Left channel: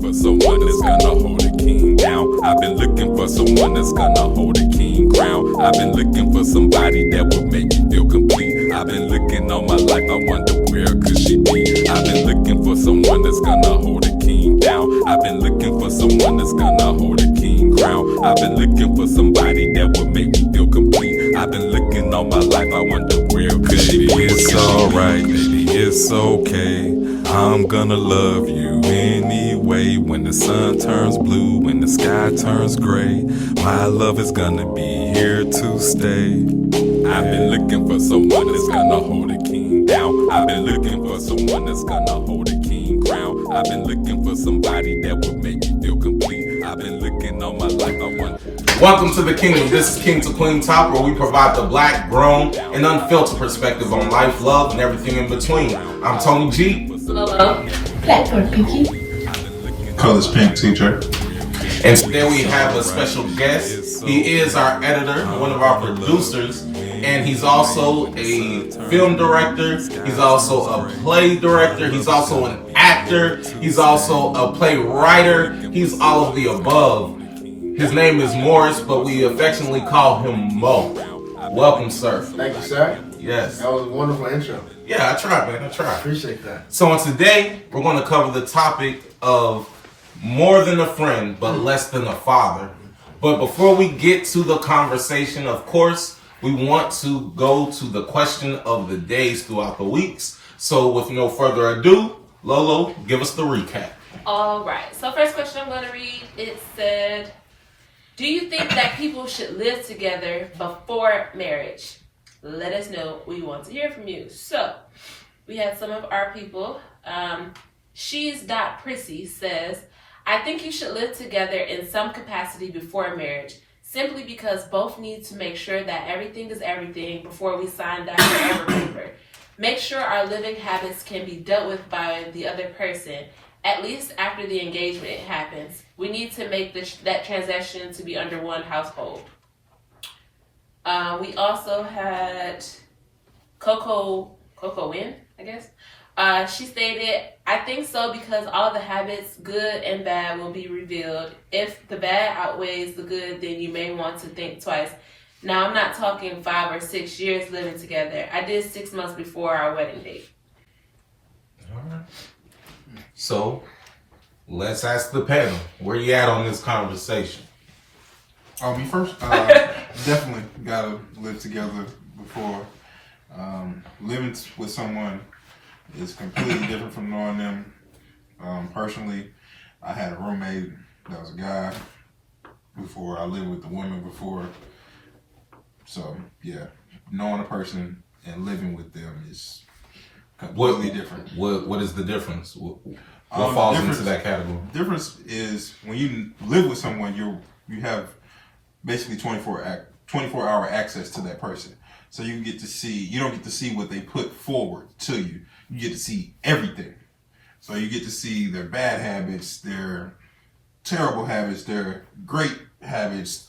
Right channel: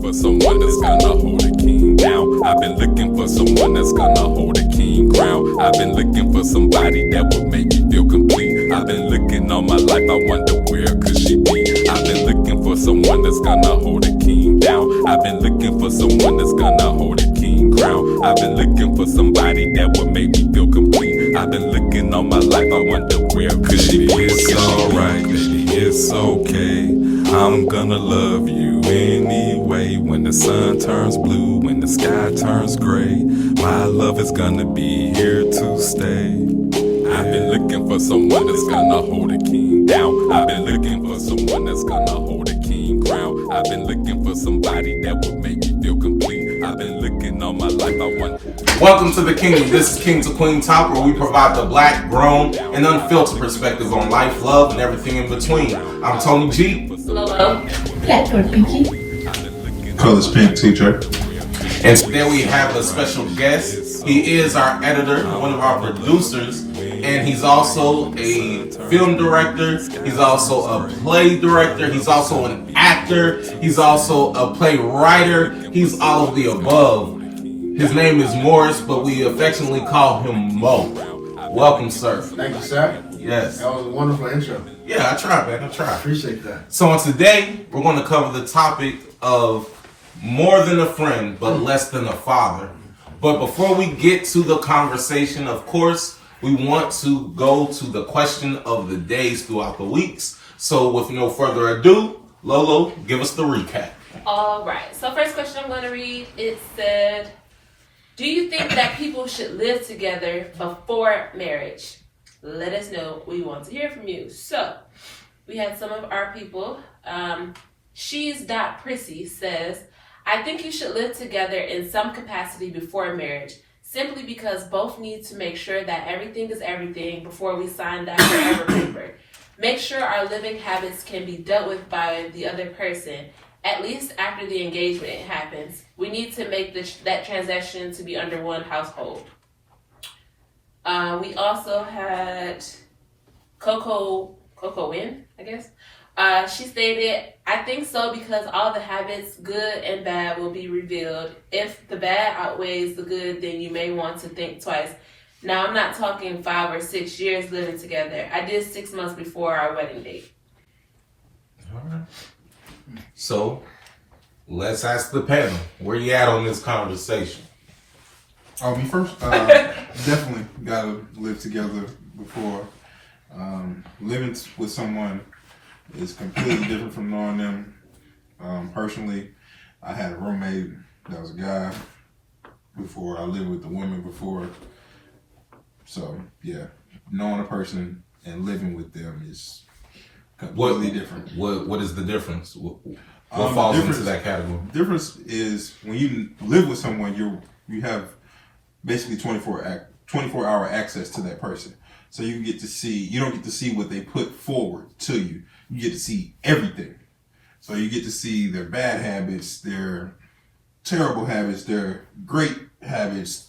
looking for someone that's gonna hold a king down. I've been looking for someone that's gonna hold a king crown. I've been looking for somebody that would make me feel complete. I've been looking all my life, I wonder where could she be. I've been looking for someone that's gonna hold a king down. I've been looking for someone that's gonna hold a king crown. I've been looking for somebody that would make me feel complete. I've been looking all my life, I wonder where could she be. It's alright, baby, it's okay. I'm gonna love you anyway. When the sun turns blue, when the sky turns gray, my love is gonna be here to stay. I've been looking for someone that's gonna hold a king down. I've been looking for someone that's gonna hold a king crown. I've been looking for somebody that would make me feel complete. I've been looking all my life, I wonder. Welcome to the Kingdom. This is King to Queen Talk, where we provide the black, grown, and unfiltered perspective on life, love, and everything in between. I'm Tony G. LoLo. Blackboard Pinky. Colors Pink Teacher. And today we have a special guest. He is our editor, one of our producers, and he's also a film director. He's also a play director. He's also an actor. He's also a playwriter. He's all of the above. His name is Morris, but we affectionately call him Mo. Welcome, sir. Thank you, sir. Yes. That was a wonderful intro. Yeah, I tried, man. I tried. Appreciate that. So today, we're going to cover the topic of more than a friend, but less than a father. But before we get to the conversation, of course, we want to go to the question of the days throughout the weeks. So with no further ado, Lolo, give us the recap. All right. So first question I'm going to read, it said, do you think that people should live together before marriage? Let us know. We want to hear from you. So we had some of our people. She's.Prissy says, I think you should live together in some capacity before marriage, simply because both need to make sure that everything is everything before we sign that forever paper. Make sure our living habits can be dealt with by the other person, at least after the engagement happens. We need to make that transaction to be under one household. We also had Korinne, I guess. She stated, I think so because all the habits, good and bad, will be revealed. If the bad outweighs the good, then you may want to think twice. Now, I'm not talking 5 or 6 years living together. I did 6 months before our wedding date. All right. So, let's ask the panel, where you at on this conversation? Oh, me first? Definitely gotta live together before. Living with someone is completely different from knowing them. Personally, I had a roommate that was a guy before. I lived with a woman before. So, yeah, knowing a person and living with them is completely different. What is the difference? What falls into that category? The difference is when you live with someone, you have basically 24-hour access to that person. So you don't get to see what they put forward to you. You get to see everything. So you get to see their bad habits, their terrible habits, their great habits,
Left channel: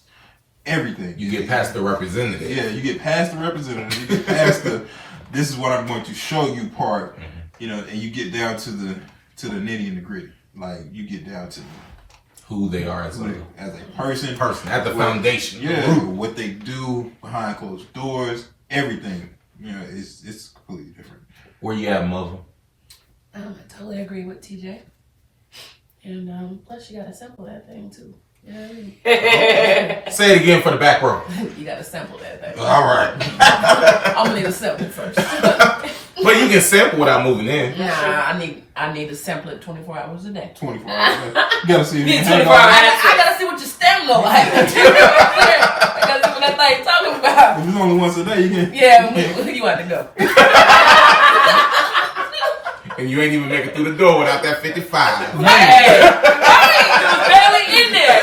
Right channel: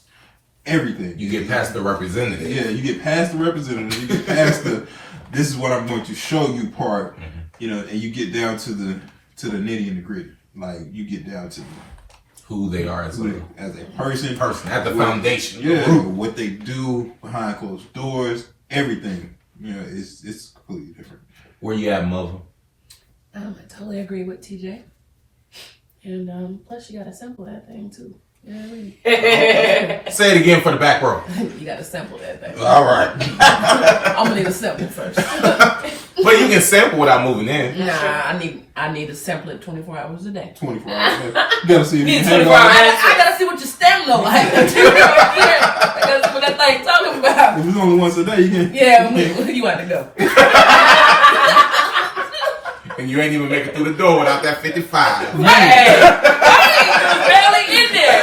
everything. You get past the representative. Yeah, you get past the representative. You get past the this is what I'm going to show you part, and you get down to the nitty and the gritty. Like you get down to who they are as a person at the foundation. Yeah, what they do behind closed doors, everything. It's completely different. Where you at, mother? I totally agree with TJ. And plus you gotta sample that thing too. Say it again for the back row. You gotta sample that thing. All right. I'm gonna need a sample first. But you can sample without moving in. Nah, I need to sample it 24 hours a day. 24 hours a day. You gotta see if you I gotta see what your stem look like. Because what that thing talking about. If it's only once a day, you can. Yeah, you have to go. And you ain't even make it through the door without that 55. Hey, barely in there.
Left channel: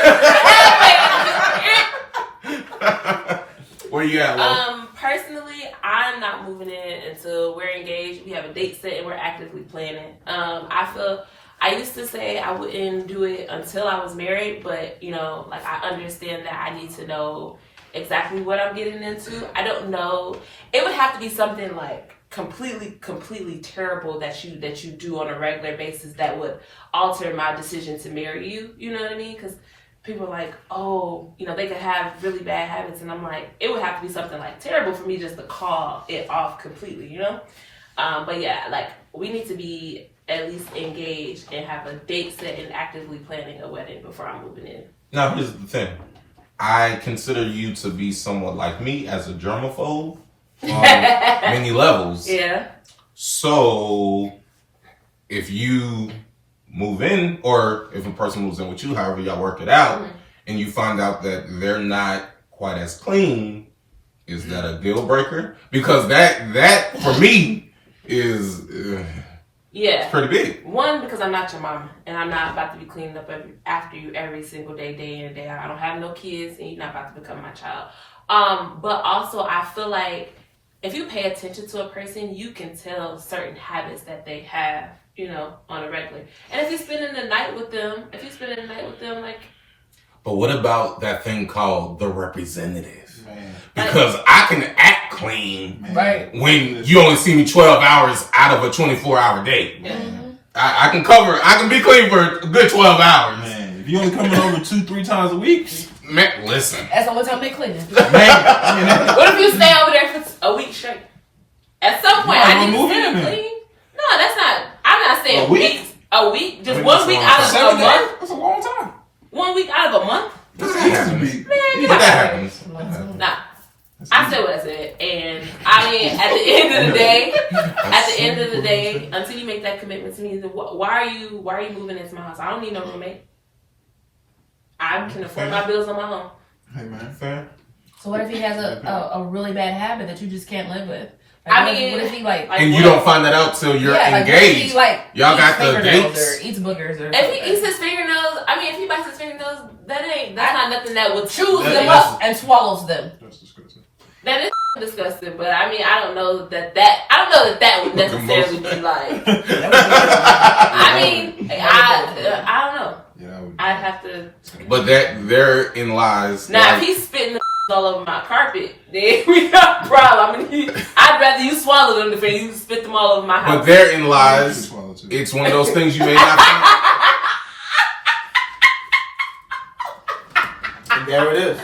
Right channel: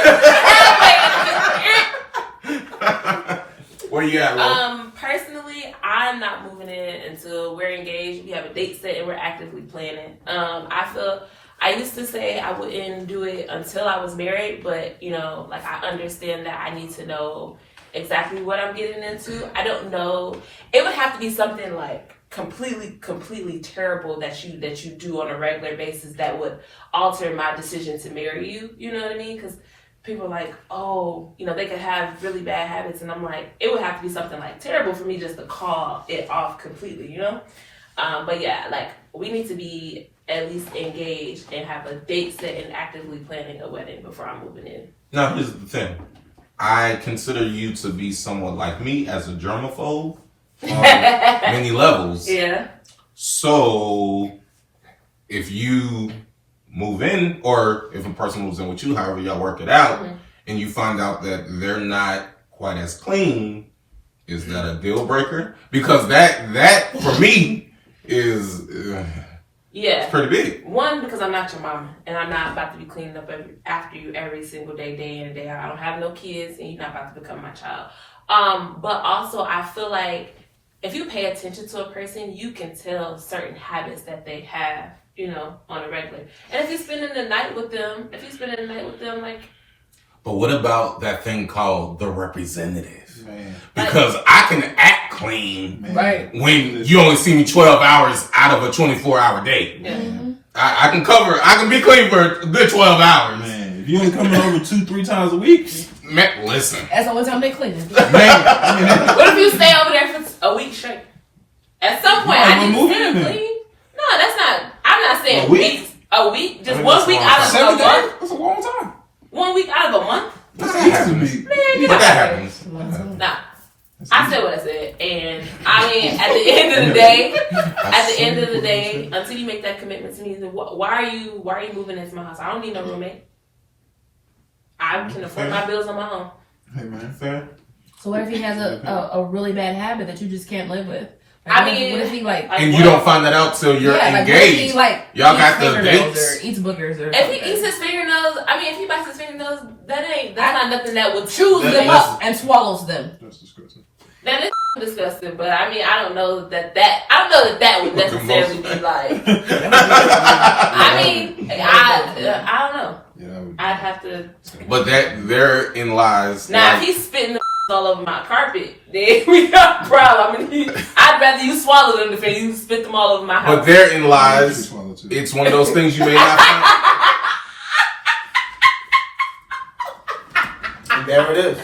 Where you at, Lo? Personally, I'm not moving in until we're engaged. We have a date set and we're actively planning. I used to say I wouldn't do it until I was married, but I understand that I need to know exactly what I'm getting into. I don't know. It would have to be something like completely terrible that you do on a regular basis that would alter my decision to marry you. You know what I mean? Because people are like, oh, you know, they could have really bad habits, and I'm like, it would have to be something like terrible for me just to call it off completely, you know? But yeah, like, we need to be at least engaged and have a date set and actively planning a wedding before I'm moving in. Now, here's the thing. I consider you to be somewhat like me as a germaphobe on many levels. Yeah. So, if you move in, or if a person moves in with you, however y'all work it out, and you find out that they're not quite as clean, is that a deal breaker? Because that for me is pretty big. One, because I'm not your mama, and I'm not about to be cleaning up after you every single day in and day out. I don't have no kids, and you're not about to become my child. But also, I feel like if you pay attention to a person, you can tell certain habits that they have, you know, on a regular. And if you're spending the night with them, like... But what about that thing called the representative? Man. Because I can act clean Right. when you only see me 12 hours out of a 24-hour day. Yeah. I can be clean for a good 12 hours. Man, if you only come in over 2-3 times a week, Man, listen. That's the only time they clean. man, I mean, What if you stay over there for a week straight? At some point, I need to move stay in then. clean. No, that's not... I'm not saying A week? weeks. A week? Just I mean, one that's week a long out of time. a month? That's a long time. 1 week out of a month? That's supposed to be. But that happens. Nah. I said what I said, and I mean, at the end of the day, until you make that commitment to me, why are you moving into my house? I don't need no roommate. I can afford my bills on my own. Hey man, fair. So what if he has a really bad habit that you just can't live with? I mean, what if he like And you don't find that out till you're engaged. Y'all got the dates. or eats boogers or if he eats his fingernails, if he bites his fingernails, that's not nothing that would choose them up. and swallows them. That's disgusting. That is disgusting, but I don't know that would necessarily be like. I don't know. Yeah, that would. I'd have to. But therein lies. Now, if he's spitting the all over my carpet, then we got a problem. I'd rather you swallow them than you spit them all over my house. But therein lies. It's one of those things you may not find. And there it is.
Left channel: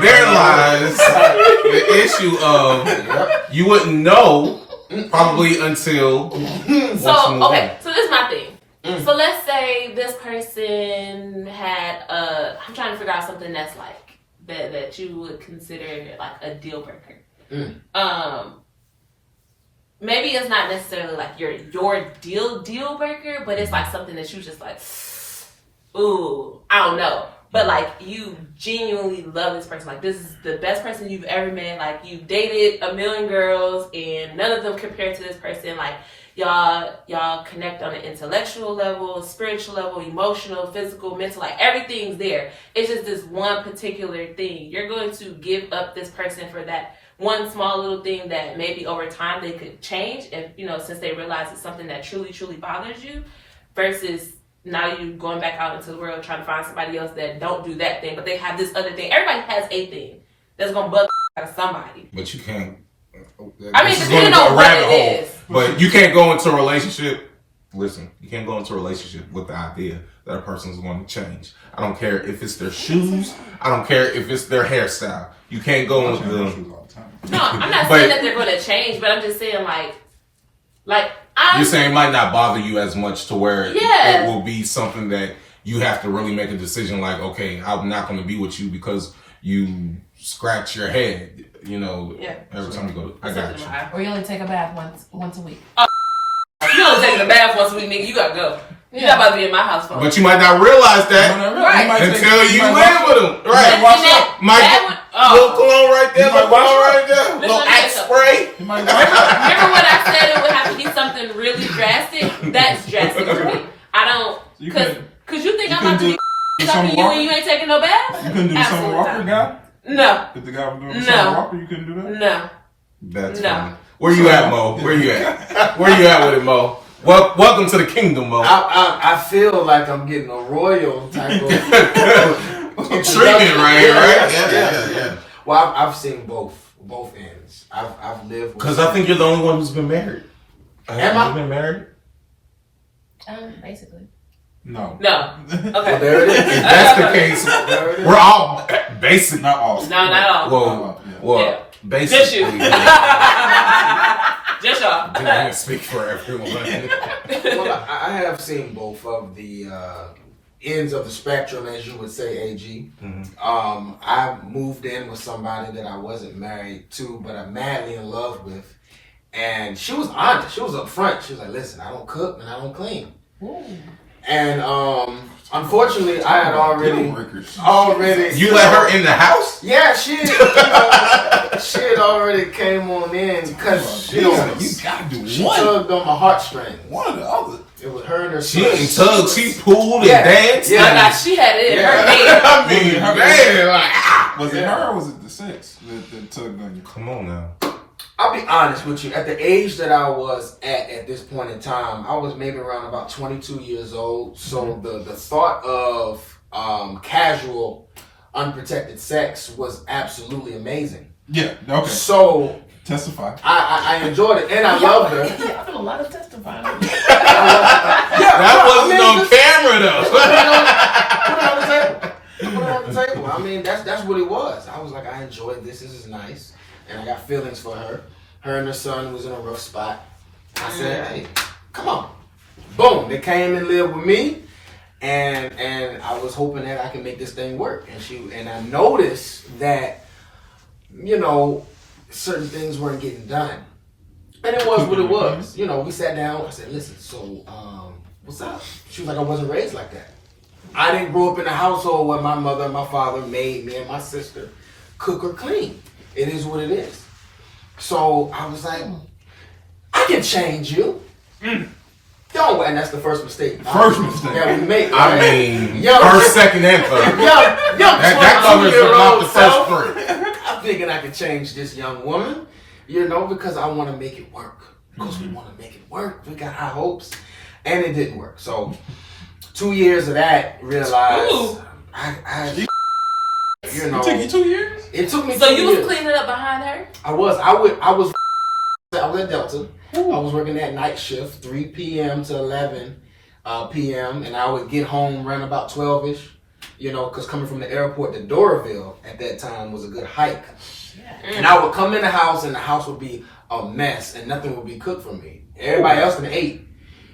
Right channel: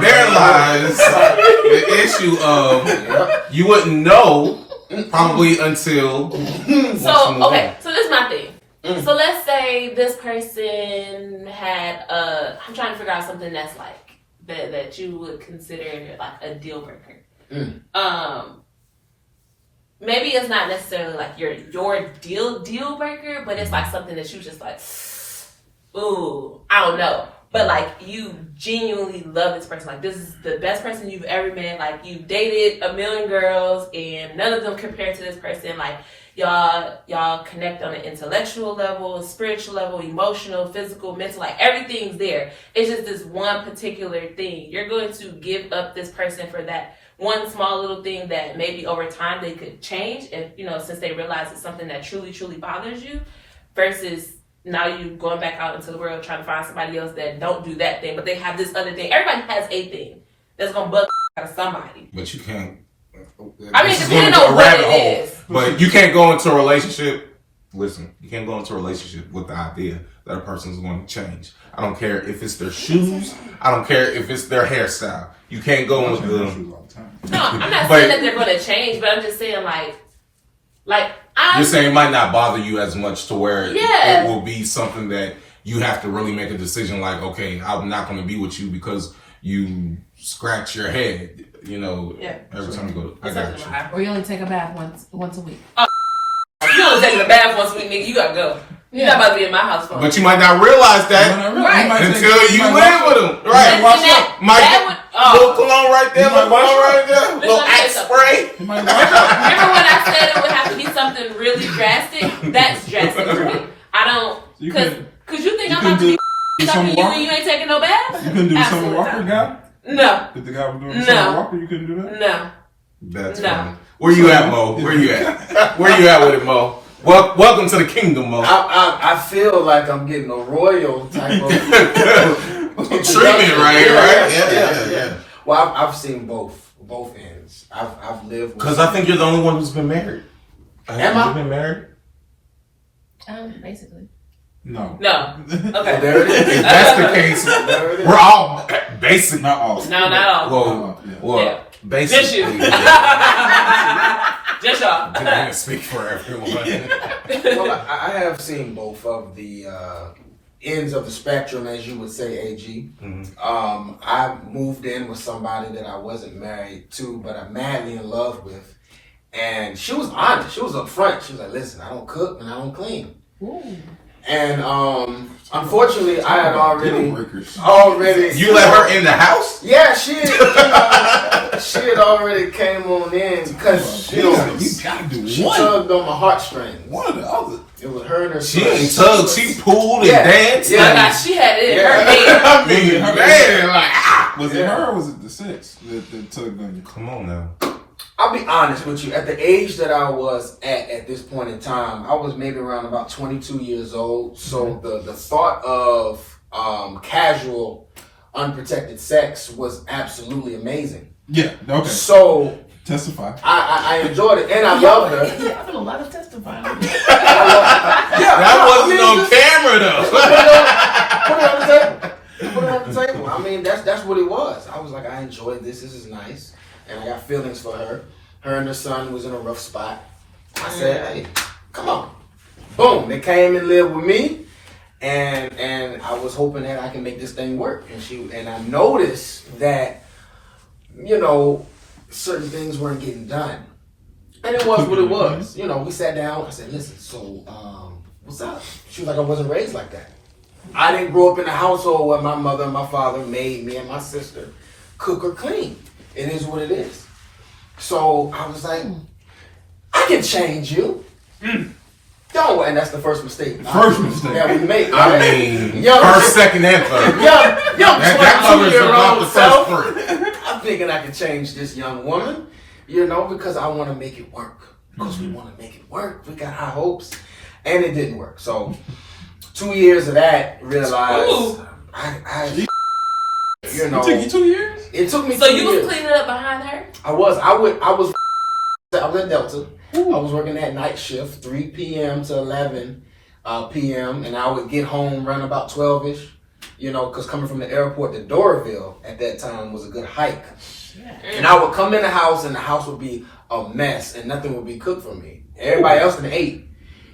Therein lies the issue of you wouldn't know probably until. So this is my thing. So let's say this person had I'm trying to figure out something that's like that you would consider like a deal breaker. Maybe it's not necessarily like your deal breaker, but it's like something that you just like, ooh, I don't know. But like you genuinely love this person. Like this is the best person you've ever met. Like you've dated a million girls and none of them compare to this person. Like y'all connect on an intellectual level, spiritual level, emotional, physical, mental, like everything's there. It's just this one particular thing. You're going to give up this person for that one small little thing that maybe over time they could change if, since they realize it's something that truly, truly bothers you, versus now you going back out into the world trying to find somebody else that don't do that thing, but they have this other thing. Everybody has a thing that's gonna bug out of somebody. But you can't. Depending on what it is. But you can't go into a relationship. Listen, you can't go into a relationship with the idea that a person is going to change. I don't care if it's their shoes. I don't care if it's their hairstyle. You can't go into the. No, I'm not saying that they're going to change, but I'm just saying you're saying it might not bother you as much to where it will be something that you have to really make a decision like, okay, I'm not going to be with you because you scratch your head, every time you go. I got you. Or you only take a bath once a week. You only taking a bath once a week, nigga. You gotta go. You're not about to be in my house for But you might not realize that until you live with them. Right. Watch out. Little cologne right there, little cologne right there, little axe spray. Remember when I said it would have to be something really drastic? That's drastic for me. I don't, because you think I'm about to be fucking you and you ain't taking no bath? You couldn't do the Summer Walker guy? No. If the guy was doing the Summer Walker, you couldn't do that? No. That's funny. Where you at, Mo? Where you at? Where you at with it, Mo? Welcome to the kingdom, Mo. I feel like I'm getting a royal type of treatment right here, right? Yeah. Well, I've seen both. both ends. I've lived with. Because I think you're the only one who's been married. Am Have I? you been married? Basically. No. No. Well, Okay. there it is. If that's the case, There it is. we're all basic. Not all. No, not all. Well, Yeah. basically. Just you. Just y'all. I can't speak for everyone. Well, I have seen both of the ends of the spectrum, as you would say, AG. I moved in with somebody that I wasn't married to, but I'm madly in love with. And she was honest. She was upfront. She was like, listen, I don't cook and I don't clean. Ooh. And unfortunately, I had already. You let her in the house? Yeah, she had already came on in because You gotta do she one. tugged on my heartstrings. One or the other. It was her and her She sister. ain't tugged, she pulled Yeah. and danced. Yeah. She had it in Yeah. her hand. I mean, man, like, Was it Yeah. her or was it the sex that tugged on you? come on now. I'll be honest with you. At the age that I was at this point in time, I was maybe around about 22 years old. So the thought of casual, unprotected sex was absolutely amazing. Yeah. Okay. So Testify. I enjoyed it, and I loved her. I've been a lot of testifying. That wasn't on camera though. Put it on the table. Put it on the table. I mean, that's what it was. I was like, I enjoyed this. This is nice, and I got feelings for her. Her and her son was in a rough spot. I said, hey, come on. Boom. They came and lived with me, and I was hoping that I can make this thing work. And I noticed that, you know, certain things weren't getting done. And it was what it was. You know, we sat down. I said, listen, so what's up? She was like, I wasn't raised like that. I didn't grow up in a household where my mother and my father made me and my sister cook or clean. It is what it is. So I was like, I can change you. Don't, and that's the first mistake. First mistake. Yeah, we made. I mean, Young- first, second, and third. young That covers about the 22-year-old self. first three. I'm thinking I can change this young woman, you know, because I want to make it work. Because we want to make it work. We got high hopes, and it didn't work. So 2 years of that, realized Ooh. I you know, It took you 2 years? it took me So 2 you years. was cleaning up behind her? I was at Delta. I was working that night shift, 3 p.m. to 11 p.m. And I would get home around about 12ish. You know, because coming from the airport to Doraville at that time was a good hike. And I would come in the house and the house would be a mess and nothing would be cooked for me. Everybody else can eat.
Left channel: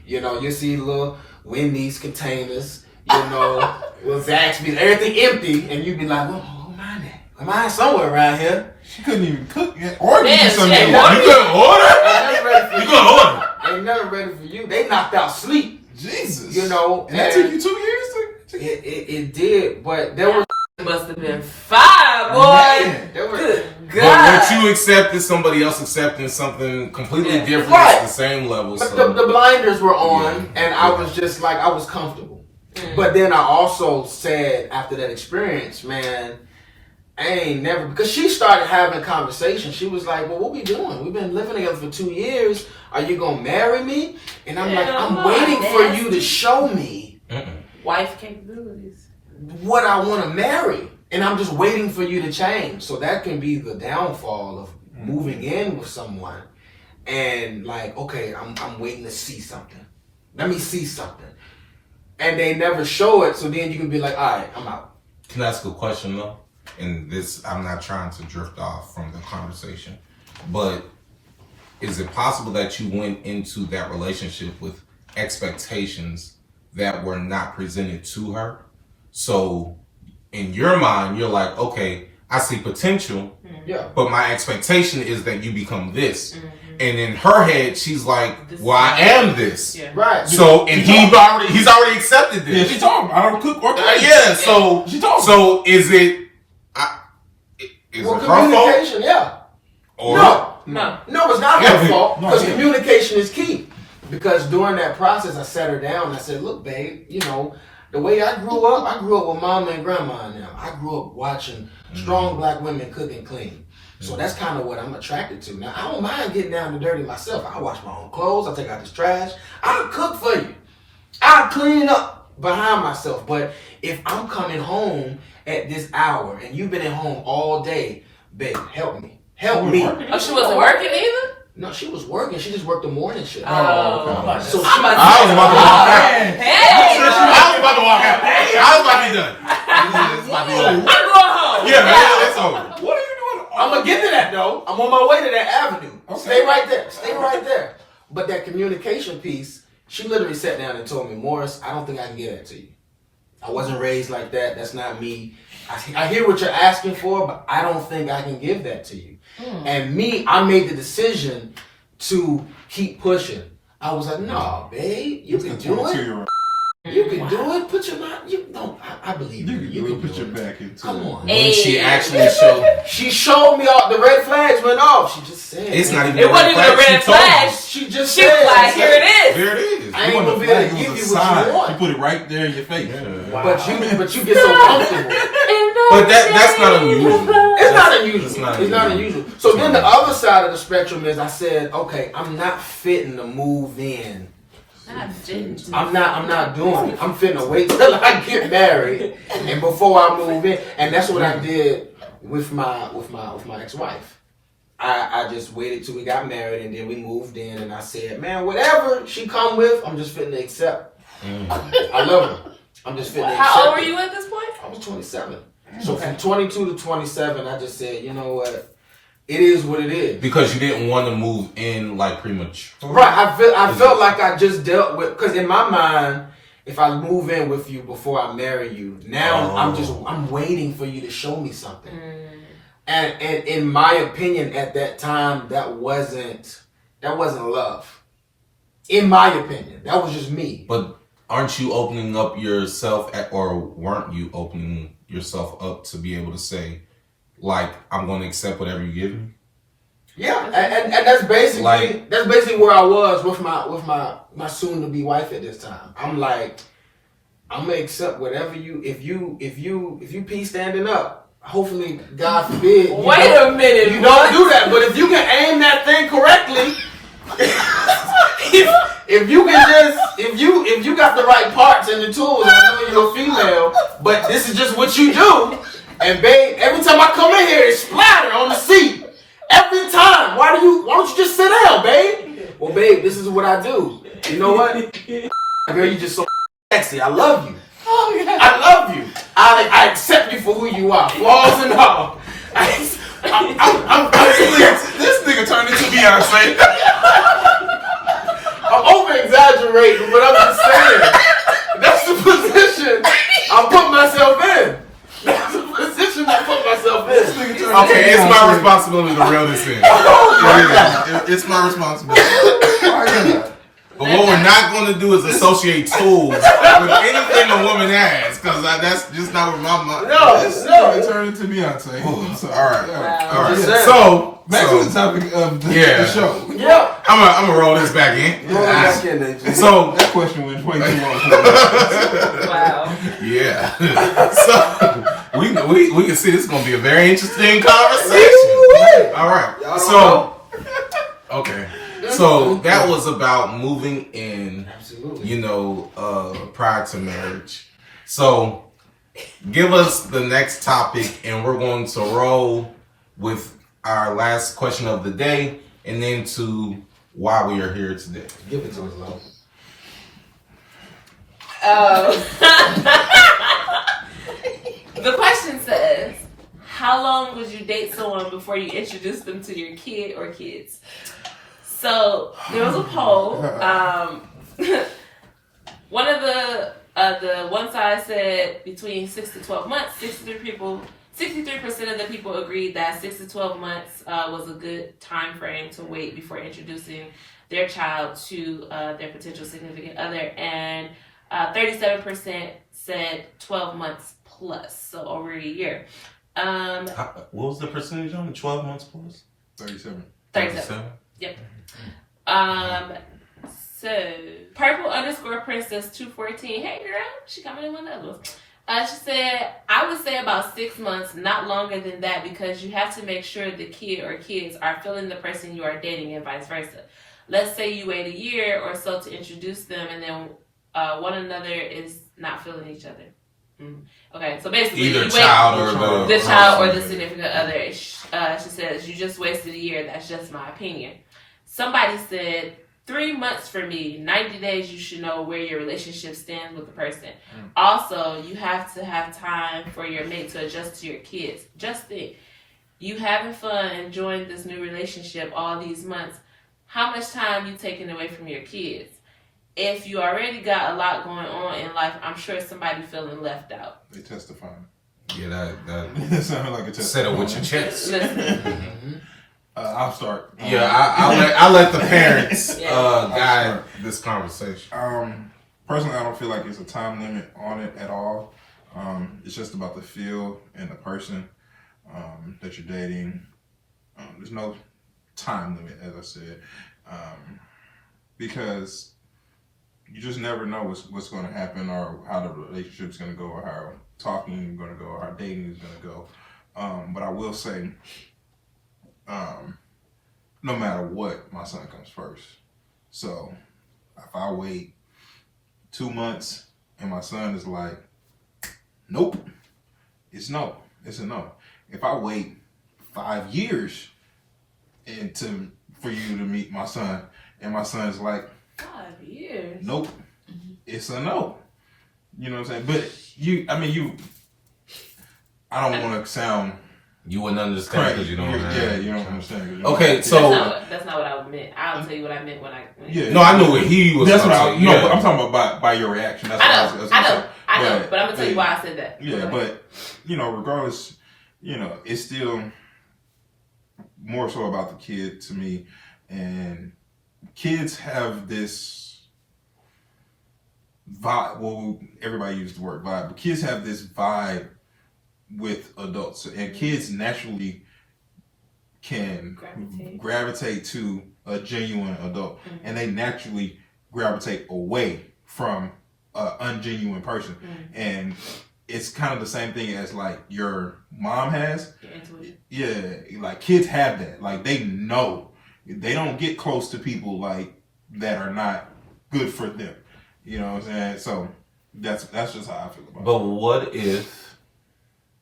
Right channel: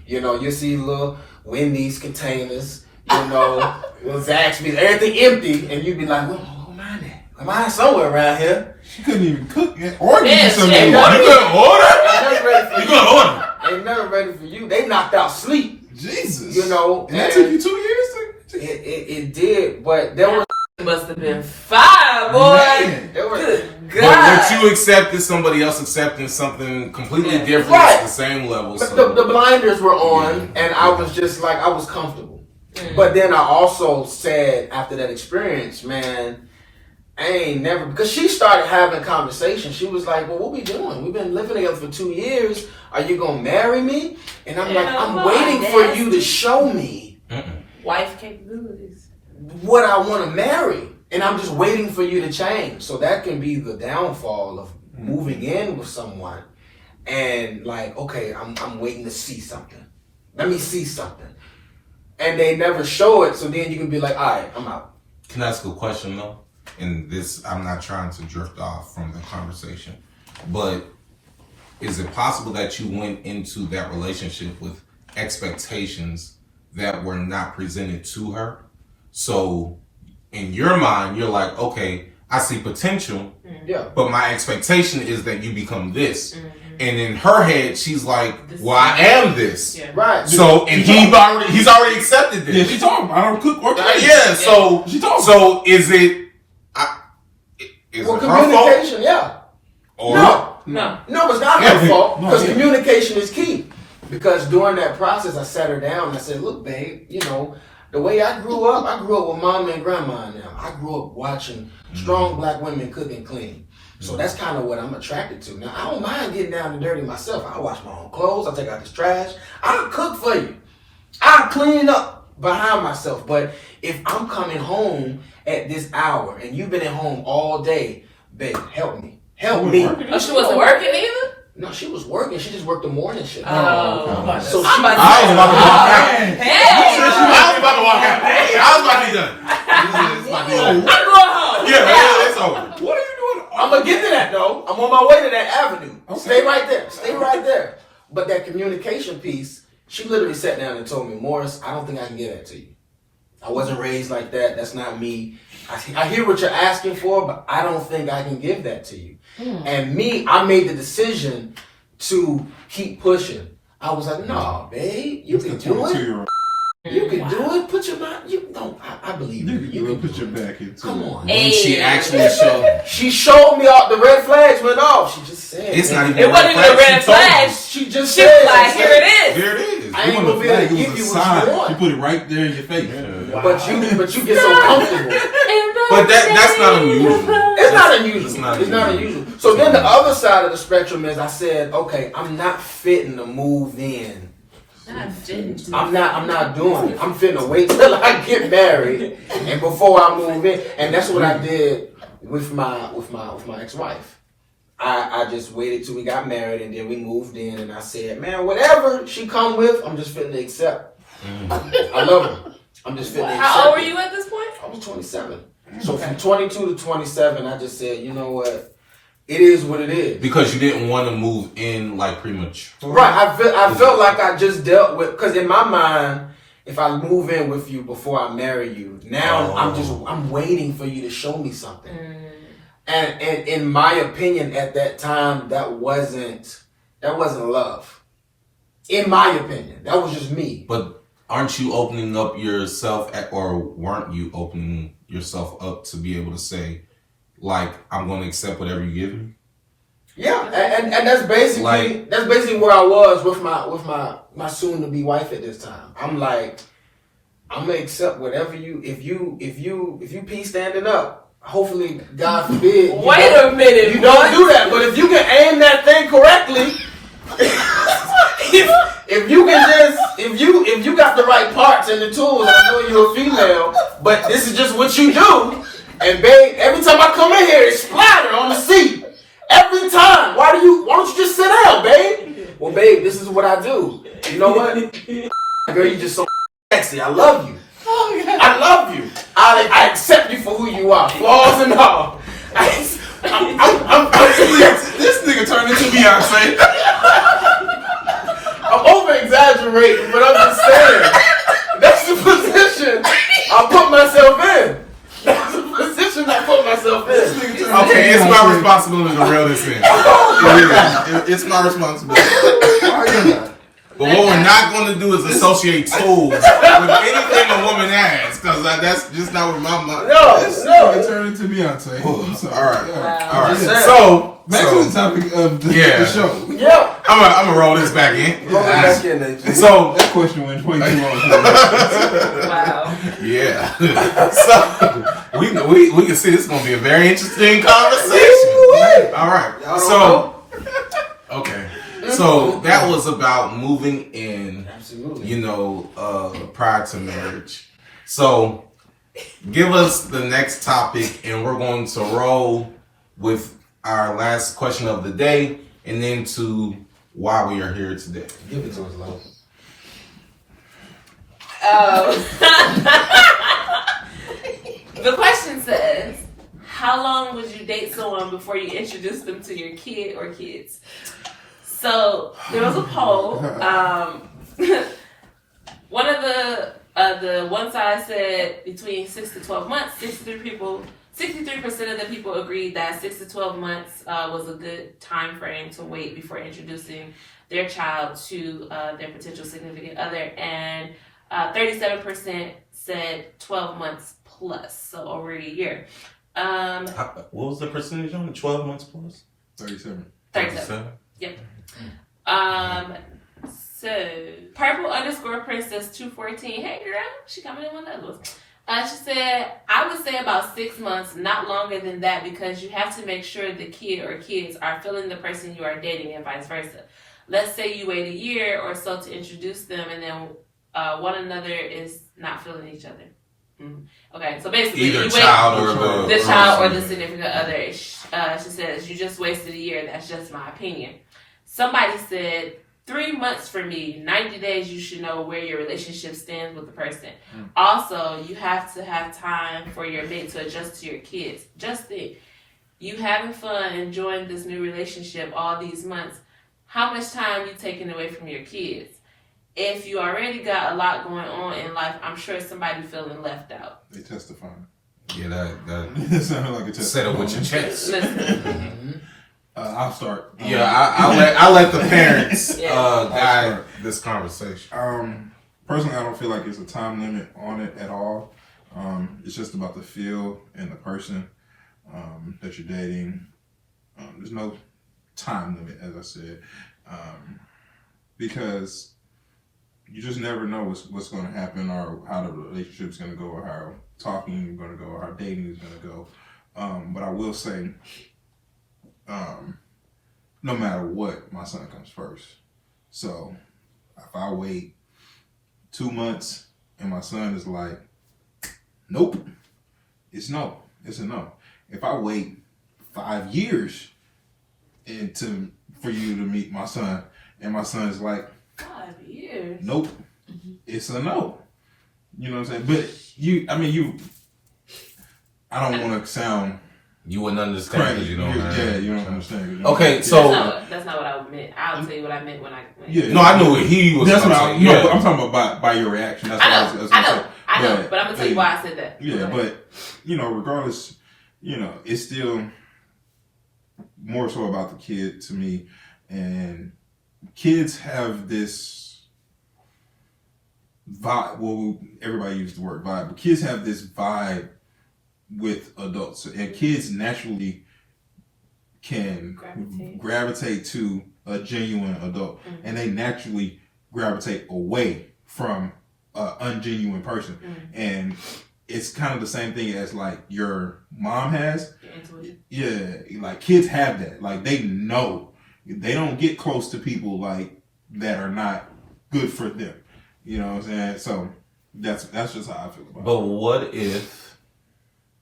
You know, you see little Wendy's containers, you know, little Zaxby's, everything empty, and you'd be like, where mine at? Am I somewhere around here? She couldn't even cook or give you Man, some. she ain't You gonna order? Ain't never ready for You gonna order? Ain't never ready for you. They knocked out sleep, Jesus. you know. And that took you 2 years? It did, but there was Must have been 5, boy. Man. there was Good But God. what you accepted, somebody else accepting something completely Yeah. different Right. at the same level. but So. the blinders were on, and I was just like I was comfortable. But then I also said after that experience, man, I ain't never, because she started having conversations. She was like, well, what we doing? We've been living together for 2 years. Are you gonna marry me? And I'm like, I'm waiting for you to show me Wife capabilities. what I want to marry, and I'm just waiting for you to change. So that can be the downfall of moving in with someone, and like, okay, I'm waiting to see something. Let me see something, and they never show it. So then you can be like, all right, I'm out. Can I ask a question though? And this, I'm not trying to drift off from the conversation, but is it possible that you went into that relationship with expectations that were not presented to her? So in your mind, you're like, okay, I see potential, Yeah. but my expectation is that you become this. And in her head, she's like, well, I am this. Yeah. Right. So, and he's already accepted Yeah, this. she told him, I don't cook or clean. Yeah, so She told him. so is it is Well, it her fault communication, yeah. or No. No, it's not her fault, No, because yeah. communication is key. Because during that process, I sat her down and I said, look, babe, you know, the way I grew up with mama and grandma now. I grew up watching strong black women cook and clean. So that's kind of what I'm attracted to. Now, I don't mind getting down and dirty myself. I wash my own clothes. I take out this trash. I'll cook for you. I'll clean up behind myself. But if I'm coming home at this hour and you've been at home all day, babe, help me. help me. Oh, she wasn't working either? No, she was working. She just worked the morning shift. Oh, So I was about to walk out. I was about to walk out. I was about to be done. It's about to be over. I'm going home. Yeah, man, it's over. What are you doing? I'm gonna get to that though. I'm on my way to that avenue. Okay. Stay right there. Stay right there. But that communication piece, she literally sat down and told me, Morris, I don't think I can get that to you. I wasn't raised like that. That's not me. I hear what you're asking for, but I don't think I can give that to you. And me, I made the decision to keep pushing. I was like, no, babe, you can do it. You can do it. Put your mind. You don't. I believe you. You can put your back into Come it. on. Hey. She actually showed. She showed me all the red flags went off. She just said. It's not even It wasn't even a red flag. She just She said. was like, here it is. There it is. I ain't gonna be able to give you what you want. You put it right there in your face. But you get so comfortable. But that's not unusual. It's not unusual. It's It's not not unusual. So then the other side of the spectrum is I said, okay, I'm not fitting to move in. I'm not doing it. I'm finna wait till I get married and before I move in. And that's what I did with my ex-wife. I just waited till we got married and then we moved in and I said, man, whatever she come with, I'm just fitting to accept. I love her. I'm just fitting to accept. How old were you at this point? I was 27. So from 22 to 27, I just said, you know what? It is what it is. Because you didn't want to move in like premature. Right. I felt like I just dealt with, because in my mind, if I move in with you before I marry you, now I'm waiting for you to show me something. And in my opinion, at that time, that wasn't love. In my opinion, that was just me. But aren't you opening up yourself, or weren't you opening yourself up to be able to say, like, I'm going to accept whatever you give me? Yeah, and that's basically where I was with my soon to be wife at this time. I'm like, I'm gonna accept whatever you if you pee standing up. Hopefully, God forbid. Wait a minute. You don't do that, but if you can aim that thing correctly, if you got the right parts and the tools, I know you're a female, but this is just what you do. And babe, every time I come in here, it's splatter on the seat. Every time. Why don't you just sit down, babe? Well, babe, this is what I do. You know what? Girl, you just so sexy. I love you. I love you. I accept you for who you are, flaws and all. This nigga turned into Beyonce. I'm over exaggerating, but I'm just saying. That's the position I put myself in. That's the position I put myself in. Okay, it's my responsibility to reel this in. It's my responsibility. But what we're not going to do is associate tools with anything a woman has, because that's just not what my mind. No. Turned into Beyonce. All right. Yeah. So back to the topic of the show. Yeah. I'm gonna roll this back in. Roll it back in there. So That question went way too long. Wow. yeah. So we can see this is gonna be a very interesting conversation. All right. So okay. So that was about moving in. Absolutely. You know, prior to marriage. So give us the next topic, and we're going to roll with our last question of the day, and then to why we are here today. Give it to us, Lo. The question says, how long would you date someone before you introduce them to your kid or kids? So there was a poll. One of the one side said between 6 to 12 months. 63% of the people agreed that 6 to 12 months was a good time frame to wait before introducing their child to their potential significant other, and 37% said 12 months plus, so over a year. What was the percentage on 12 months plus? 37. 37. Yep. So Purple_Princess214. Hey girl, she coming in with others. She said, I would say about 6 months, not longer than that, because you have to make sure the kid or kids are feeling the person you are dating and vice versa. Let's say you wait a year or so to introduce them, and then one another is not feeling each other. Okay, so basically, Either you child or the child or the significant other. She says, you just wasted a year. That's just my opinion. Somebody said, 3 months for me, 90 days, you should know where your relationship stands with the person. Also, you have to have time for your mate to adjust to your kids. Just think, you having fun, enjoying this new relationship all these months, how much time you taking away from your kids? If you already got a lot going on in life, I'm sure somebody feeling left out. They testifying. Yeah, That sounded like a testimony. Said it with your chest. I'll start. Yeah, I let the parents guide this conversation. Personally, I don't feel like there's a time limit on it at all. It's just about the feel and the person that you're dating. There's no time limit, as I said, because you just never know what's going to happen or how the relationship's going to go or how talking is going to go or how dating is going to go. But I will say, no matter what, my son comes first. So if I wait 2 months and my son is like, nope, it's no. It's a no. If I wait 5 years for you to meet my son and my son is like, 5 years? Nope, it's a no. You know what I'm saying? But I don't want to sound... You wouldn't understand because you don't understand. Yeah, you don't understand. Okay, so... That's not what I meant. I'll tell you what I meant when I... No, I knew what he was That's going to say. but I'm talking about by your reaction. That's I know, but I'm going to tell you why I said that. Yeah, but, regardless, it's still more so about the kid to me. And kids have this vibe. Well, everybody used the word vibe, but kids have this vibe with adults, and kids naturally can gravitate to a genuine adult, and they naturally gravitate away from an ungenuine person. And it's kind of the same thing as like your mom has. Yeah, like kids have that. Like they know they don't get close to people like that are not good for them. You know what I'm saying? So that's just how I feel about it. But what if,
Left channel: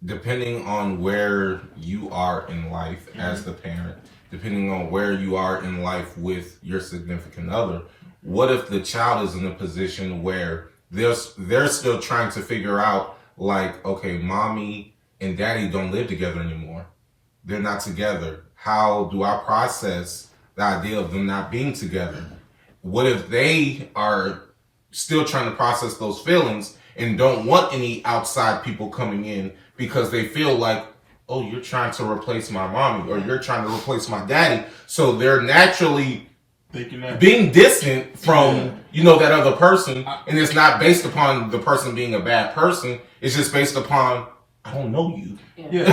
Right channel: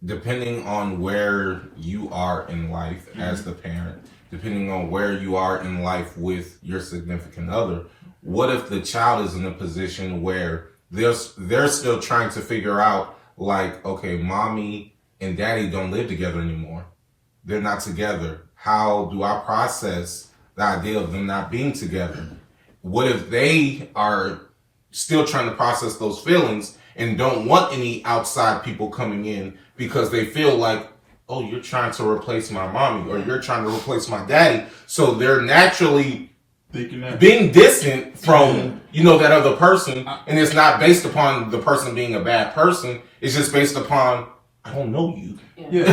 depending on where you are in life as the parent, depending on where you are in life with your significant other, what if the child is in a position where they're still trying to figure out, like, okay, mommy and daddy don't live together anymore. They're not together. How do I process the idea of them not being together? What if they are still trying to process those feelings and don't want any outside people coming in because they feel like, oh, you're trying to replace my mommy or you're trying to replace my daddy. So they're naturally being distant from, that other person. And it's not based upon the person being a bad person. It's just based upon, I don't know you. Yeah,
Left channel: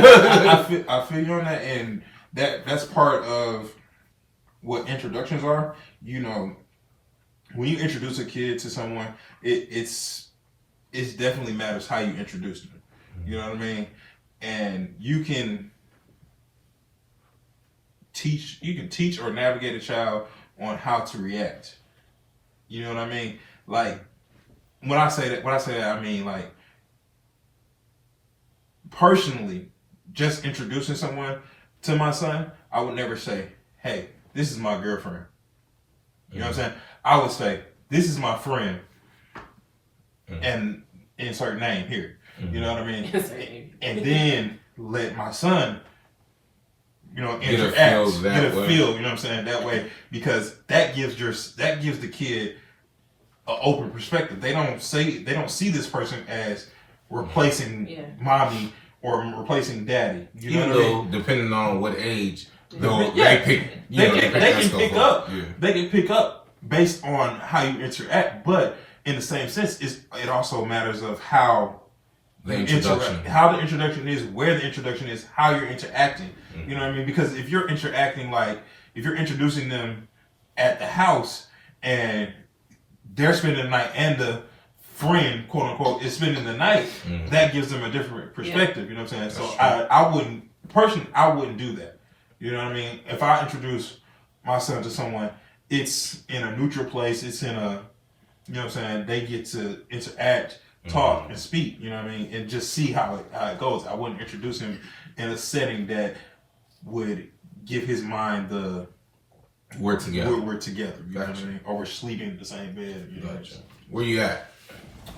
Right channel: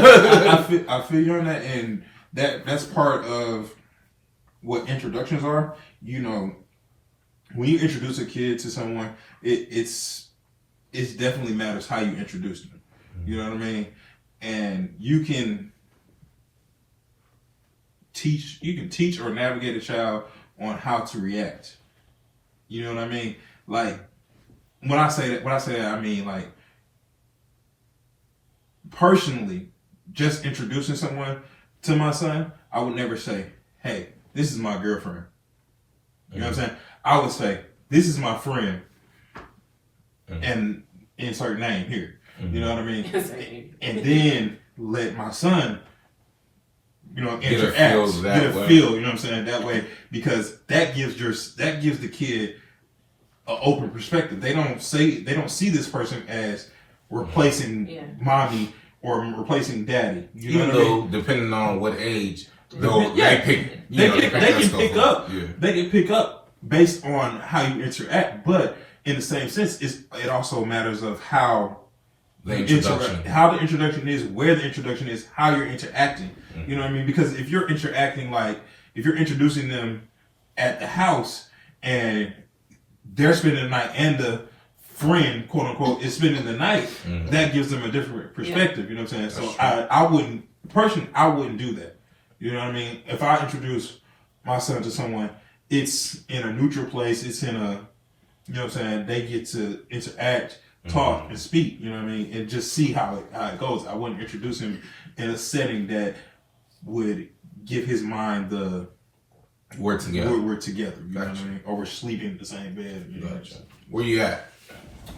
I feel you on that. And that's part of what introductions are. When you introduce a kid to someone, it's definitely matters how you introduce them. You know what I mean? And you can teach or navigate a child on how to react. You know what I mean? Like when I say that, I mean like personally, just introducing someone to my son, I would never say, "Hey, this is my girlfriend." You know what I'm saying? I would say, "This is my friend," and insert name here. You know what I mean? And then let my son, interact, get a feel. You know what I'm saying? That way, because that gives the kid an open perspective. They don't see this person as replacing mommy or replacing daddy. Even though, depending on what age, they can pick up based on how you interact. But in the same sense, it also matters of how the introduction is, where the introduction is, how you're interacting. You know what I mean? Because if you're interacting if you're introducing them at the house and they're spending the night and the friend, quote unquote, is spending the night, that gives them a different perspective. You know what I'm saying? So I wouldn't do that. You know what I mean? If I introduce my son to someone, it's in a neutral place. It's in a, you know what I'm saying? They get to interact talk and speak. You know what I mean, and just see how it goes. I wouldn't introduce him in a setting that would give his mind the we're together. We're together. You know what I mean? Or we're sleeping in the same bed. You know? Gotcha. Where you at?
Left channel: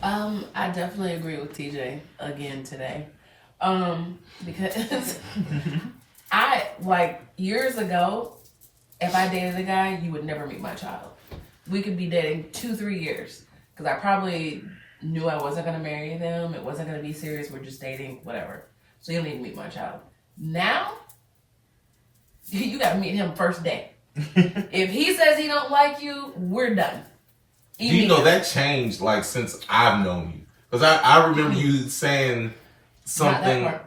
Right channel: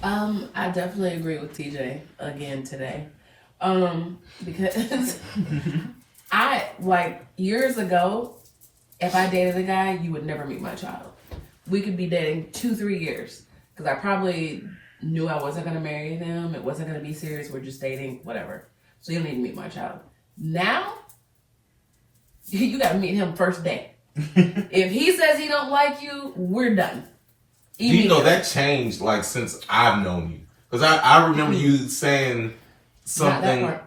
I definitely agree with TJ again today. Because I like years ago, if I dated a guy, you would never meet my child. We could be dating 2-3 years because I probably knew I wasn't going to marry him. It wasn't going to be serious. We're just dating, whatever. So you don't need to meet my child. Now, you got to meet him first day. If he says he don't like you, we're done. You know that changed like since I've known you, because I remember you saying something.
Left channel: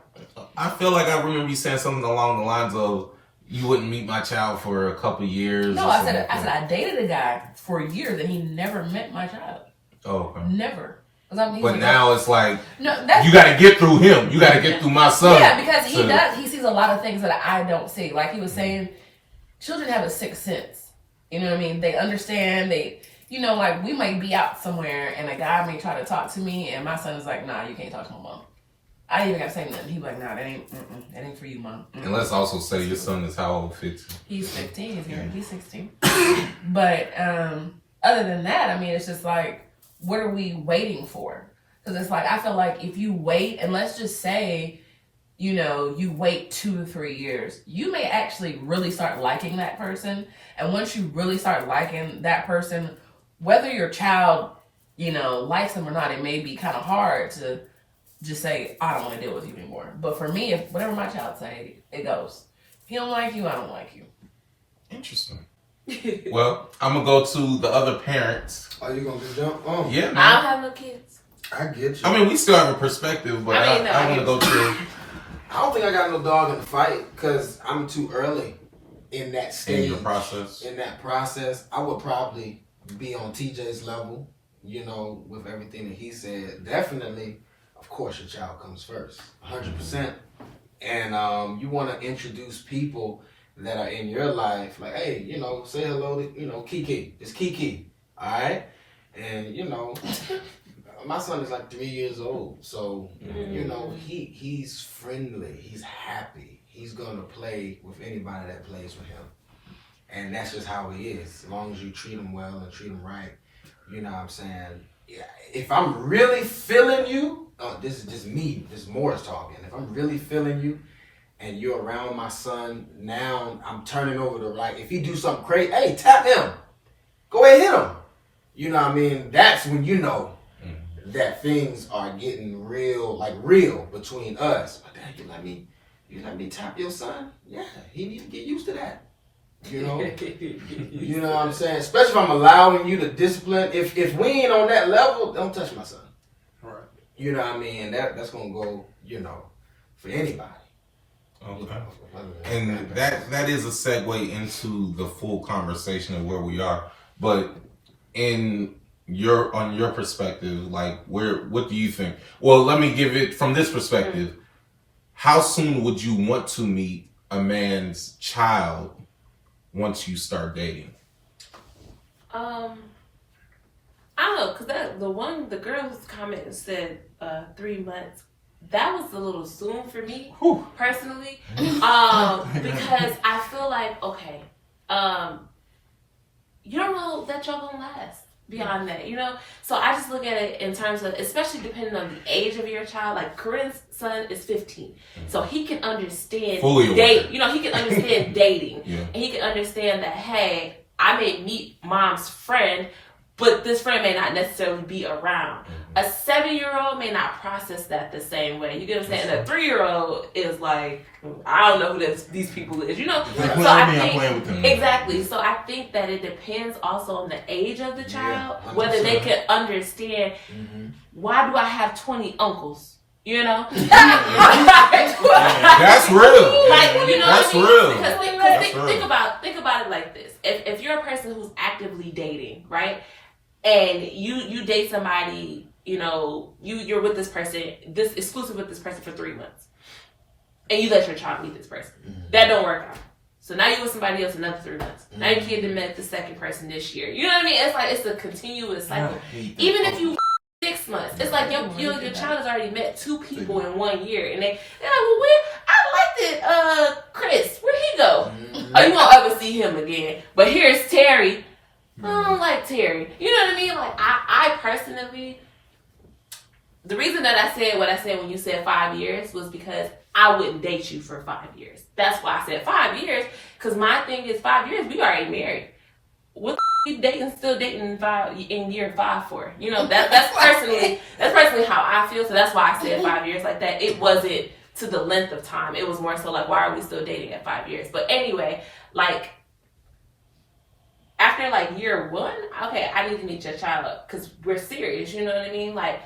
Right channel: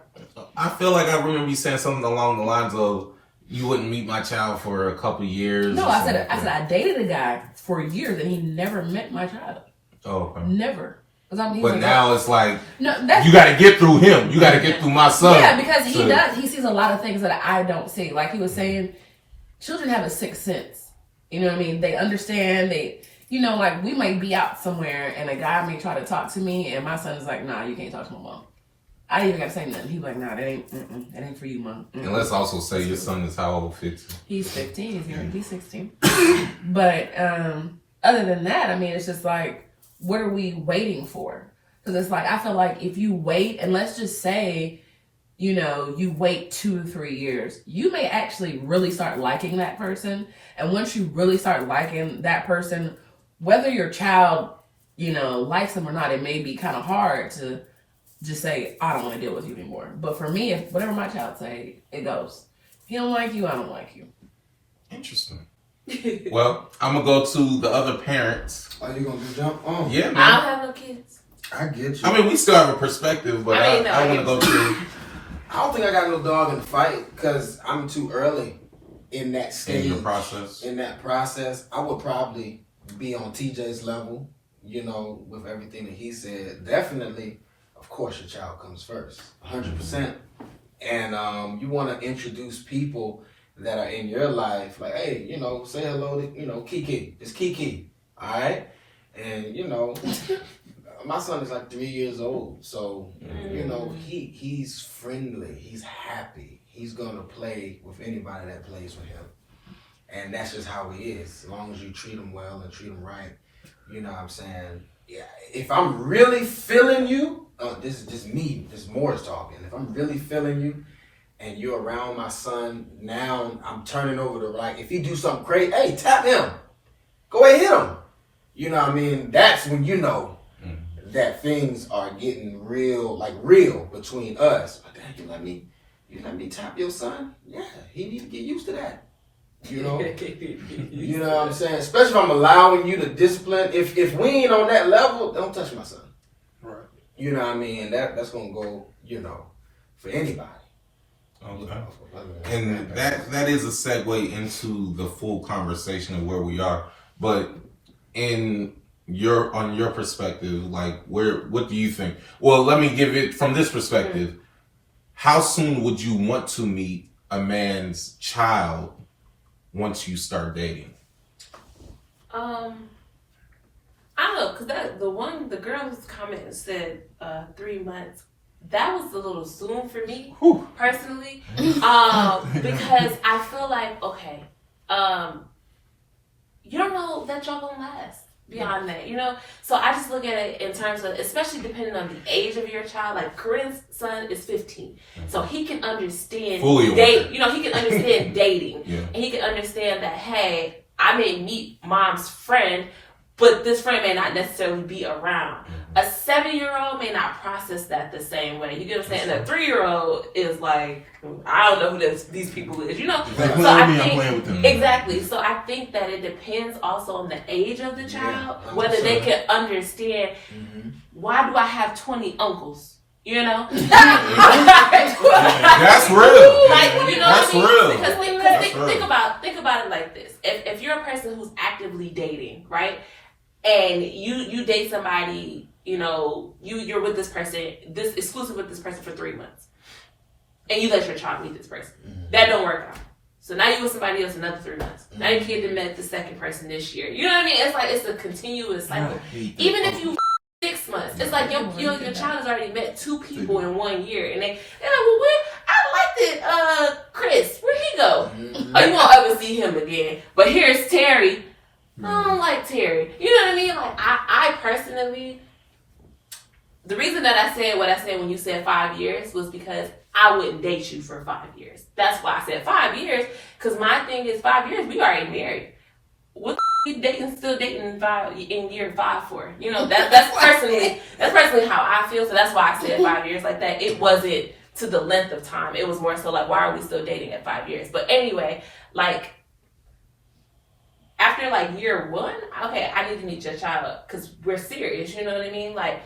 I feel like I remember you saying something along the lines of you wouldn't meet my child for a couple of years. No, I said I dated a guy for years and he never met my child. Oh, okay. Never. But now it's like no, you got to get through him. You got to get through my son. Yeah, because he does. He sees a lot of things that I don't see. Like he was saying, children have a sixth sense. You know what I mean? They understand. You know, like we might be out somewhere and a guy may try to talk to me and my son's like, nah, you can't talk to my mom. I ain't even got to say nothing. He was like, nah, that ain't for you, mom. And let's also say your son is how old? 15? He's 15. He's going to be 16. But other than that, I mean, it's just like, what are we waiting for? Because it's like, I feel like if you wait, and let's just say, you know, you wait 2 or 3 years, you may actually really start liking that person. And once you really start liking that person, whether your child, you know, likes them or not, it may be kind of hard to just say, I don't want to deal with you anymore. But for me, if whatever my child say, it goes. If he don't like you, I don't like you. Interesting. Well, I'm going to go to the other parents. Are you going to jump on? Yeah, man. I don't have no kids. I get you. I mean, we still have a perspective, but I want to go to... I don't think I got no dog in the fight because I'm too early in that stage. In the process. In that process, I would probably be on TJ's level, you know, with everything that he said. Definitely, of course, your child comes first, 100%. And you want to introduce people that are in your life, like, hey, you know, say hello to, you know, Kiki. It's Kiki, all right? And, you know, my son is like 3 years old, so, you know, he's friendly, he's happy. He's going to play with anybody that plays with him. And that's just how he is. As long as you treat him well and treat him right, you know what I'm saying? Yeah, if I'm really feeling you, this is just me, this Morris talking. If I'm really feeling you and you're around my son, now I'm turning over to, like, if he do something crazy, hey, tap him. Go ahead, hit him. You know what I mean? That's when you know that things are getting real between us. But then you let me tap your son? Yeah, he need to get used to that. You know? You know what I'm saying? Especially if I'm allowing you to discipline. If we ain't on that level, don't touch my son. Right. You know what I mean? And that's gonna go, you know, for anybody. Okay. And that is a segue into the full conversation of where we are. But on your perspective, like what do you think? Well, let me give it from this perspective. How soon would you want to meet a man's child once you start dating? I don't know, because the girl's comment said 3 months. That was a little soon for me, personally, because I feel like, okay, you don't know that y'all gonna last beyond that, you know? So I just look at it in terms of, especially depending on the age of your child. Like Korinne's son is 15, so he can understand dating. You know, he can understand dating, and he can understand that, hey, I may meet mom's friend, but this friend may not necessarily be around. A 7-year-old may not process that the same way. You get what I'm saying? And a 3-year-old is like, I don't know who these people is, you know? So I think, exactly. So I think that it depends also on the age of the child, whether they can understand, why do I have 20 uncles? You know? That's real. Like, you know That's what I mean? real. Because think about it like this. If you're a person who's actively dating, right? And you date somebody, you know, you're with this person, this exclusive with this person for 3 months, and you let your child meet this person. That don't work out. So now you're with somebody else another 3 months. Now your kid met the second person this year. You know what I mean? It's like it's a continuous cycle. Even if you 6 6 months. It's like your child has already met 2 people in 1 year, and they're like, well, I liked it, Chris. Where'd he go? Oh, you won't ever see him again. But here's Terry. I don't like Terry. You know what I mean? Like, I personally, the reason that I said what I said when you said 5 years was because I wouldn't date you for 5 years. That's why I said 5 years. Because my thing is 5 years, we already married. What the still dating in year 5 for? You know, that's personally how I feel. So that's why I said 5 years like that. It wasn't to the length of time. It was more so like, why are we still dating at 5 years? But anyway, like, after like year 1, okay, I need to meet your child because we're serious. You know what I mean? Like,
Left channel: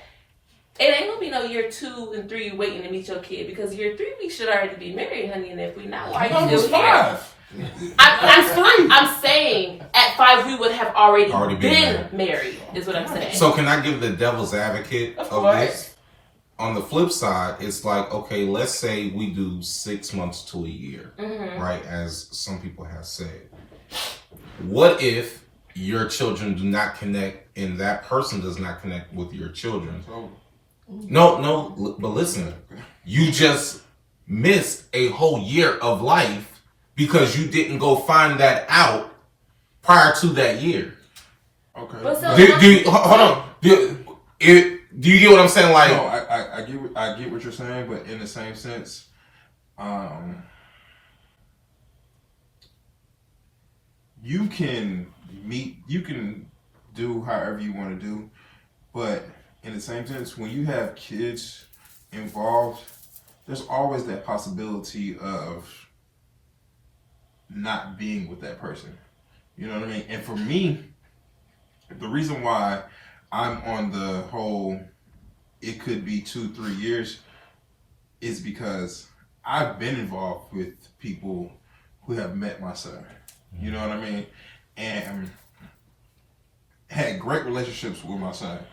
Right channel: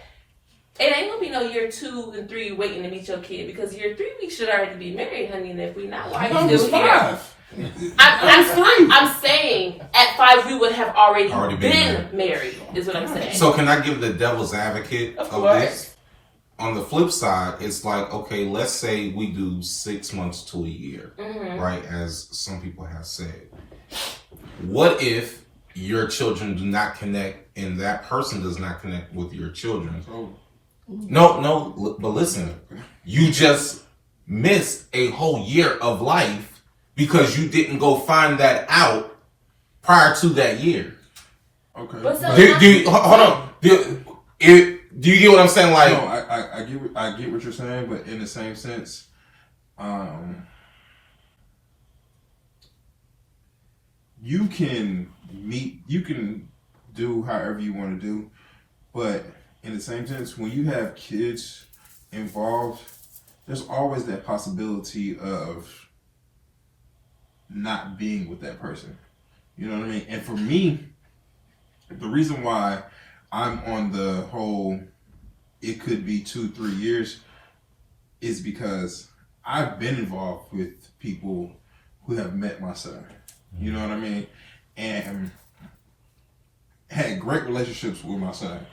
it ain't gonna be no year 2 and 3 waiting to meet your kid because year 3 we should already be married, honey. And if we not, why are you still here? I'm saying at 5 we would have already been married. Is what I'm saying. So can I give the devil's advocate of this? On the flip side, it's like, okay, let's say we do 6 months to a year, right? As some people have said. What if your children do not connect and that person does not connect with your children? No, but listen, you just missed a whole year of life because you didn't go find that out prior to that year. Okay. Hold on. Do you get what I'm saying? Like, no, I get what you're saying, but in the same sense, you can do however you want to do, but in the same sense, when you have kids involved, there's always that possibility of not being with that person. You know what I mean? And for me, the reason why I'm on the whole, it could be 2-3 years, is because I've been involved with people who have met my son. You know what I mean? And had great relationships with my son.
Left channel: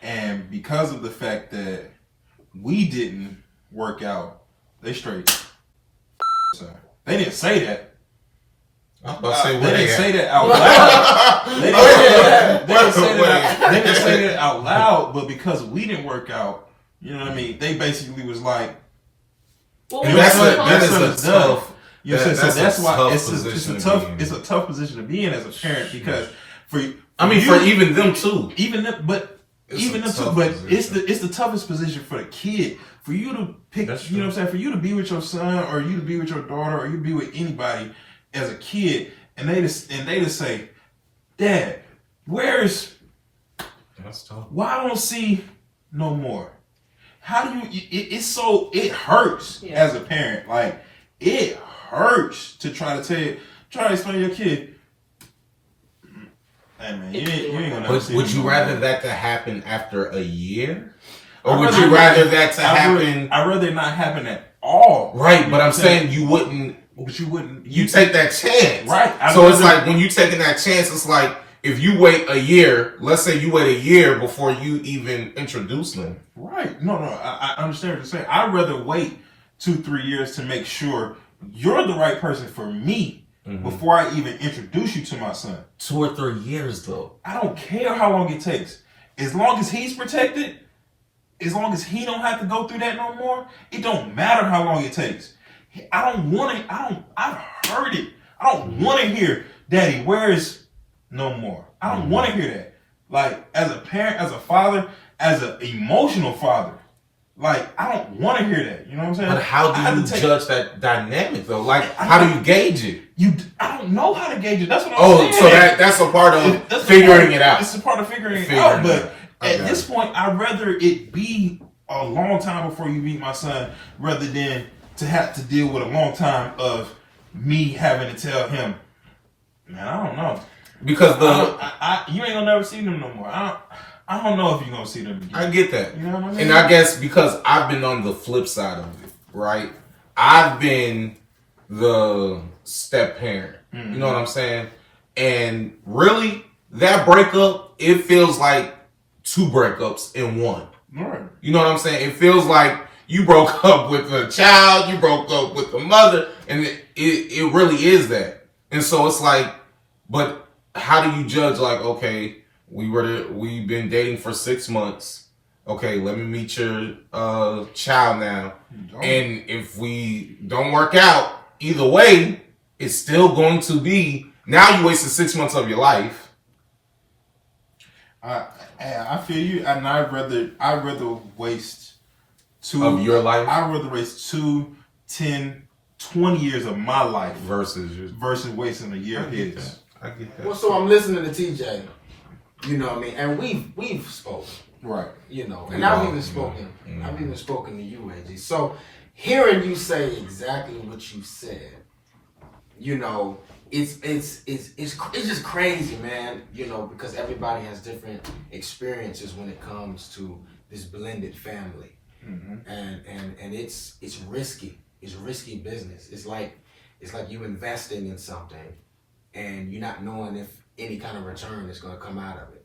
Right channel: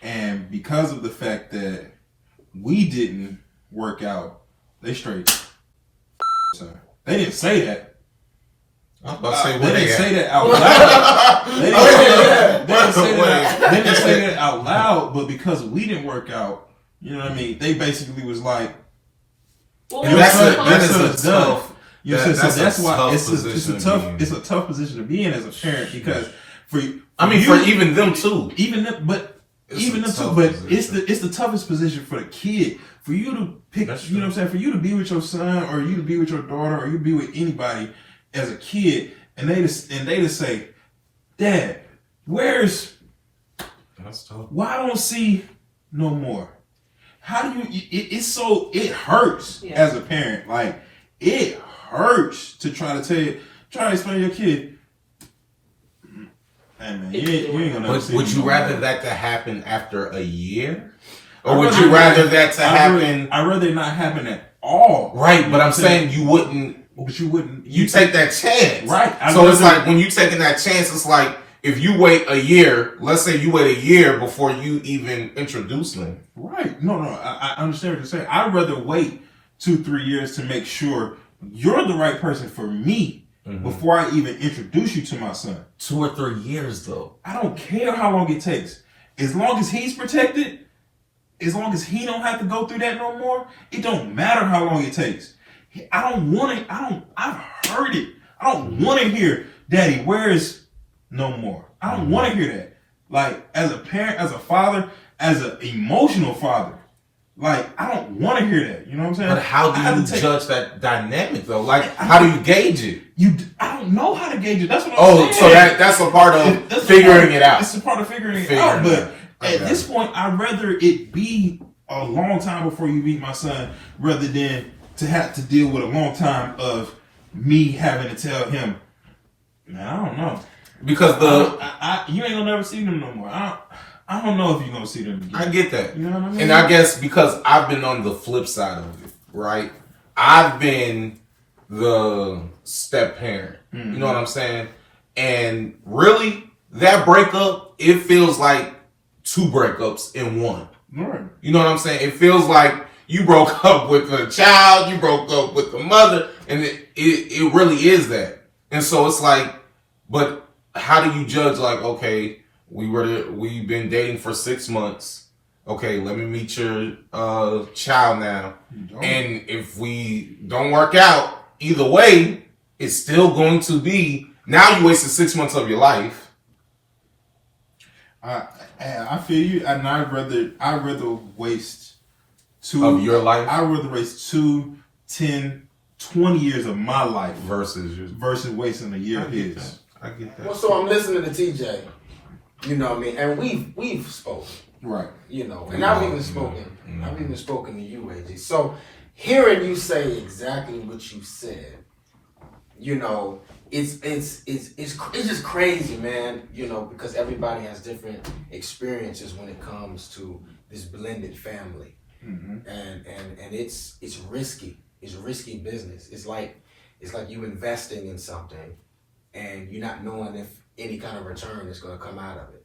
And because of the fact that we didn't work out, they straight son. They didn't say that. I was about to say, they didn't say that out loud. They didn't say that out loud, but because we didn't work out, you know what I mean? They basically was like, that's tough. You know, so that's why it's a tough position to be in as a parent because for even them too. It's the toughest position for the kid. For you to pick, you know what I'm saying? For you to be with your son or you to be with your daughter or you to be with anybody as a kid and they just say, Dad, where's why I don't see no more? How do you it hurts as a parent. Like it hurts to try to explain to your kid. Hey man, you ain't gonna but would you rather that to happen after a year? Or would you rather that to happen? I'd rather it not happen at all. Right, but I'm saying you wouldn't. But you wouldn't. You take that chance. Right. So it's like when you taking that chance, it's like if you wait a year, let's say you wait a year before you even introduce them. Right. No, I understand what you're saying. I'd rather wait 2-3 years to make sure you're the right person for me before I even introduce you to my son. 2 or 3 years though. I don't care how long it takes. As long as he's protected, as long as he don't have to go through that no more, it don't matter how long it takes. I don't want it. I've heard it. I don't want to hear, Daddy, where's no more? I don't want to hear that. Like, as a parent, as a father, as an emotional father, like, I don't want to hear that. You know what I'm saying? But how do you judge that dynamic, though? Like, how do you gauge it? I don't know how to gauge it. That's what I'm saying. So that's a part of figuring it out. It's a part of figuring it out. But at this point, I'd rather it be a long time before you meet my son rather than to have to deal with a long time of me having to tell him, man, I don't know. Because you ain't gonna never see them no more. I don't know if you're gonna see them again. I get that. You know what I mean? And I guess because I've been on the flip side of it, right? I've been the step parent. You know what I'm saying? And really, that breakup, it feels like 2 breakups in one. Right. You know what I'm saying? It feels like you broke up with the child, you broke up with the mother, and it really is that. And so it's like, but how do you judge? Like, okay, we've been dating for 6 months. okay, let me meet your child now. And if we don't work out, either way, it's still going to be, now you wasted 6 months of your life. I feel you, and I'd rather waste of your life. I'd rather waste 2, 10, 20 years of my life versus wasting a year of his. I get that. Well, so I'm listening to TJ. You know what I mean? And we've spoken. Right. You know, and I've even spoken. I've even spoken to you, AJ. So hearing you say exactly what you said, you know, it's just crazy, man. You know, because everybody has different experiences when it comes to this blended family, and it's risky. It's risky business. It's like you investing in something, and you're not knowing if any kind of return is going to come out of it.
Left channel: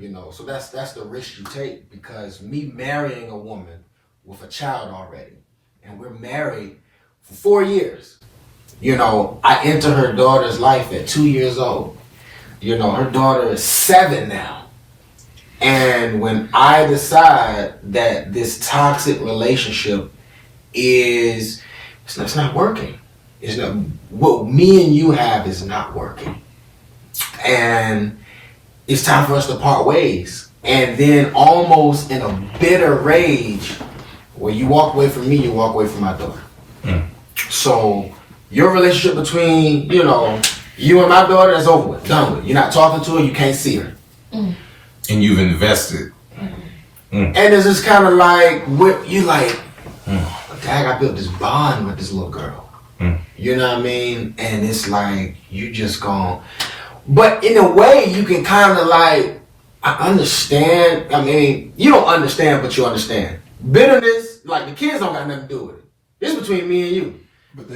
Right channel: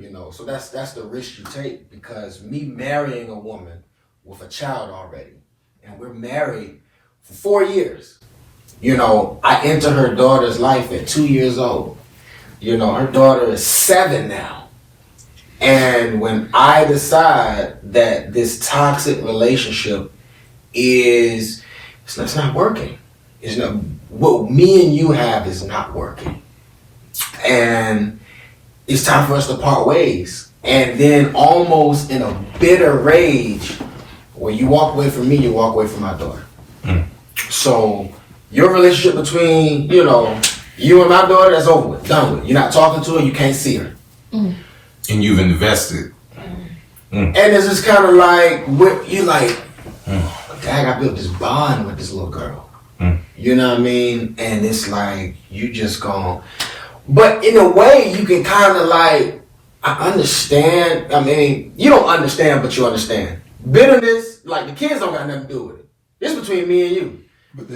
You know, so that's the risk you take, because me marrying a woman with a child already, and we're married for 4 years. You know, I enter her daughter's life at 2 years old. You know, her daughter is 7 now. And when I decide that this toxic relationship it's not working. It's not, what me and you have is not working. And it's time for us to part ways. And then almost in a bitter rage, when you walk away from me, you walk away from my daughter. So your relationship between, you know, you and my daughter, that's over with, done with. You're not talking to her, you can't see her. And you've invested. And it's just kind of like, what you like, dang, I built this bond with this little girl. You know what I mean? And it's like, you just gone. But in a way, you can kind of like, I understand. I mean, you don't understand, but you understand. Bitterness, like the kids don't got nothing to do with it. It's between me and you. But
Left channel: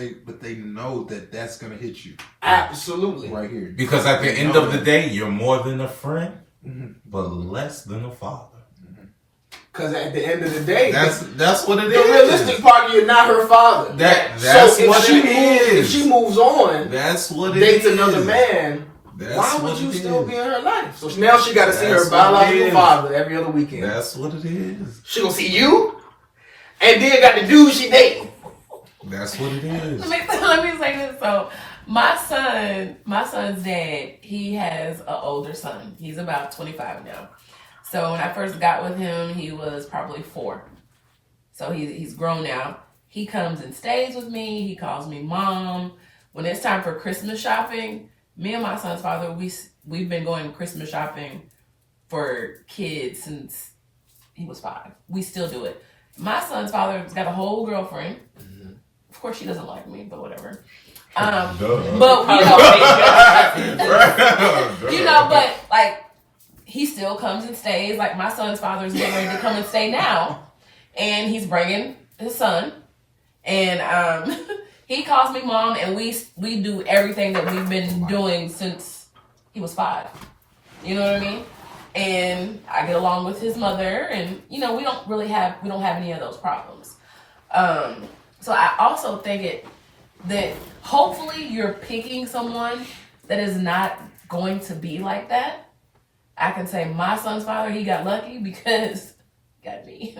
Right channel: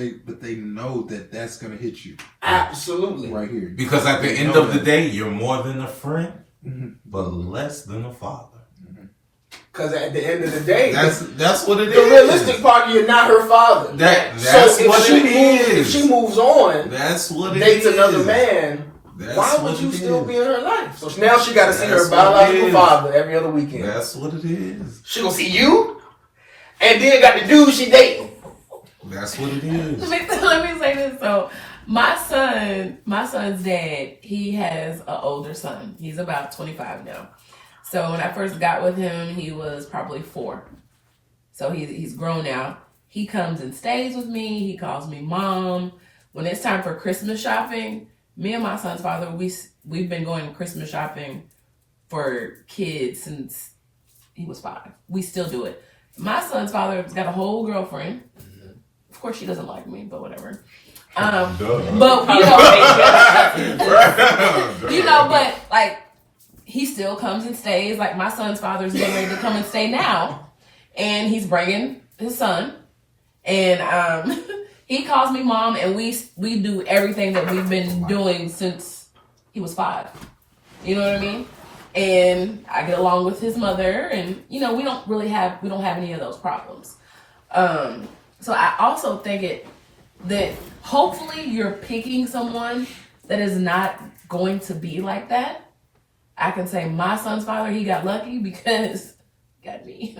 they know that that's gonna hit you. Absolutely. Right here. Because at the end of the day, you're more than a friend, but less than a father. Because at the end of the day, that's what it is. The realistic part, you're not her father. That's so what it is. If she moves on, that's what it dates is. another man. That's why would what you it still is. be in her life? So now she got to see That's her biological what it is. father every other weekend. That's what it is. She gonna see you, and then got the dude she dating. That's what it is. Let me say this. So my son's dad, he has an older son. He's about 25 now. So when I first got with him, he was probably 4. So he's grown now. He comes and stays with me. He calls me mom. When it's time for Christmas shopping, me and my son's father, we've been going Christmas shopping for kids since he was 5. We still do it. My son's father's got a whole girlfriend. Of course, she doesn't like me, but whatever. But but like, he still comes and stays. Like, my son's father's getting ready to come and stay now, and he's bringing his son, and he calls me mom, and we do everything that we've been doing since he was 5. You know what I mean? And I get along with his mother, and you know, we don't have any of those problems. So I also think that hopefully you're picking someone that is not going to be like that. I can say my son's father, he got lucky because got me.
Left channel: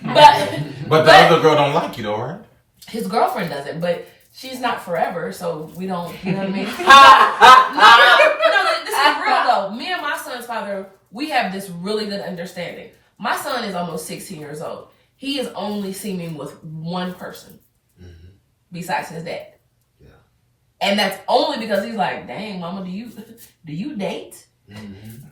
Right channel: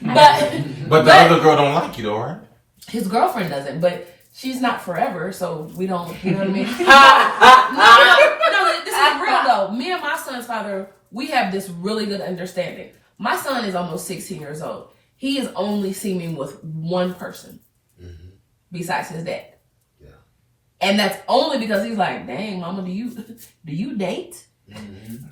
But the other girl don't like you though, right? His girlfriend doesn't, but she's not forever, so we don't, you know what I mean? No, this is real though. Me and my son's father, we have this really good understanding. My son is almost 16 years old. He is only seen me with one person besides his dad. Yeah. And that's only because he's like, dang, mama, do you date?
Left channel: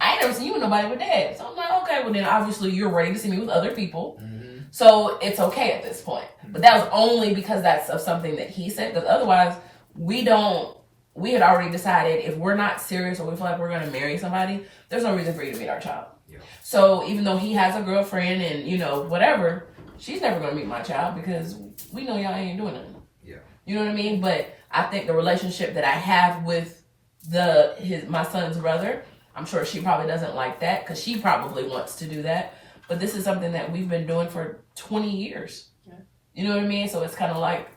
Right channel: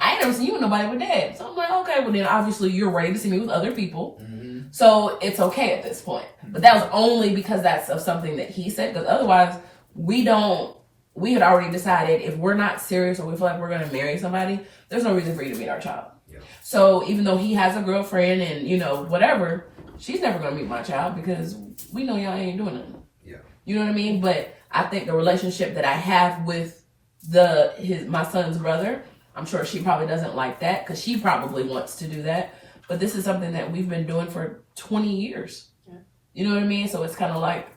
I ain't never seen you with nobody but dad. So I'm like, okay, well then obviously you're ready to see me with other people. So it's okay at this point. But that was only because that's of something that he said, because otherwise we had already decided if we're not serious or we feel like we're going to marry somebody, there's no reason for you to meet our child. Yeah. So even though he has a girlfriend and, you know, whatever, she's never going to meet my child because we know y'all ain't doing nothing. Yeah. You know what I mean? But I think the relationship that I have with my son's brother, I'm sure she probably doesn't like that because she probably wants to do that. But this is something that we've been doing for 20 years. Yeah. You know what I mean? So it's kind of like,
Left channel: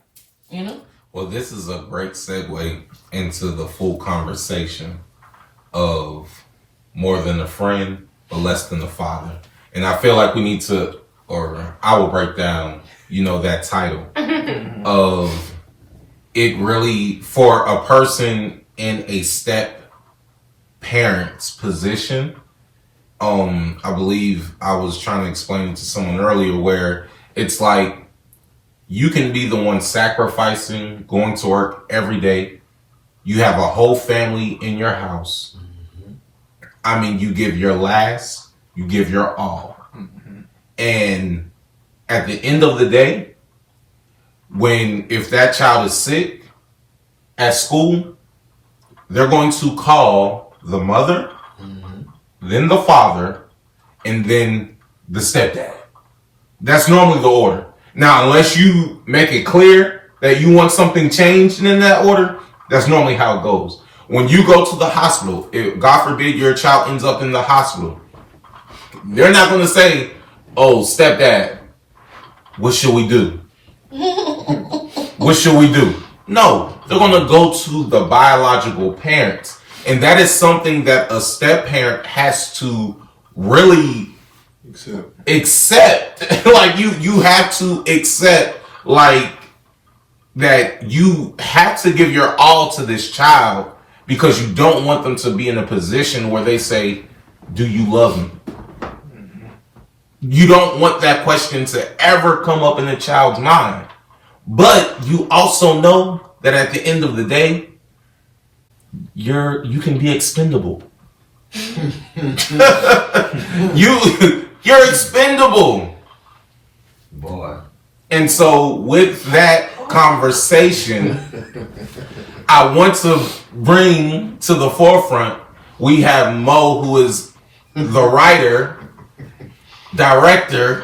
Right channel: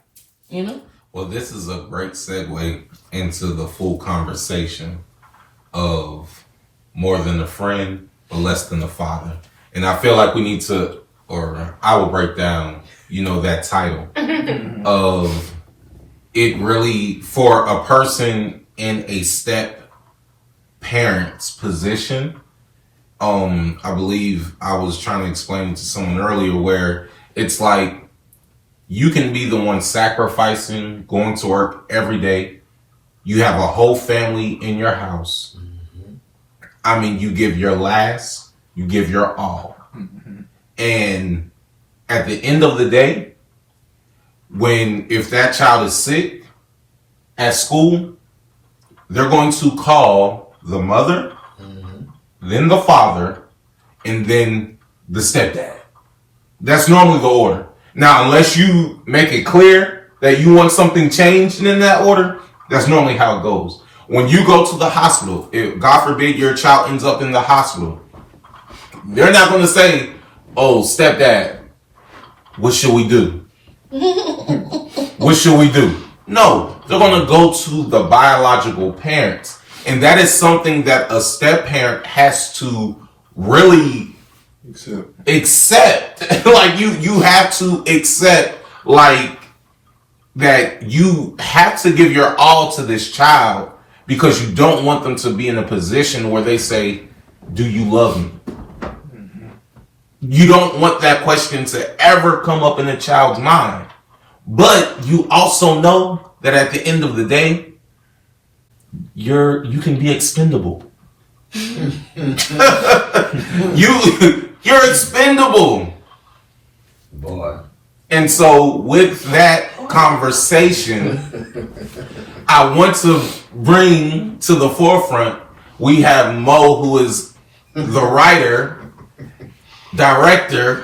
you know? Well, this is a great segue into the full conversation of more than a friend, but less than a father. And I feel like we need to, or I will break down, that title of it really for a person in a step parent's position. I believe I was trying to explain it to someone earlier where it's like you can be the one sacrificing, going to work every day. You have a whole family in your house. I mean, you give your last, you give your all. And at the end of the day, if that child is sick at school, they're going to call the mother, then the father, and then the stepdad. That's normally the order. Now, unless you make it clear that you want something changed in that order, that's normally how it goes. When you go to the hospital, if God forbid your child ends up in the hospital, they're not going to say, oh, stepdad, what should we do? What should we do? No, they're going to go to the biological parents. And that is something that a step parent has to really accept. Like you have to accept like that you have to give your all to this child because you don't want them to be in a position where they say, do you love me? You don't want that question to ever come up in a child's mind. But you also know that at the end of the day, you can be expendable. You're expendable. Boy. And so with that conversation, I want to bring to the forefront, we have Mo, who is the writer, director,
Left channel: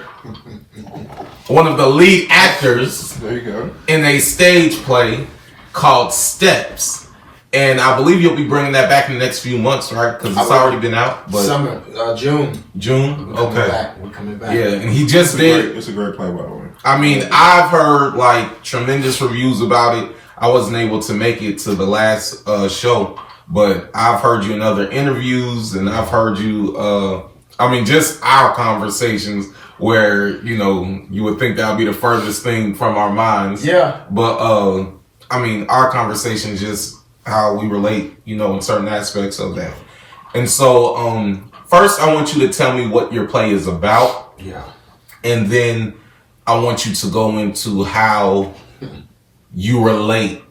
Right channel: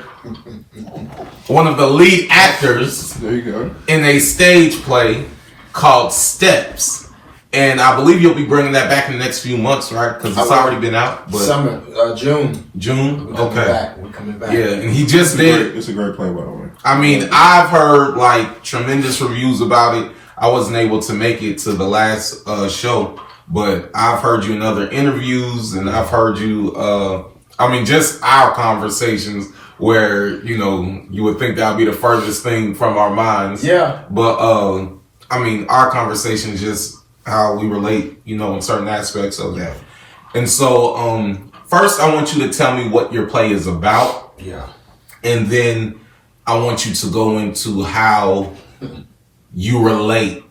one of the lead actors There you go. in a stage play called Steps. And I believe you'll be bringing that back in the next few months, right? Because it's already been out. But Summer, June. June? Okay. We're coming back. Yeah, and he just did. It's a great play, by the way. I mean, I've heard like tremendous reviews about it. I wasn't able to make it to the last show, but I've heard you in other interviews, and I've heard you. Just our conversations where you would think that would be the furthest thing from our minds. Yeah. But our conversation just how we relate, in certain aspects of that. And so, first, I want you to tell me what your play is about. Yeah. And then I want you to go into how you relate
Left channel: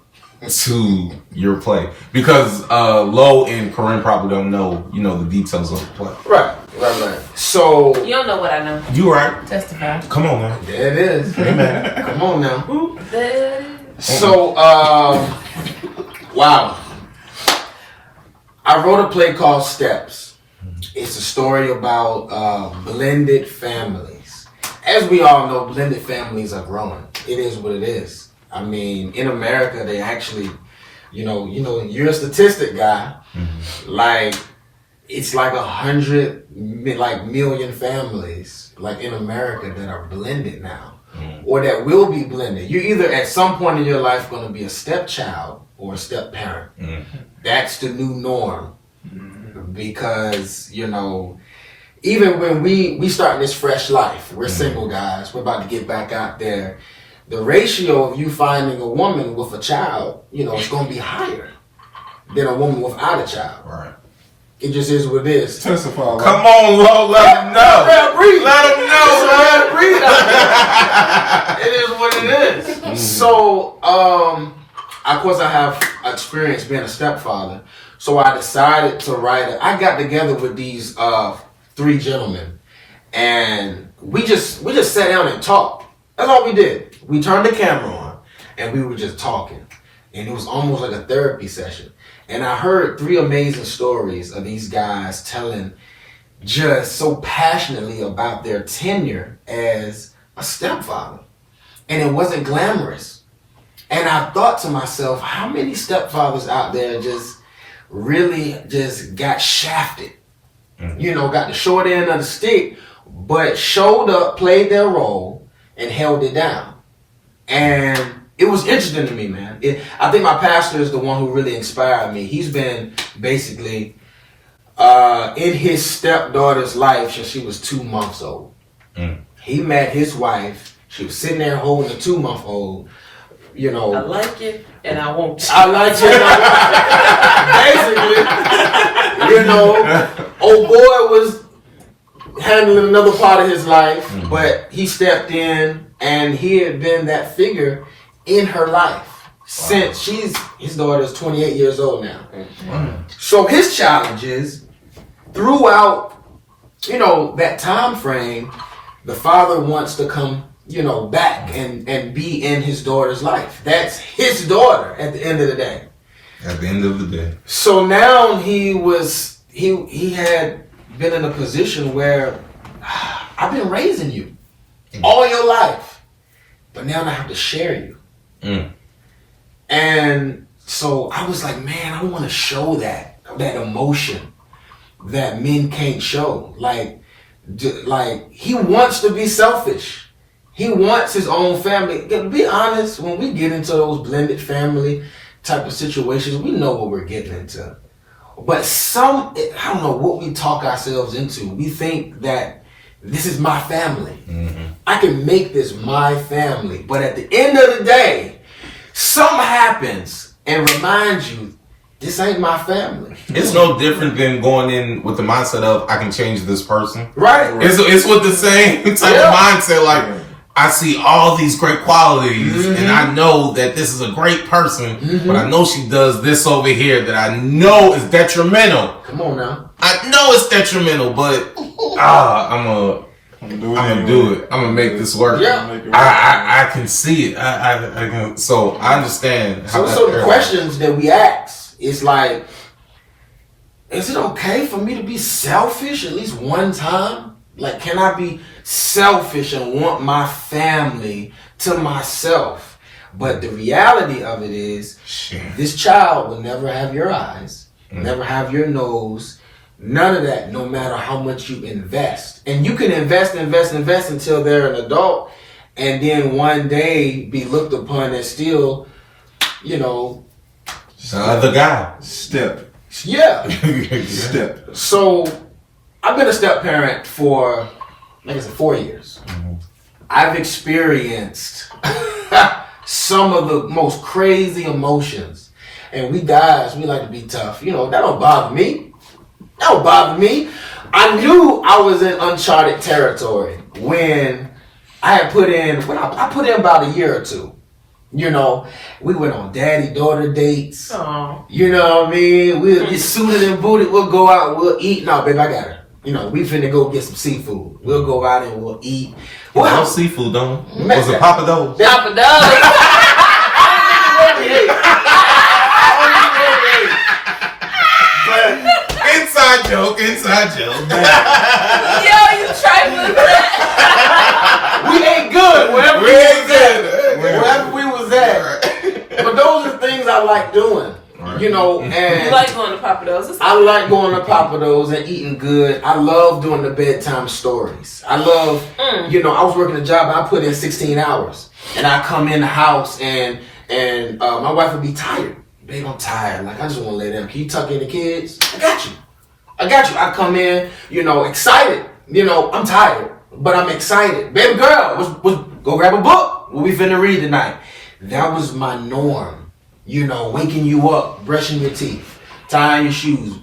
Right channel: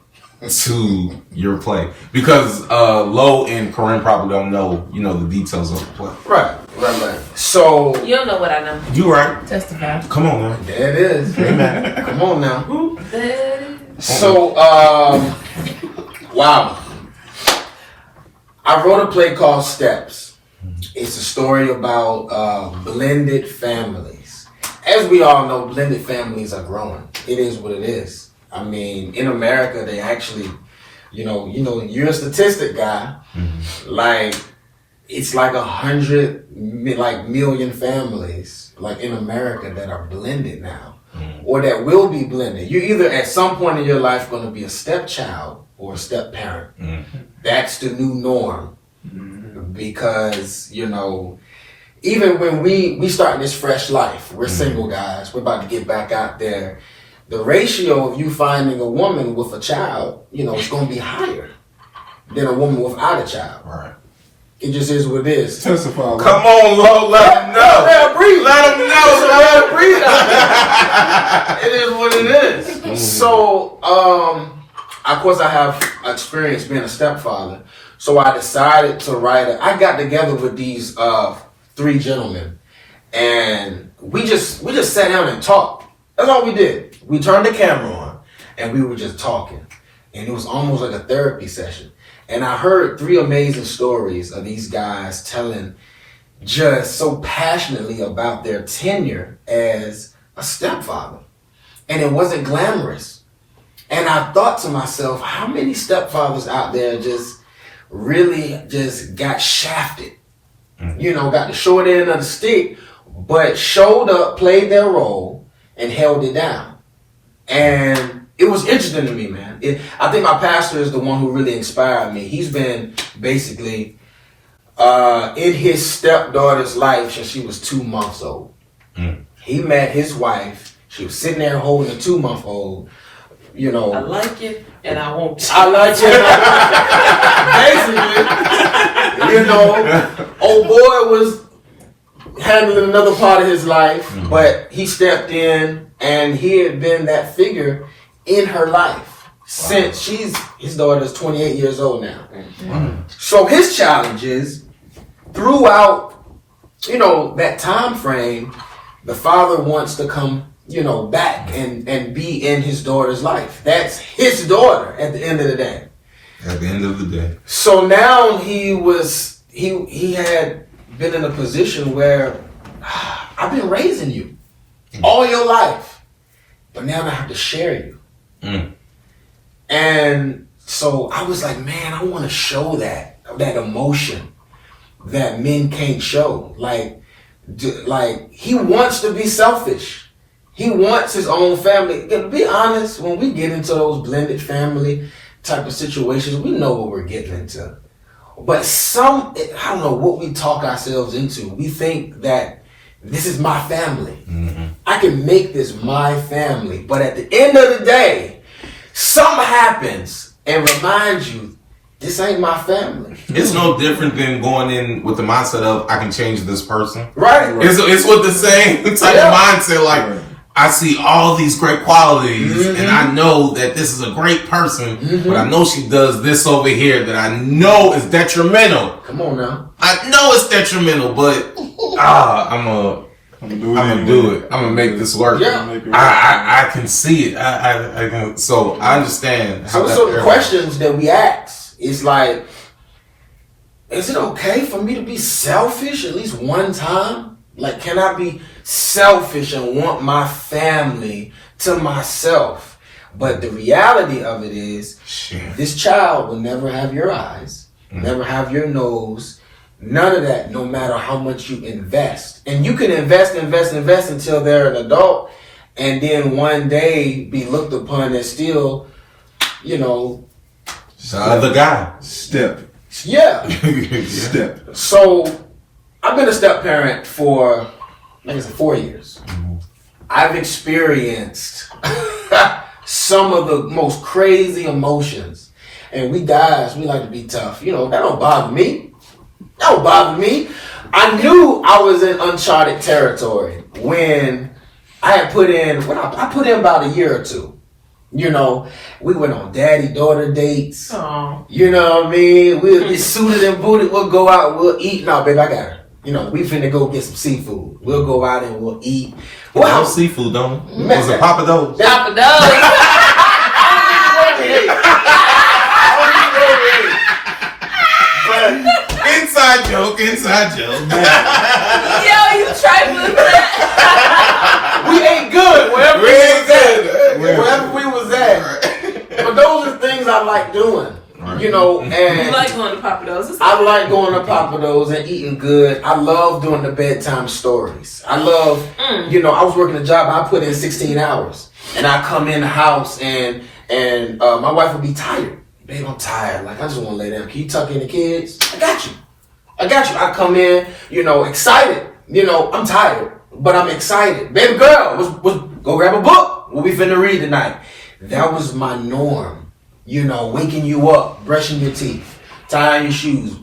to your play. Because Lo and Korinne probably don't know, the details of the play. Right. So You don't know what I know. You right. Testify. Come on, man. there it is. Amen. Come on now. The- So, wow. I wrote a play called Steps. It's a story about blended families. As we all know, blended families are growing. It is what it is. I mean, in America, they actually, you're a statistic guy. Like, it's like 100 million families like in America that are blended now. Or that will be blended. You're either at some point in your life going to be a stepchild or a step parent. That's the new norm. Because, even when we start this fresh life, we're single guys, we're about to get back out there. The ratio of you finding a woman with a child, it's going to be higher than a woman without a child. Right. It just is what it is. Testify. Come on, Lo, let them know. Let breathe. Let them know. Let them breathe. It is what it is. So, of course, I have experience being a stepfather. So I decided to write it. I got together with these 3 gentlemen, and we just sat down and talked. That's all we did. We turned the camera on, and we were just talking, and it was almost like a therapy session. And I heard 3 amazing stories of these guys telling just so passionately about their tenure as a stepfather. And it wasn't glamorous. And I thought to myself, how many stepfathers out there just really just got shafted? Got the short end of the stick, but showed up, played their role, and held it down. And it was interesting to me, man. I think my pastor is the one who really inspired me. He's been basically in his stepdaughter's life since she was 2 months old. He met his wife. She was sitting there holding a 2-month-old. You know, I like it and I won't. I like it. Basically, you know, old boy was handling another part of his life, but he stepped in and he had been that figure in her life since his daughter is 28 years old now. So his challenge is throughout, you know, that time frame, the father wants to come, you know, back and be in his daughter's life. That's his daughter at the end of the day. At the end of the day. So now he had been in a position where I've been raising you all your life, but now I have to share you. And so I was like, man, I want to show that emotion that men can't show. Like he wants to be selfish. He wants his own family. To be honest, when we get into those blended family type of situations, we know what we're getting into. But I don't know what we talk ourselves into. We think that this is my family. I can make this my family. But at the end of the day, something happens and reminds you, this ain't my family. It's no different than going in with the mindset of, I can change this person. Right. It's with the same type of mindset. Like, I see all these great qualities and I know that this is a great person, but I know she does this over here that I know is detrimental. Come on now. I know it's detrimental, but I'm gonna do it. I'm gonna make this work. Yeah. I can see it. I can. So I understand. So the questions that we ask is like, is it okay for me to be selfish at least one time? Like, can I be selfish and want my family to myself? But the reality of it is, this child will never have your eyes, never have your nose, none of that, no matter how much you invest. And you can invest until they're an adult, and then one day be looked upon as still, you know, the other guy. Step. Yeah. Step. So I've been a step parent for, I think 4 years. I've experienced some of the most crazy emotions. And we guys, we like to be tough. You know, that don't bother me. That don't bother me. I knew I was in uncharted territory when I had put in, I put in about a year or two. You know, we went on daddy-daughter dates. Aww. You know what I mean? We'll get suited and booted. We'll go out. We'll eat. No, baby, I got her. You know, we finna go get some seafood. We'll go out and we'll eat. We love seafood, don't we? Was it Papa Do's? Papa Do's. Inside joke. Yo, you trifling with that. We ain't good wherever we was at. But those are things I like doing. You know, and You like going to Papa Do's? I like going to Papa Do's and eating good. I love doing the bedtime stories. I love, you know, I was working a job. I put in 16 hours, and I come in the house and my wife would be tired. Babe, I'm tired. Like, I just want to lay down. Can you tuck in the kids? I got you. I come in, you know, excited. You know, I'm tired, but I'm excited. Baby girl, go grab a book. What we finna read tonight? That was my norm. You know, waking you up, brushing your teeth, tying your shoes,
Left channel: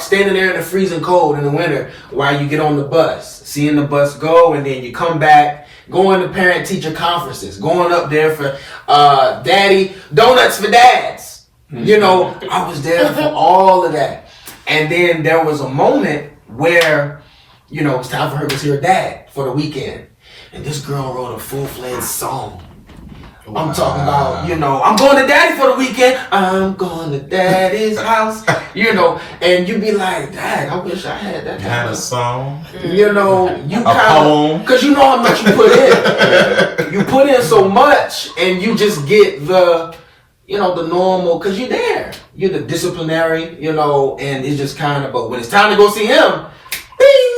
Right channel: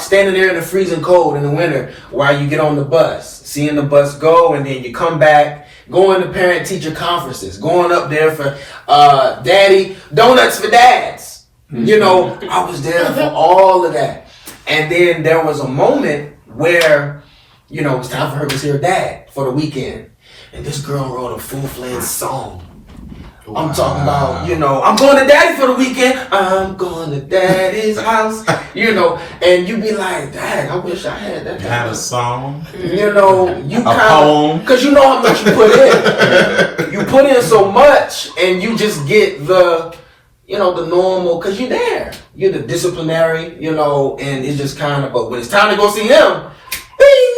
standing there in the freezing cold in the winter while you get on the bus, seeing the bus go, and then you come back, going to parent-teacher conferences, going up there for daddy, donuts for dads. You know, I was there for all of that. And then there was a moment where, you know, it was time for her to see her dad for the weekend. And this girl wrote a full-fledged song. I'm talking about, you know, I'm going to daddy for the weekend. I'm going to daddy's house. You know, and you be like, dang, I wish I had that. You had a song. You know, you a poem. Because you know how much you put in. You put in so much, and you just get the, you know, the normal, because you're there. You're the disciplinary, you know, and it's just kind of, but when it's time to go see him, bing,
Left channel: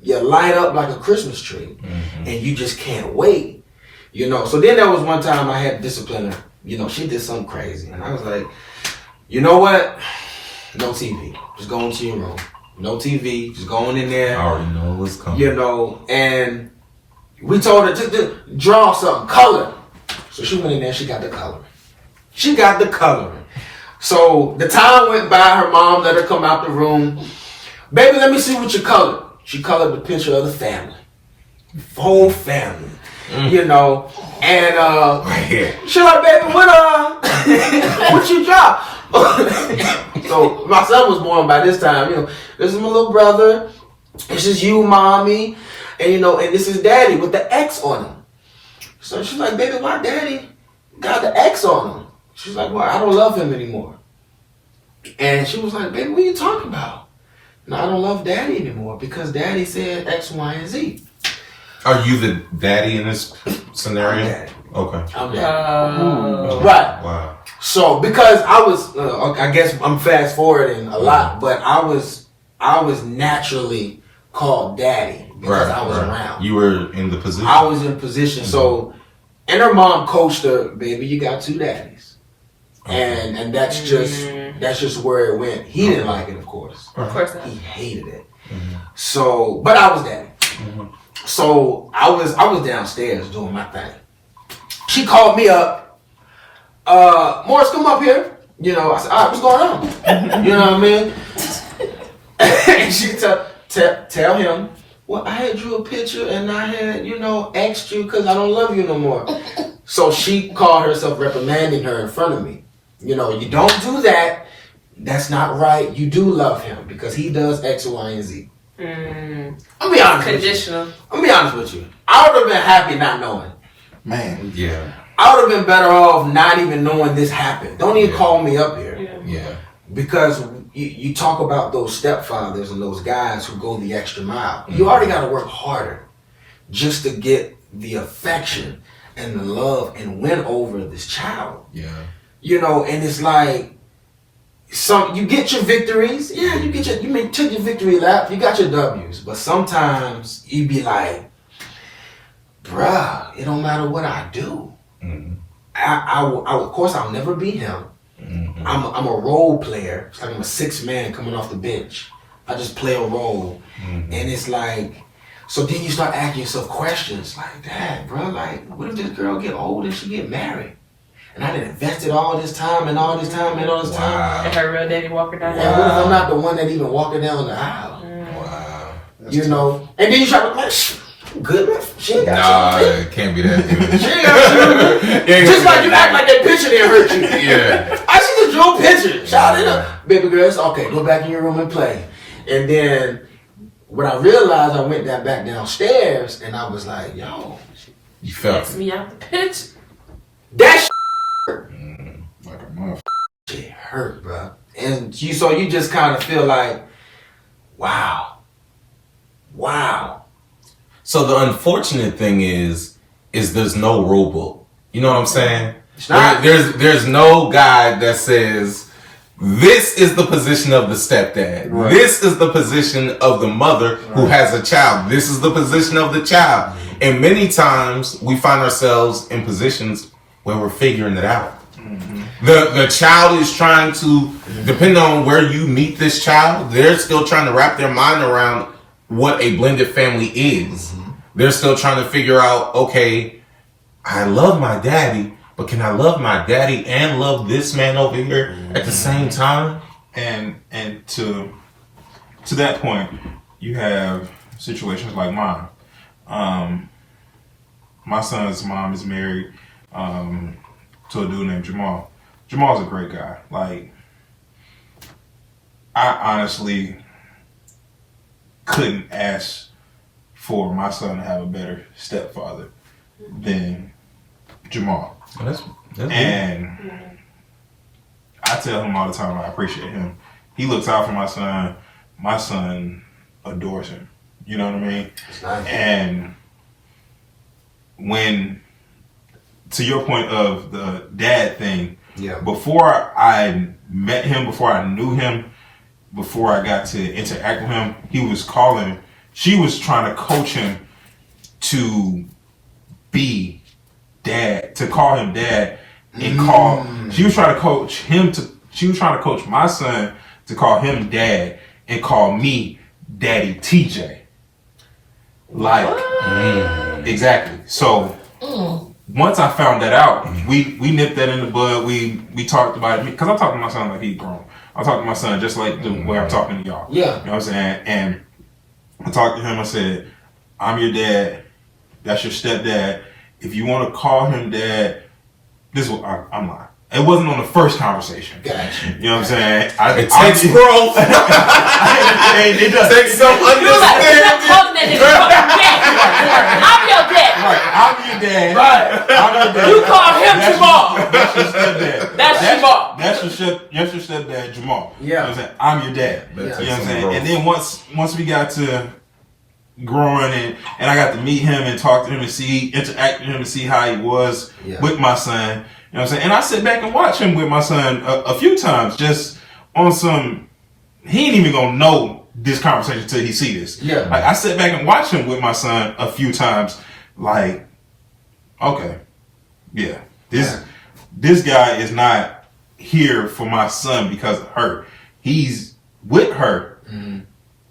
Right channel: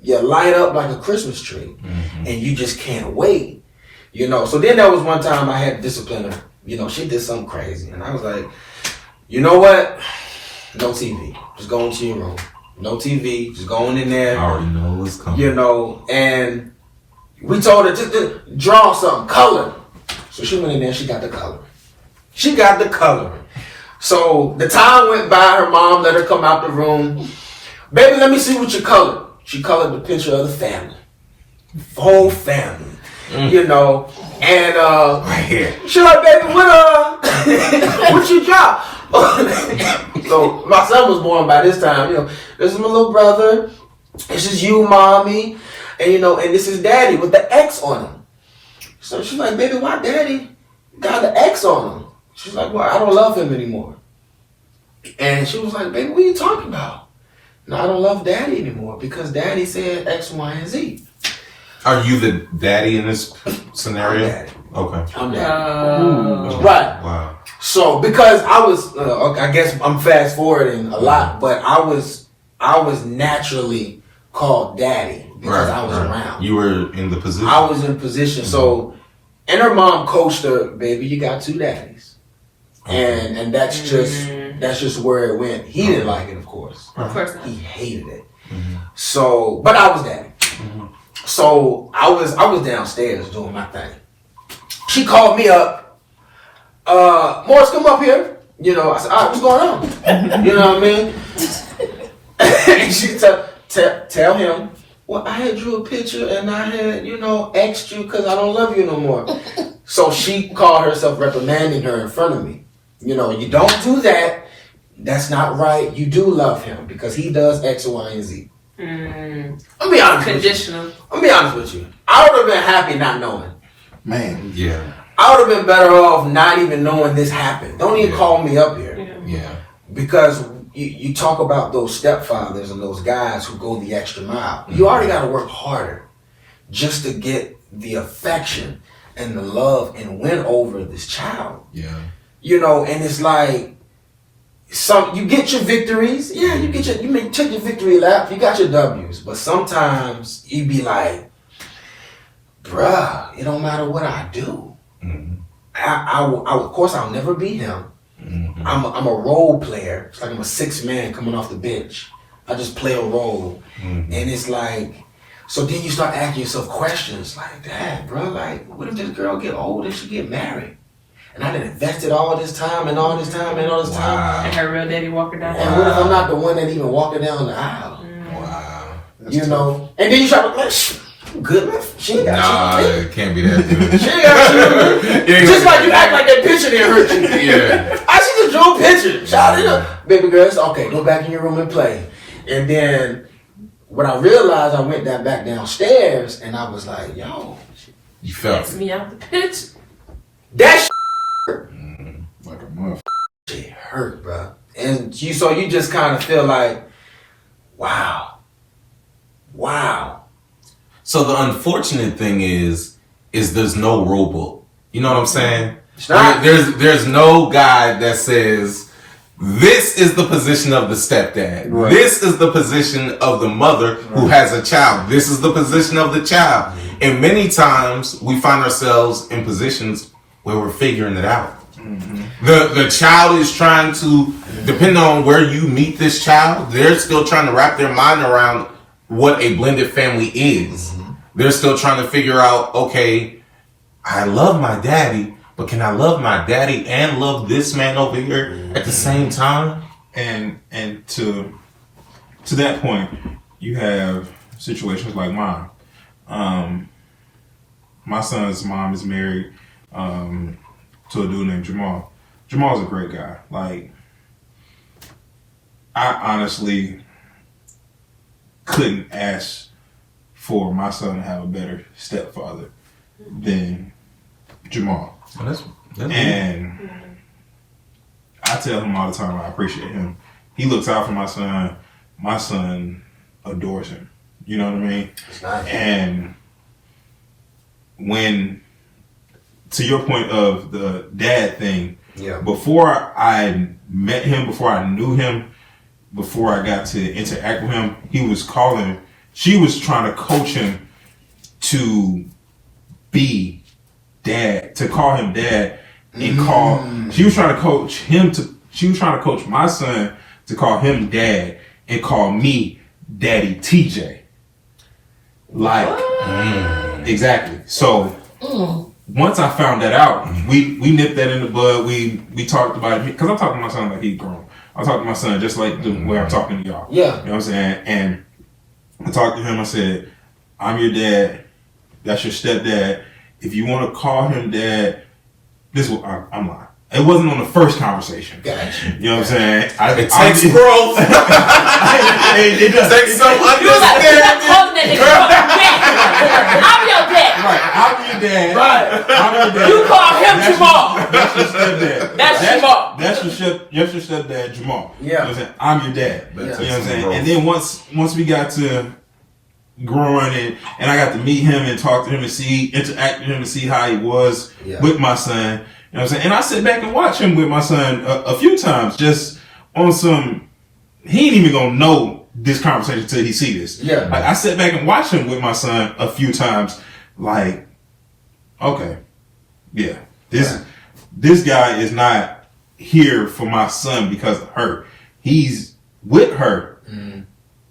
you light up like a Christmas tree. And you just can't wait. You know, so then there was one time I had to discipline her. You know, she did something crazy. And I was like, you know what? No TV. Just go into your room. no TV, just going in there. I already know what's coming. You know, and we told her to draw something, color. So she went in there, she got the color. She got the coloring. So the time went by, her mom let her come out the room. Baby, let me see what you colored. She colored the picture of the family. Whole family. You know, and she like, baby, what you drop? So my son was born by this time, you know. This is my little brother. This is you, mommy. And you know, and this is daddy with the X on him. So she's like, baby, why daddy got the X on him? She's like, well, I don't love him anymore. And she was like, baby, what are you talking about? No, I don't love daddy anymore because daddy said X, Y, and Z. Are you the daddy in this scenario? I'm daddy. Okay. I'm daddy. Right. Wow. So because I was, I guess I'm fast forwarding a lot, but I was naturally called daddy because I was around. You were in the position. I was in position. So, and her mom coached her, baby, you got two daddies. And that's just where it went. He didn't like it, of course. Of course not. He hated it. So, but I was daddy. So I was downstairs doing my thing. She called me up. Morris, come up here. You know, I said, all right, what's going on? You know what I mean? And she tell him, well, I had drew a picture and I had, you know, asked you because I don't love you no more. So she called herself reprimanding her in front of me. You know, you don't do that. That's not right. You do love him because he does X, Y, and Z. I'll be honest. Conditional. I'll be honest with you. I would have been happy not knowing. Man. Yeah. I would have been better off not even knowing this happened. Don't even call me up here. Yeah. Because you talk about those stepfathers and those guys who go the extra mile. You already got to work harder just to get the affection and the love and win over this child. Yeah. You know, and it's like, you get your victories. Yeah, you may take your victory lap. You got your W's. But sometimes you be like, bruh, it don't matter what I do. Of course, I'll never be him. I'm a role player. It's like I'm a sixth man coming off the bench. I just play a role. And it's like, so then you start asking yourself questions like, Dad, bro, like, what if this girl get old and she get married? And I done invested all this time and all this time and all this time. And her real daddy walking down the And what if I'm not the one that even walking down the aisle? Wow. You know? And then you try to like, good man. She ain't got you. It can't be that good. She ain't got you. Just like you act like that picture didn't hurt you. Yeah. I see the Joe picture. Shot it up. Baby girl, it's okay. Go back in your room and play. And then when I realized, I went back downstairs and I was like, yo. You felt Takes me out the pitch. That Like a muff. shit hurt, bro. And so you just kind of feel like, wow. So the unfortunate thing is there's no rule book. You know what I'm saying? It's not. There's no guide that says this is the position of the stepdad. Right. This is the position of the mother who has a child. This is the position of the child. And many times we find ourselves in positions where we're figuring it out. The child is trying to, depending on where you meet this child, they're still trying to wrap their mind around what a blended family is. They're still trying to figure out, okay, I love my daddy, but can I love my daddy and love this man over here at the same time? And to that point, you have situations like mine. My son's mom is married to a dude named Jamal. Jamal's a great guy. Like, I honestly couldn't ask for my son to have a better stepfather than Jamal. That's And I tell him all the time I appreciate him. He looks out for my son. My son adores him. You know what I mean? It's not And when, to your point of the dad thing, before I met him, before I knew him, before I got to interact with him, she was trying to coach him to be dad, to call him dad, and she was trying to coach my son to call him dad and call me Daddy TJ. Like, exactly. So once I found that out, we nipped that in the bud. We talked about it because I talked to my son like he's grown. I talked to my son just like the way I'm talking to y'all. Yeah. You know what I'm saying? And I talked to him. I said, I'm your dad. That's your stepdad. If you want to call him dad, this is what I'm lying. It wasn't on the first conversation. Gotcha. You know what I'm saying? It takes growth. It does. Takes some understanding. I'm your dad. Right, I'm your dad. Right. I'm your dad. You call him Jamal. That's your stepdad. That's Jamal. That's your stepdad, Jamal. Yeah. You know what I'm saying? I'm your dad. Yeah. You know what I'm saying? And then once we got to growing and I got to meet him and talk to him and interact with him and see how he was with my son. You know what I'm saying? And I sit back and watch him with my son a few times, just on some. He ain't even gonna know this conversation until he see this. Yeah. Like I sit back and watch him with my son a few times. Like, okay, yeah, this guy is not here for my son because of her. He's with her.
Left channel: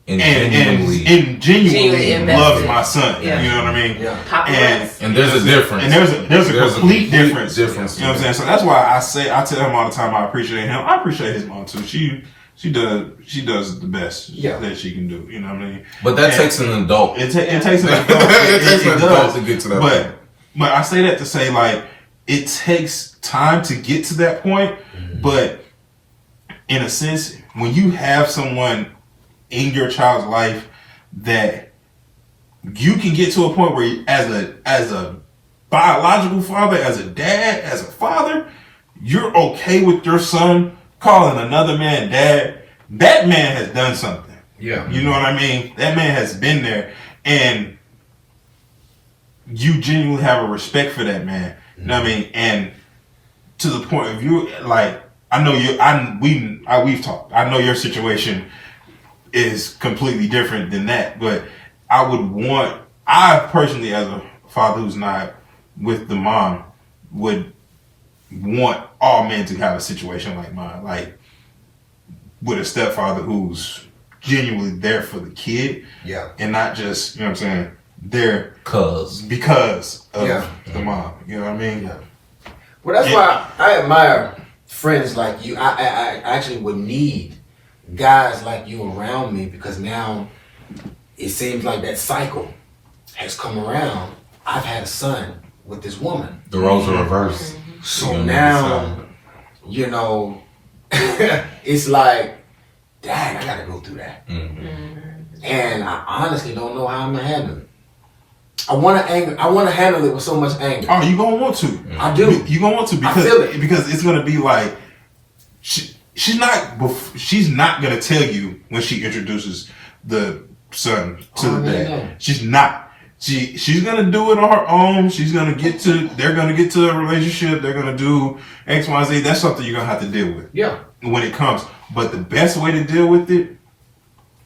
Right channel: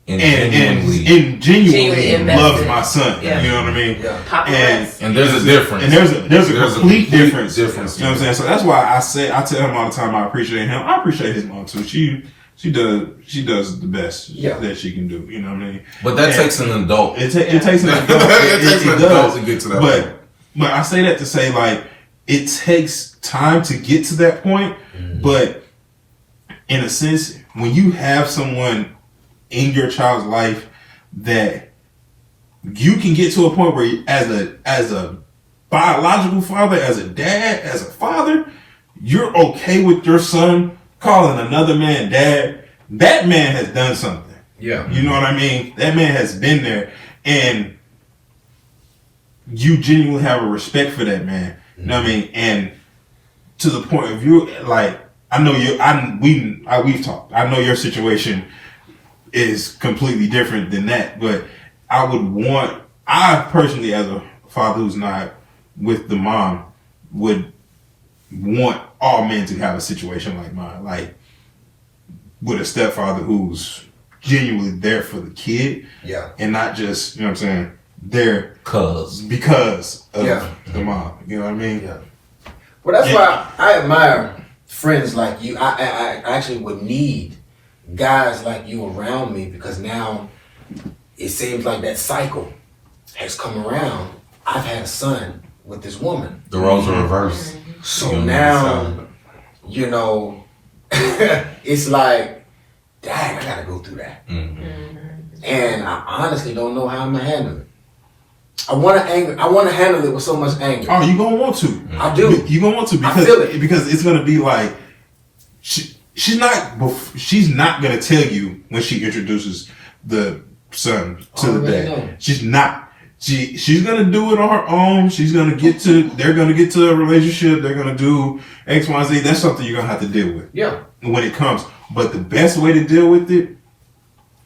And genuinely loves my son. Yeah. You know what I mean? Yeah. And there's a difference. And there's a complete difference. You know Difference. what I'm saying? So that's why I tell him all the time I appreciate him. I appreciate his mom too. She does the best that she can do. You know what I mean? But that takes an adult. It takes an adult. It takes an adult does. to get to that point. But I say that to say like it takes time to get to that point. But in a sense, when you have someone in your child's life that you can get to a point where as a biological father, as a dad, as a father, you're okay with your son calling another man dad. That man has done something. Yeah. You know what I mean? That man has been there and you genuinely have a respect for that man. You know what I mean? And to the point of you, like, I know we've talked. I know your situation is completely different than that, but I personally, as a father who's not with the mom, would want all men to have a situation like mine, like with a stepfather who's genuinely there for the kid, and not just, you know what I'm saying, there because of the mom. You know what I mean? Yeah. Well, that's why I admire friends like you. I actually would need guys like you around me because now it seems like that cycle has come around. I've had a son with this woman. The roles are reversed. So now, you know, it's like, dang, I gotta go through that. And I honestly don't know how I'm gonna handle it. I wanna handle it with so much anger. Oh, you gonna want to. I do. You gonna want to I feel it. because it's gonna be like she's not gonna tell you when she introduces the son to the dad. No. She's not. She's gonna do it on her own. They're gonna get to a relationship. They're gonna do X, Y, Z. That's something you're gonna have to deal with. Yeah. When it comes. But the best way to deal with it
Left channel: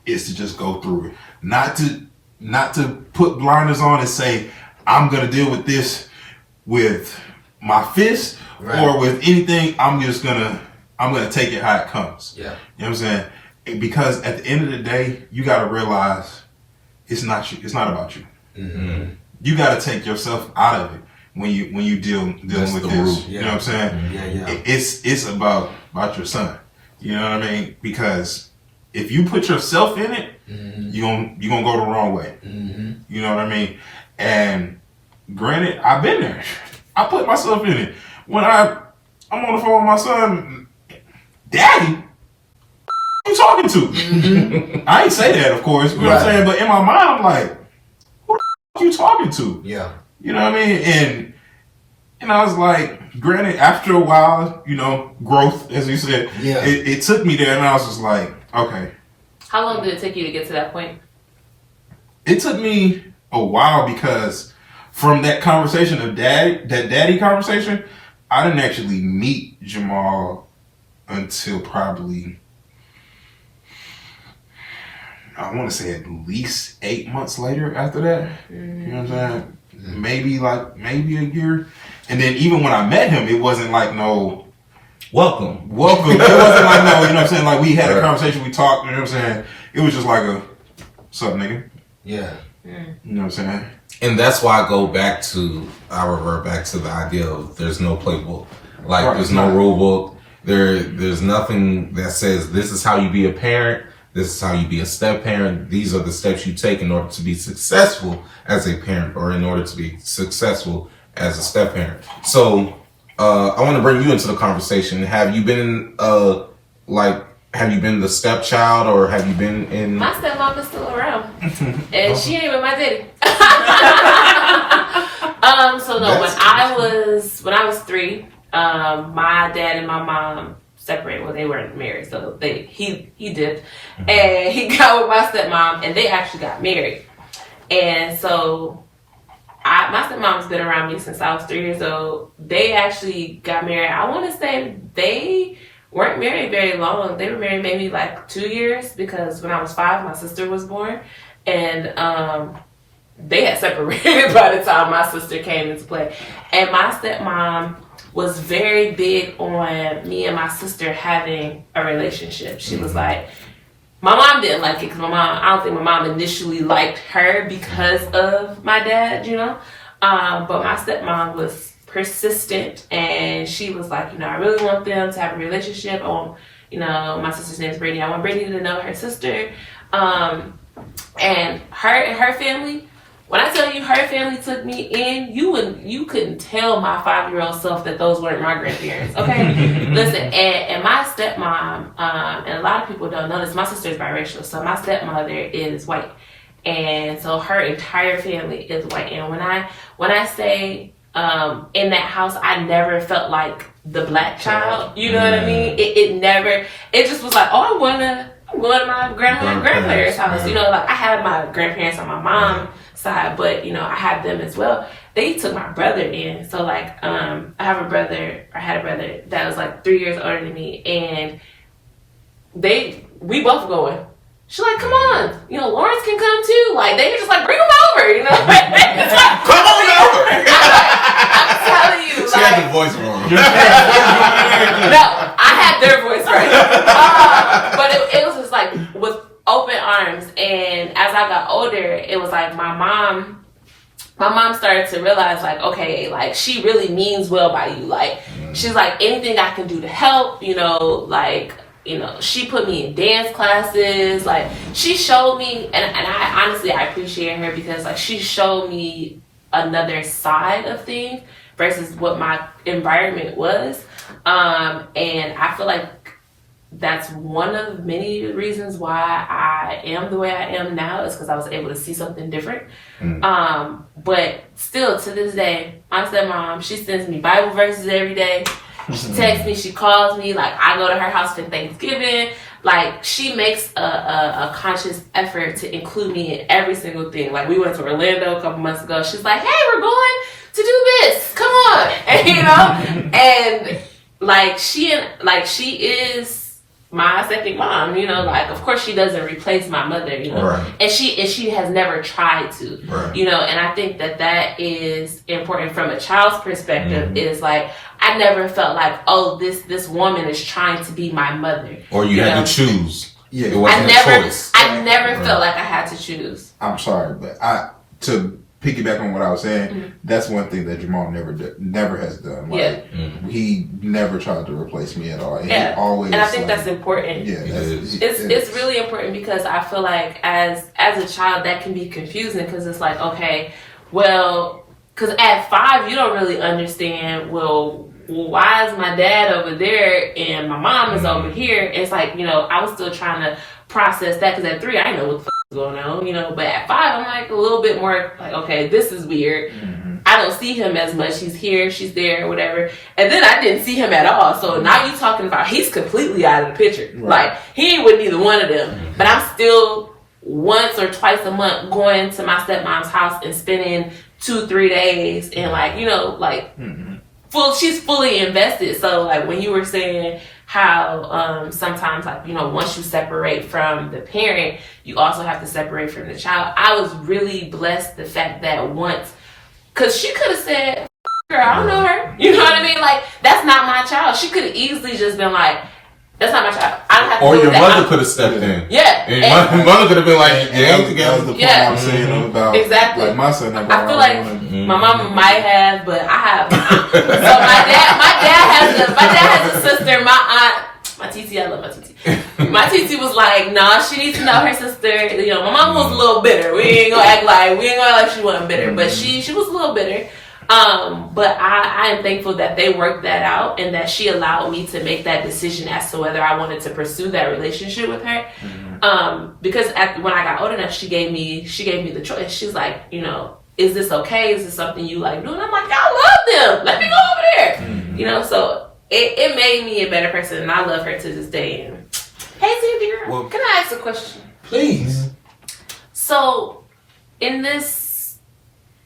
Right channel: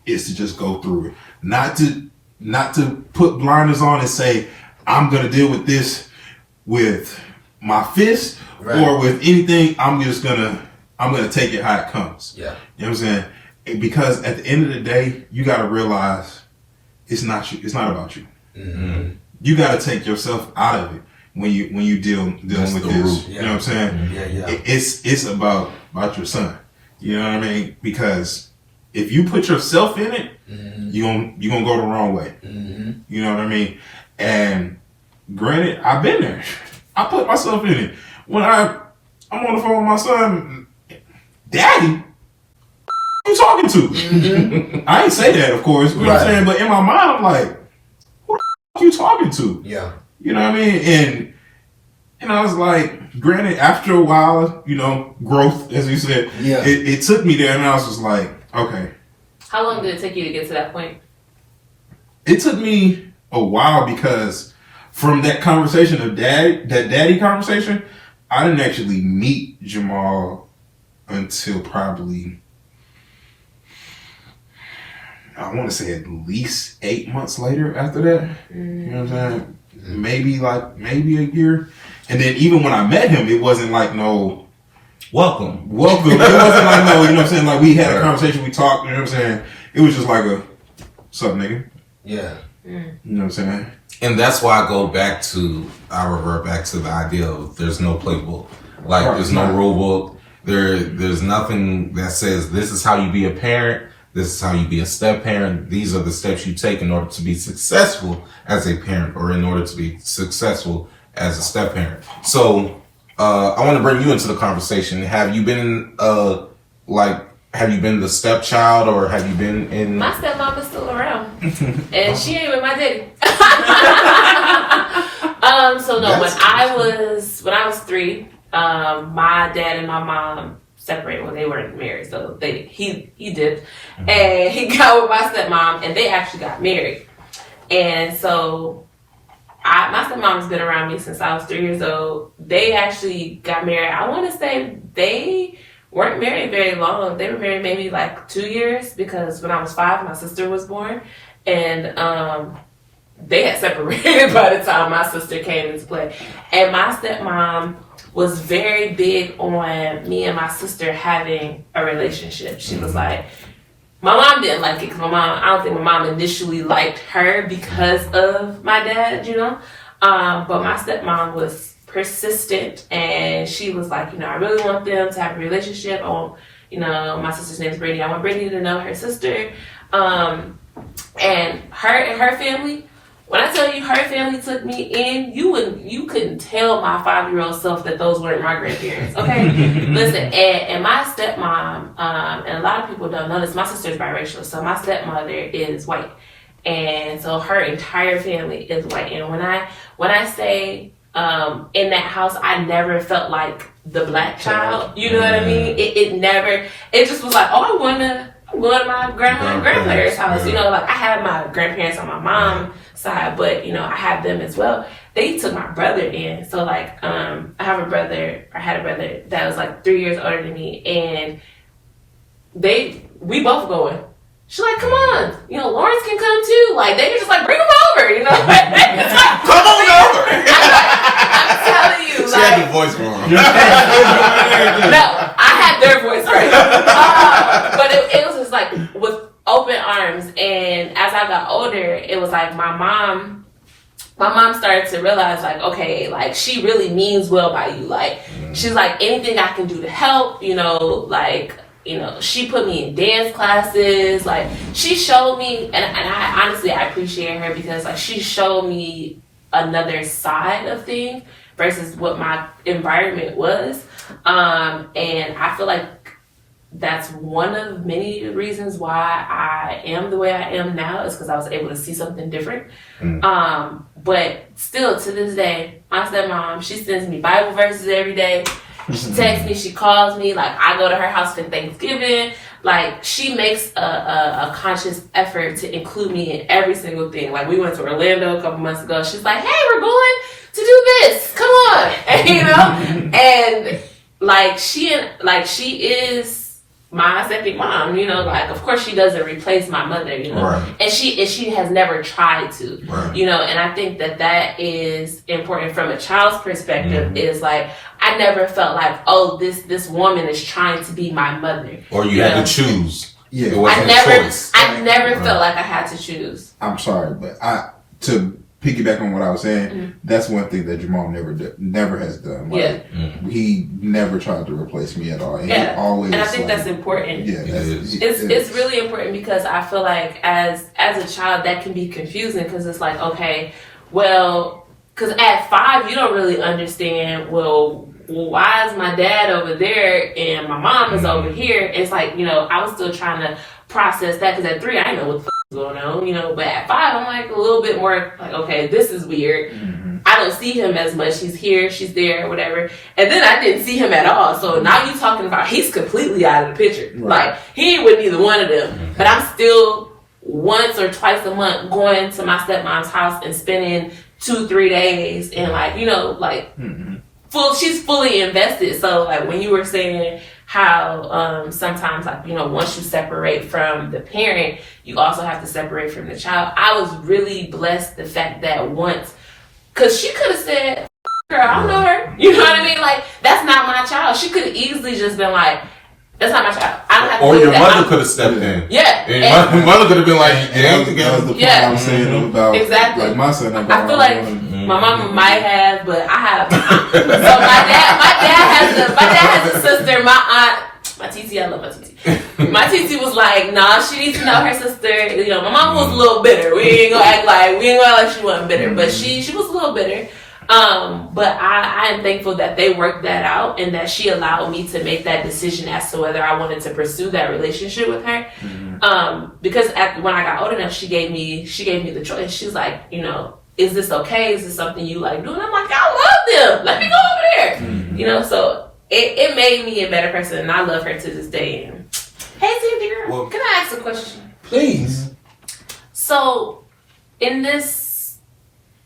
is to just go through it. Not to put blinders on and say, I'm gonna deal with this with my fist or with anything. I'm gonna take it how it comes. Yeah. You know what I'm saying? Because at the end of the day, you gotta realize it's not you. It's not about you. Mm-hmm. You got to take yourself out of it when you dealing with this. You know what I'm saying? Yeah. It's about your son. You know what I mean? Because if you put yourself in it, you gonna go the wrong way. You know what I mean? And granted, I've been there. I put myself in it. When I'm on the phone with my son, Daddy, who you talking to? I ain't say that, of course. You know what I'm saying? But in my mind, I'm like, you talking to? Yeah. You know what I mean? And I was like, granted, after a while, you know, growth, as you said, it took me there, and I was just like, okay. How long did it take you to get to that point? It took me a while because from that conversation of daddy conversation, I didn't actually meet Jamal until probably, I want to say at least 8 months later after that. You know what I'm saying? Maybe a year. And then even when I met him, it wasn't like no welcome. It wasn't like no, you know what I'm saying? Like we had a conversation, we talked, you know what I'm saying? it was just like a, what's up, nigga? Yeah. You know what I'm saying? And that's why I revert back to the idea of there's no playbook. Like, Right, there's no right. rule book. There's nothing that says this is how you be a parent. This is how you be a step parent. These are the steps you take in order to be successful as a parent, or in order to be successful as a step parent. So, I want to bring you into the conversation. Have you been have you been the stepchild, or have you been in? My stepmom is still around, and she ain't even my daddy. So no, when I was 3, my dad and my mom separated when they weren't married. So he dipped, and he got with my stepmom, and they actually got married. And so my stepmom's been around me since I was 3 years old. They actually got married. I want to say they weren't married very long. They were married maybe like 2 years, because when I was 5, my sister was born, and they had separated by the time my sister came into play. And my stepmom was very big on me and my sister having a relationship. She was like, my mom didn't like it, because I don't think my mom initially liked her because of my dad, you know? But my stepmom was persistent, and she was like, I really want them to have a relationship. My sister's name's Brittany. I want Brittany to know her sister. And her family, when I tell you her family took me in, you couldn't tell my 5-year-old self that those weren't my grandparents, okay? Listen, and my stepmom, and a lot of people don't know this, my sister's biracial, so my stepmother is white. And so her entire family is white. And when I say in that house, I never felt like the black child. You know what I mean? It just was like, I'm going to my grandma and grandparents' house. Like I have my grandparents on my mom's side, but I have them as well. They took my brother in. So like, I had a brother that was like 3 years older than me, and we both going. She's like, come on, Lawrence can come too. Like, they were just like, bring him over, It's like, Come on over. I'm telling you, She had the voice wrong. no, I had their voice right. But it was just like with open arms. And as I got older, it was like my mom started to realize, like, okay, like she really means well by you. Like, she's like, anything I can do to help, she put me in dance classes. Like, she showed me, and I honestly, I appreciate her, because like she showed me another side of things versus what my environment was. And I feel like that's one of many reasons why I am the way I am now, is because I was able to see something different. But still, to this day, my stepmom, she sends me Bible verses every day. She texts me, she calls me, like I go to her house for Thanksgiving. Like, she makes a conscious effort to include me in every single thing. Like, we went to Orlando a couple months ago. She's like, hey, we're going to do this. Come on. And, and like she is my second mom, like, of course she doesn't replace my mother, Right. and she has never tried to, Right. And I think that is important from a child's perspective. Is like, I never felt like, oh, this woman is trying to be my mother, Or you had to choose. Yeah. It wasn't a choice. I never felt like I had to choose. I'm sorry, but to piggyback on what I was saying, that's one thing that Jamal never has done. Like, he never tried to replace me at all. And he always, and I think that's important. Yeah, It's really important, because I feel like as a child that can be confusing, because it's like, okay, well, because at 5 you don't really understand, well, why is my dad over there and my mom is over here? It's like, I was still trying to process that, because at 3 I didn't know what the is going on, but at 5 I'm like a little bit more like, okay, this is weird. I don't see him as much. He's here, she's there, whatever. And then I didn't see him at all. So now you talking about he's completely out of the picture. Right. Like, he ain't with neither one of them. But I'm still once or twice a month going to my stepmom's house and spending 2-3 days, and she's fully invested. So like, when you were saying how sometimes, like, once you separate from the parent, you also have to separate from the child. I was really blessed the fact that once, because she could have said, girl, I don't know her. You know what I mean? Like, that's not my child. She could have easily just been like, That's not my child. I don't have to Or do your that. mother could have stepped in. Yeah. And your mother could have been like, And "They ain't that was together." the point Yeah. I was saying about Exactly. like my son. I feel like my mama might have, but I have. So my dad has a sister. My aunt, my TT, I love my TT. My TT was like, nah, she needs to know her sister. You know, my mom was a little bitter. We ain't gonna act like she wasn't bitter, but she was a little bitter. But I am thankful that they worked that out and that she allowed me to make that decision as to whether I wanted to pursue that relationship with her. Because when I got old enough, she gave me the choice. She's like, you know, is this okay? Is this something you like doing? I'm like, I love them. Let me go over there. You know, so it made me a better person, and I love her to this day. And hey, Cindy girl, Well, can I ask a question? Please. So, in this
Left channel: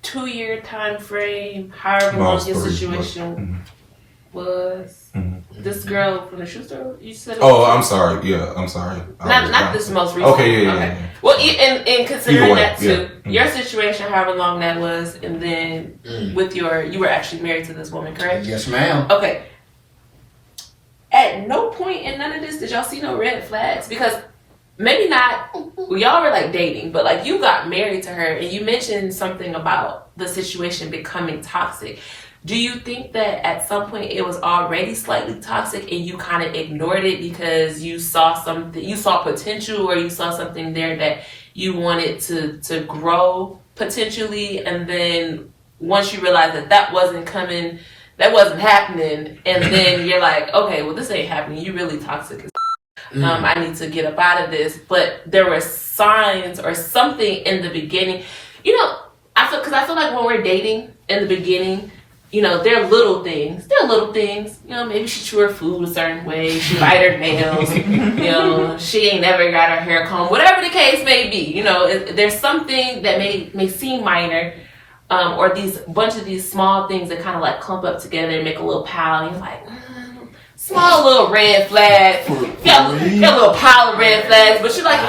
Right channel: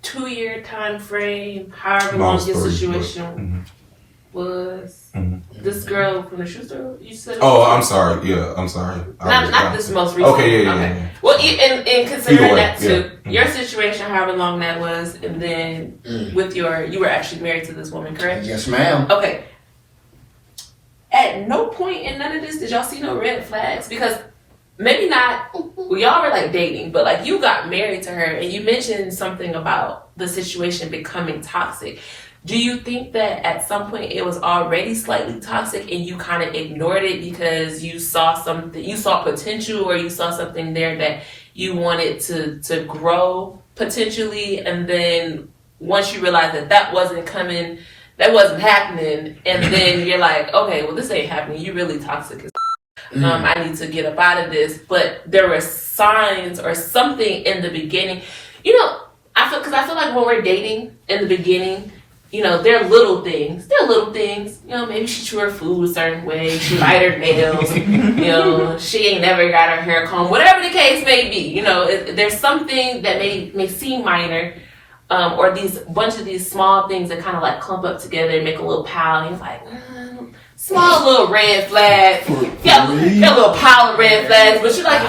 2-year time frame, however No, long it's your 3, situation was, this girl from the shoe store, you said? Oh, I'm sorry. Yeah, I'm sorry. Not this most recent. Okay, yeah. Well, in considering Either way, that too, yeah. your situation, however long that was, and then you were actually married to this woman, correct? Yes, ma'am. Okay. At no point in none of this did y'all see no red flags, because maybe not. Well, y'all were like dating, but like you got married to her, and you mentioned something about the situation becoming toxic. Do you think that at some point it was already slightly toxic and you kind of ignored it because you saw something, you saw potential, or you saw something there that you wanted to grow potentially, and then once you realized that wasn't coming, that wasn't happening, and then you're like, okay, well, this ain't happening. You really toxic as I need to get up out of this. But there were signs or something in the beginning. You know, I feel like when we're dating in the beginning, you know, they're little things. You know, maybe she chew her food a certain way. She bite her nails. You know, she ain't never got her hair combed. Whatever the case may be, you know, there's something that may seem minor. Or these bunch of these small things that kind of like clump up together and make a little pile. And you're like, small little red flag. Got a little pile of red flags, but you're like,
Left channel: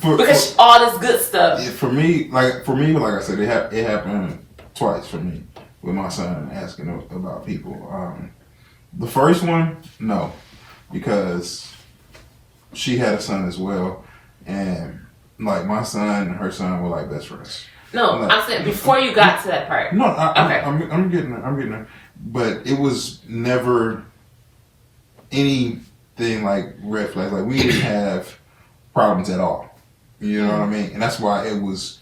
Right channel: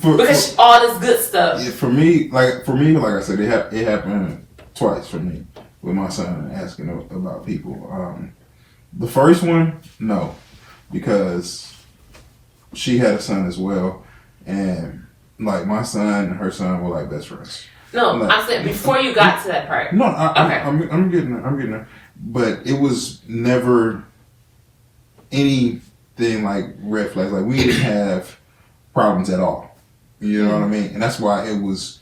because all this good stuff. Yeah, for me, like I said, it happened twice for me with my son asking about people. The first one, no, because she had a son as well, and like my son and her son were like best friends. No, I'm saying before you got to that part. No, Okay. I'm getting there. But it was never anything like red flags. Like we didn't have problems at all. You know what I mean? And that's why it was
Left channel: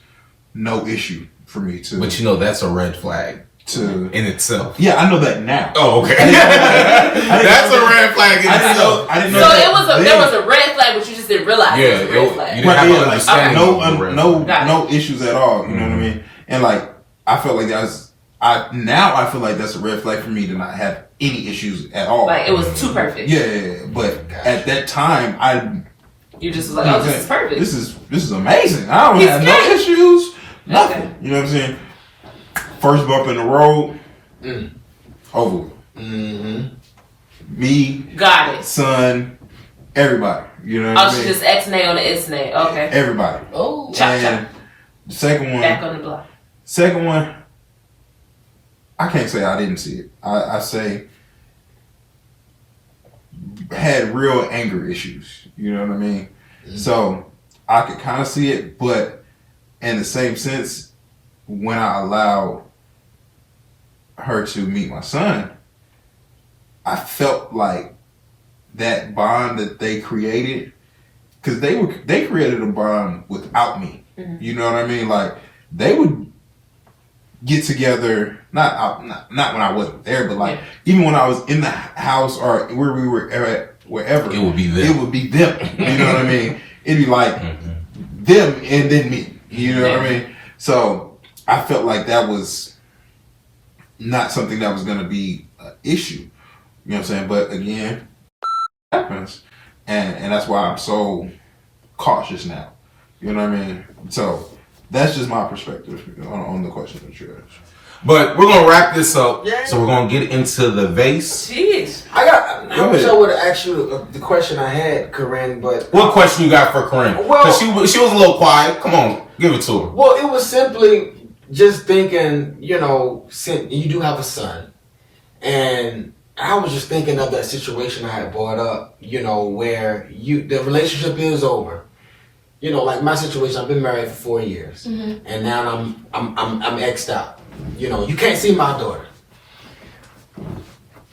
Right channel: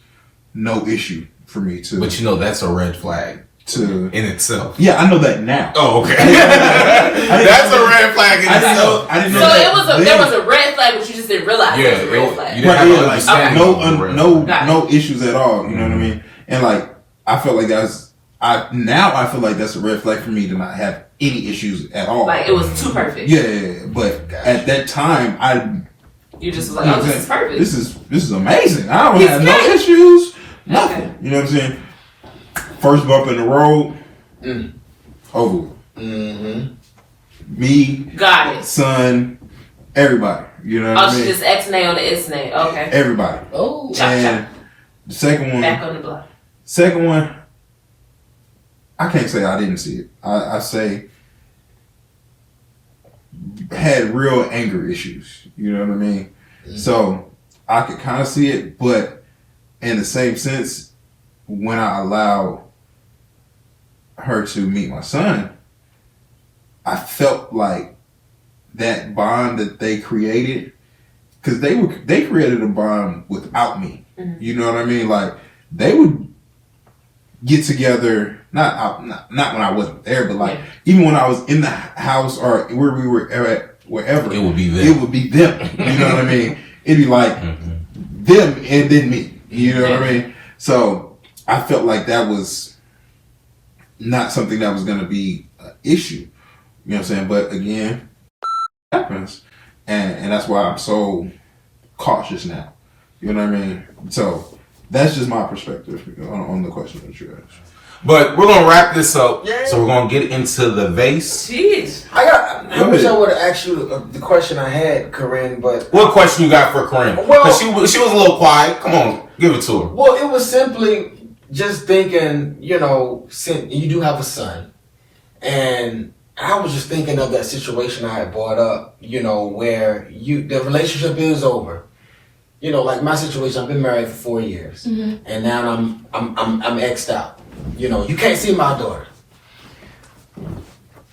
no issue for me to. But you know that's a red flag in itself. Yeah, I know that now. Oh, okay. That's a red flag in itself. I didn't know that there was a red flag, but you just didn't realize it was a red flag. You didn't have to understand. No issues at all. You know what I mean? And like I felt like I feel like that's a red flag for me to not have any issues at all. Like it was too perfect. Yeah. But at that time, you just was like, oh, this is perfect. This is amazing. I don't have no issues. Nothing. Okay. You know what I'm saying? First bump in the road, over. Me, got it. son, everybody. You know what I mean? She just X-nay on the X-nay. Okay. Everybody. Oh, And the second one. Back on the block. Second one, I can't say I didn't see it. I say had real anger issues. You know what I mean? So I could kind of see it, but in the same sense, when I allowed her to meet my son, I felt like that bond that they created, because they created a bond without me. You know what I mean? Like they would get together, not when I wasn't there, but like even when I was in the house or where we were at, wherever, it would be them. It would be them. You know what I mean? It'd be like them and then me. You know what I mean? So I felt like that was not something that was going to be an issue. You know what I'm saying? But again, it happens, and that's why I'm so cautious now. You know what I mean? So that's just my perspective on the question that you asked. But we're gonna wrap this up, so we're gonna get into the vase. Jeez. I wish I would have asked you the question I had, Korinne, but what question you got for Korinne? Well, because she was a little quiet. Come on, give it to her. Well, it was simply just thinking, you know, you do have a son, and I was just thinking of that situation I had brought up, you know, where the relationship is over. You know, like my situation, I've been married for 4 years, and now I'm X'd out. You know, you can't see my daughter.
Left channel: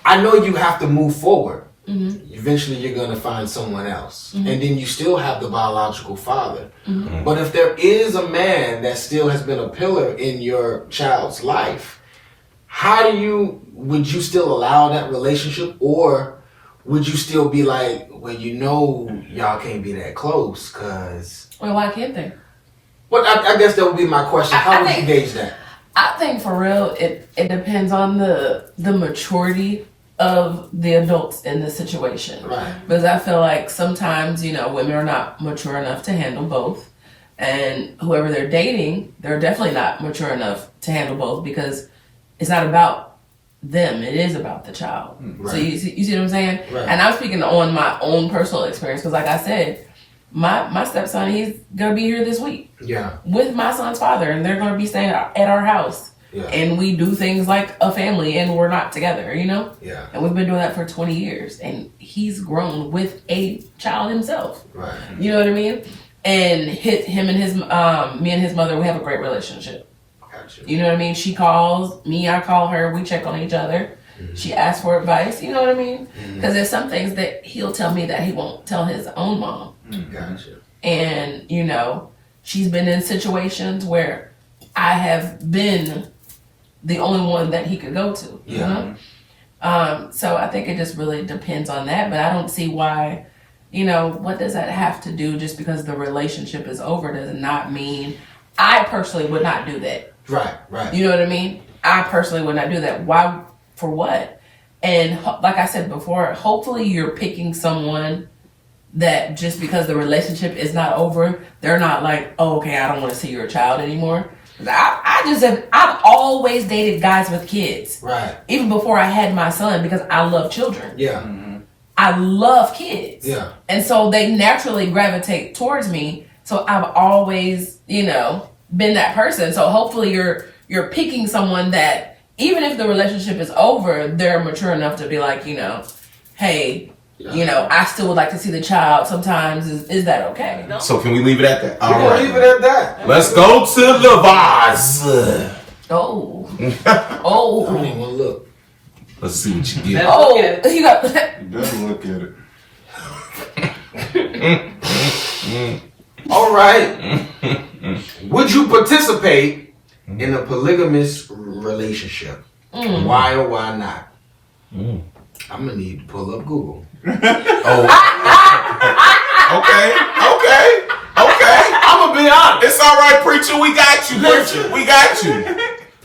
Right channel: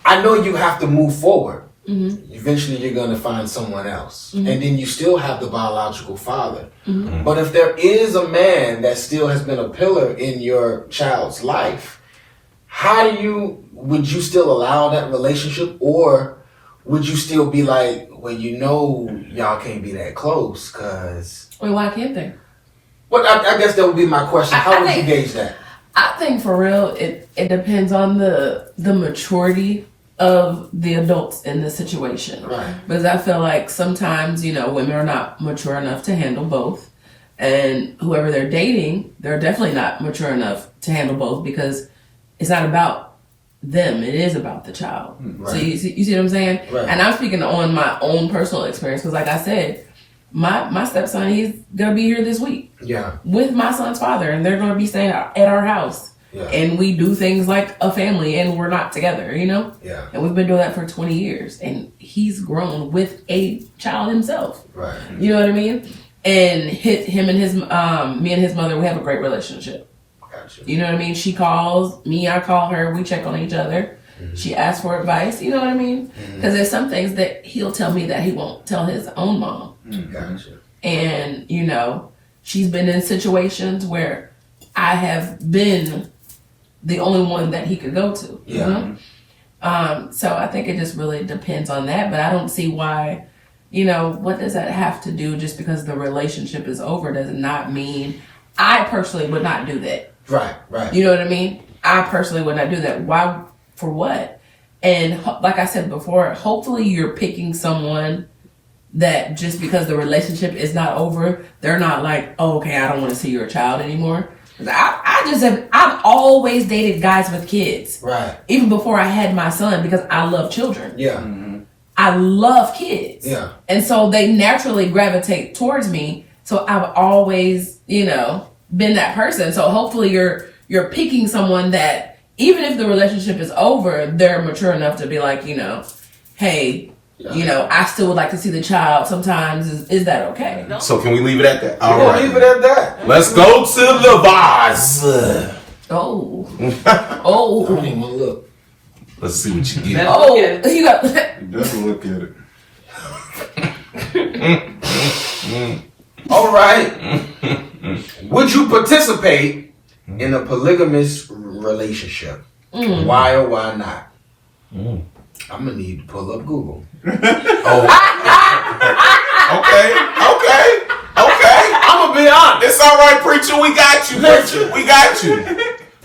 I know you have to move forward. Eventually, you're going to find someone else, and then you still have the biological father. But if there is a man that still has been a pillar in your child's life, would you still allow that relationship, or would you still be like, well, you know, y'all can't be that close, cause. Well, why can't they? Well, I guess that would be my question. How would you gauge that? I think for real, it depends on the maturity of the adults in the situation. Right. Because I feel like sometimes, you know, women are not mature enough to handle both. And whoever they're dating, they're definitely not mature enough to handle both, because it's not about them, it is about the child. Right. So you see what I'm saying? Right. And I'm speaking on my own personal experience, because like I said, my stepson, he's gonna be here this week. Yeah. With my son's father, and they're gonna be staying at our house. Yeah. And we do things like a family, and we're not together, you know? Yeah. And we've been doing that for 20 years, and he's grown with a child himself. Right. You know what I mean? And him and his, me and his mother, we have a great relationship. Gotcha. You know what I mean? She calls me, I call her, we check on each other. She asks for advice, you know what I mean? Because there's some things that he'll tell me that he won't tell his own mom. Gotcha. And, you know, she's been in situations where I have been the only one that he could go to. Yeah. You know? So I think it just really depends on that. But I don't see why, you know, what does that have to do just because the relationship is over does not mean I personally would not do that. Right. Right. You know what I mean? I personally would not do that. Why? For what? And like I said before, hopefully you're picking someone that just because the relationship is not over, they're not like, oh, okay, I don't want to see your child anymore. I've always dated guys with kids. Right. Even before I had my son, because I love children. Yeah. I love kids. Yeah. And so they naturally gravitate towards me. So I've always, you know, been that person. So hopefully you're picking someone that even if the relationship is over, they're mature enough to be like, you know, hey, you know, I still would like to see the child sometimes. Is that okay? So can we leave it at that? We're gonna leave it at that. Let's go to the vase. Oh. I Oh. don't even want to look. Let's see what you get. Oh. You got Definitely look at it. All right. Would you participate in a polygamous relationship? Why or why not? I'm gonna need to pull up Google. Oh. Okay. I'm gonna be honest. It's all right, preacher. We got you, preacher. We got you.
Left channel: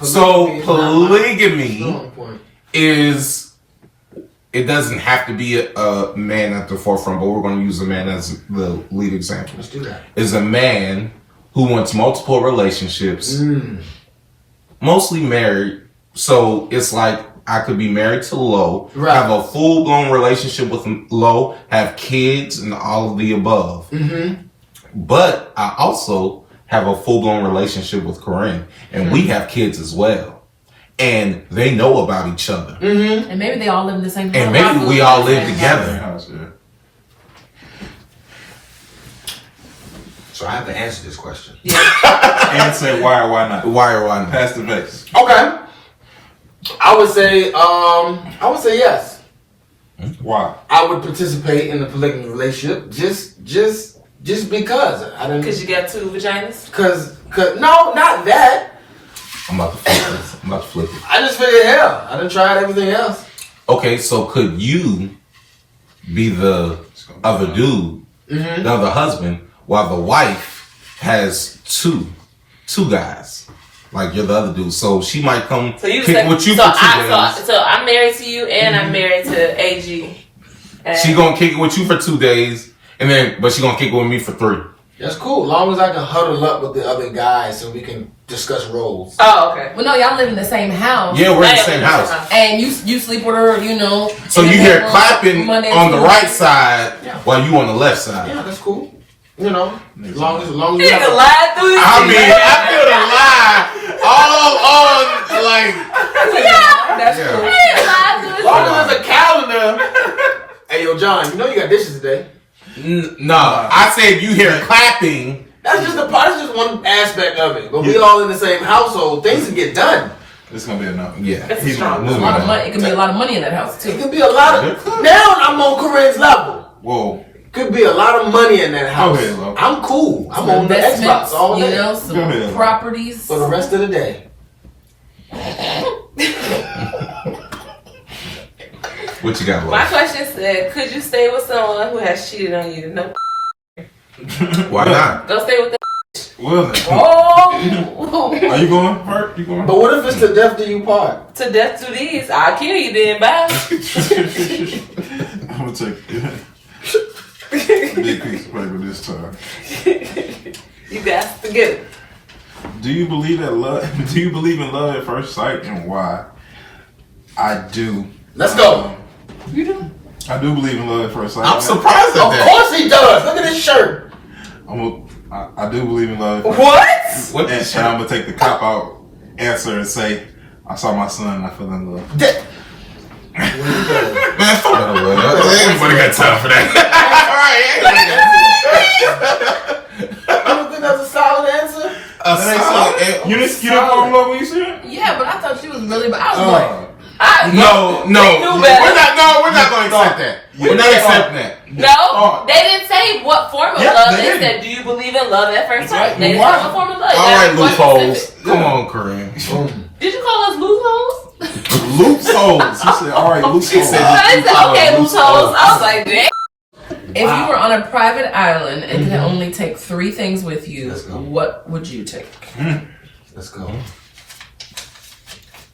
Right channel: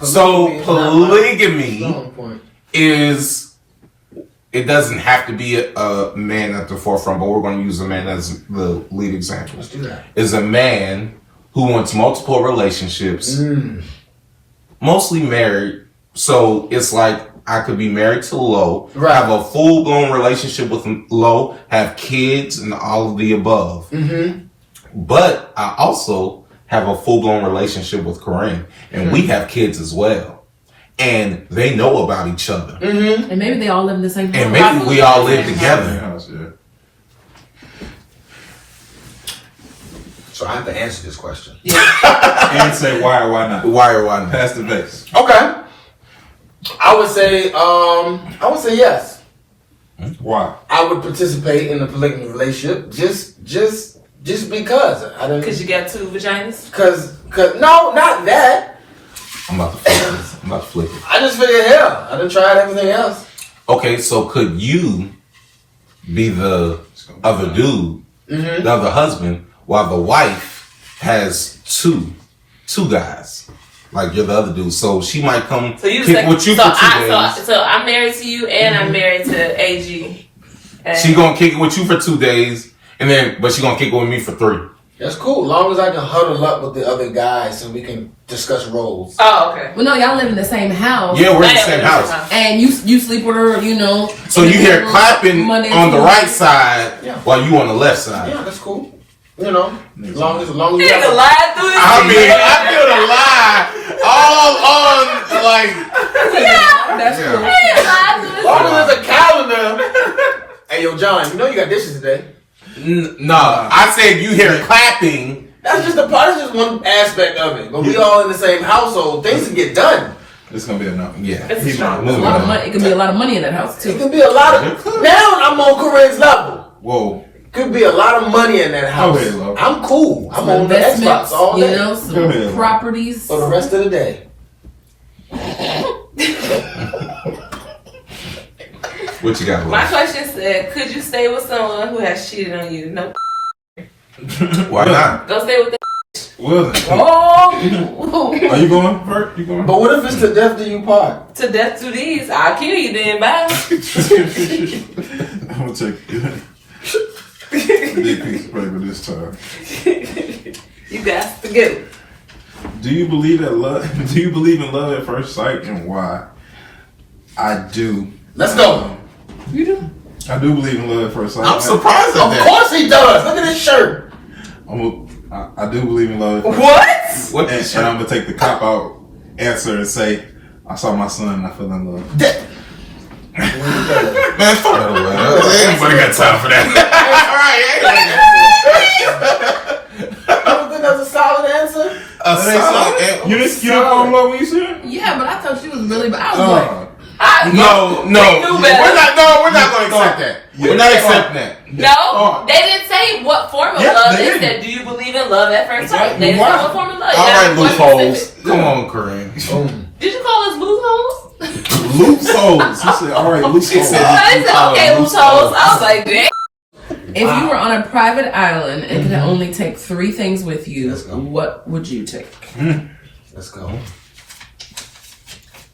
So polygamy On point. is, it doesn't have to be a man at the forefront, but we're going to use a man as the lead example. Let's do that. Is a man who wants multiple relationships, mostly married. So it's like I could be married to Lo, Right. have a full-blown relationship with Lo, have kids and all of the above. But I also have a full-blown relationship with Korinne, and we have kids as well. And they know about each other. and maybe they all live in the same house. And maybe we all live together. House, yeah. So I have to answer this question. And say why or why not. Why or why not? Pass the base. Okay. I would say yes. Why? I would participate in a polygamous relationship just because I don't. Because you got two vaginas? Cause no, not that. I'm about to flip it. I just figured hell. I done tried everything else. Okay, so could you be the other dude, the other husband, while the wife has two guys? Like you're the other dude. So she might come So you kick say, with you so for 2 days. So I'm married to you and I'm married to AG. And She gonna kick it with you for 2 days, but she gonna kick it with me for 3. That's cool. Long as I can huddle up with the other guys so we can discuss roles. Oh, okay. Well, no, y'all live in the same house. Yeah, we're in the Yeah, same house. And you sleep with her, you know. So you hear clapping Monday on the through- right side while you on the left side. Yeah, that's cool. You know, as long as You we can have lie through this. I mean, I feel the lie all on like. That's Yeah. cool. You can lie through as this. long as there's a John, you know you got dishes today. No, I said you hear clapping. That's just that's just one aspect of it. But we all in the same household. Things can get done. It's gonna be enough. Yeah. It's strong. There's a lot of money. It can be a lot of money in that house It too. can be a lot of. Now I'm on Korinne's level. Whoa. Could be a lot of money in that house. Okay, love. I'm cool. I'm on the Investments, Xbox all day you know, some Go ahead. properties. for the rest of the day. What you got, My love? question said, could you stay with someone who has cheated on you? No. Why not? Go stay with that. Well, Oh, are you going? Bert? You going? But what if it's to death do you part? To death to these. I'll kill you then, bye. I'm gonna take a big piece of paper this time. You got to get it. Do you believe in love? Do you believe in love at first sight, and why? I do. Let's go. you do? I do believe in love at first sight. I'm surprised at Of that. course he does. Look at his shirt. I do believe in love. What? What And is I'm gonna take the cop out answer and say, I saw my son and I fell in love. Man, fuck that away. Anybody got time for that? I don't think that's a solid answer. You didn't fall in love when you see it? Yeah, but I thought she was really. But I was like, No, They knew better. we're not gonna accept that. We're not accepting that. No, they didn't say what form of love. They said, do you believe in love at first sight? They didn't say what form of love. I That's like one loopholes. specific. Come on, Korinne. Did you call us loopholes? Loopholes. He said, all right, loopholes. I said, okay, loopholes. I was like, dang. if you were on a private island and could only take 3 things with you, what would you take? Let's go.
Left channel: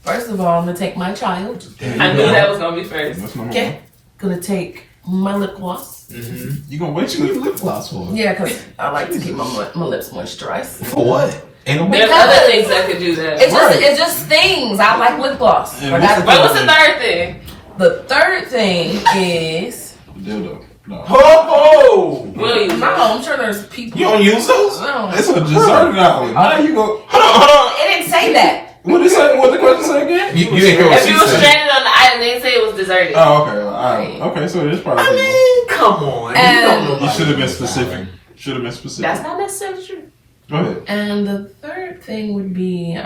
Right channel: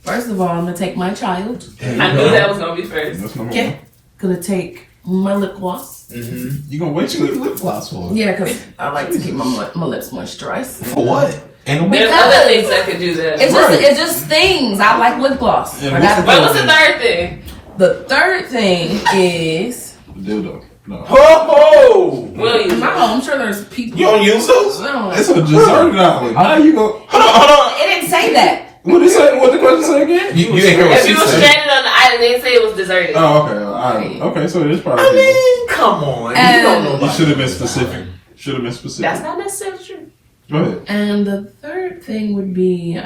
First of all, I'm gonna take my child. I knew that was going to be first. That's number Okay. Gonna take my lip gloss. one. You gonna wait till you lip gloss for it? Yeah, because I like to keep my lips moisturized. For what? And There's other things that could do that. It's just things. I like lip gloss. Yeah, I gotta What do was it. the third thing? The third thing is Dildo. No. Ho William. no. I'm sure there's people. You don't use those? No, It's a dessert now. How you go? Hold on. it didn't say that. What did it say? What the question say again? You didn't hear what If she you were said. stranded on the island, they didn't say it was deserted. Oh, okay. Okay, so it's probably. I mean, come on. You don't know. you should have been specific. Should have been specific. That's not necessarily true. Go ahead. And the third thing would be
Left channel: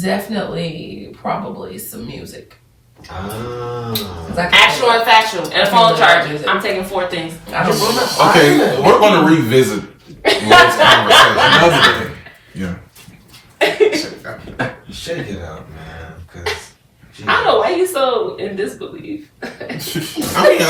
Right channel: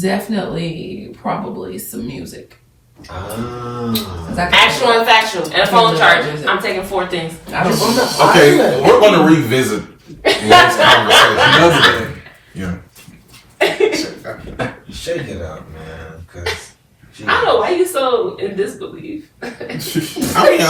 definitely probably some music. 'Cause I can- Actual and factual. And a phone charger. I'm taking 4 things. I don't- Okay, we're going to revisit Love's conversation. Another day. Yeah. Shake it out, man. Because I don't know why you so in disbelief. I mean, I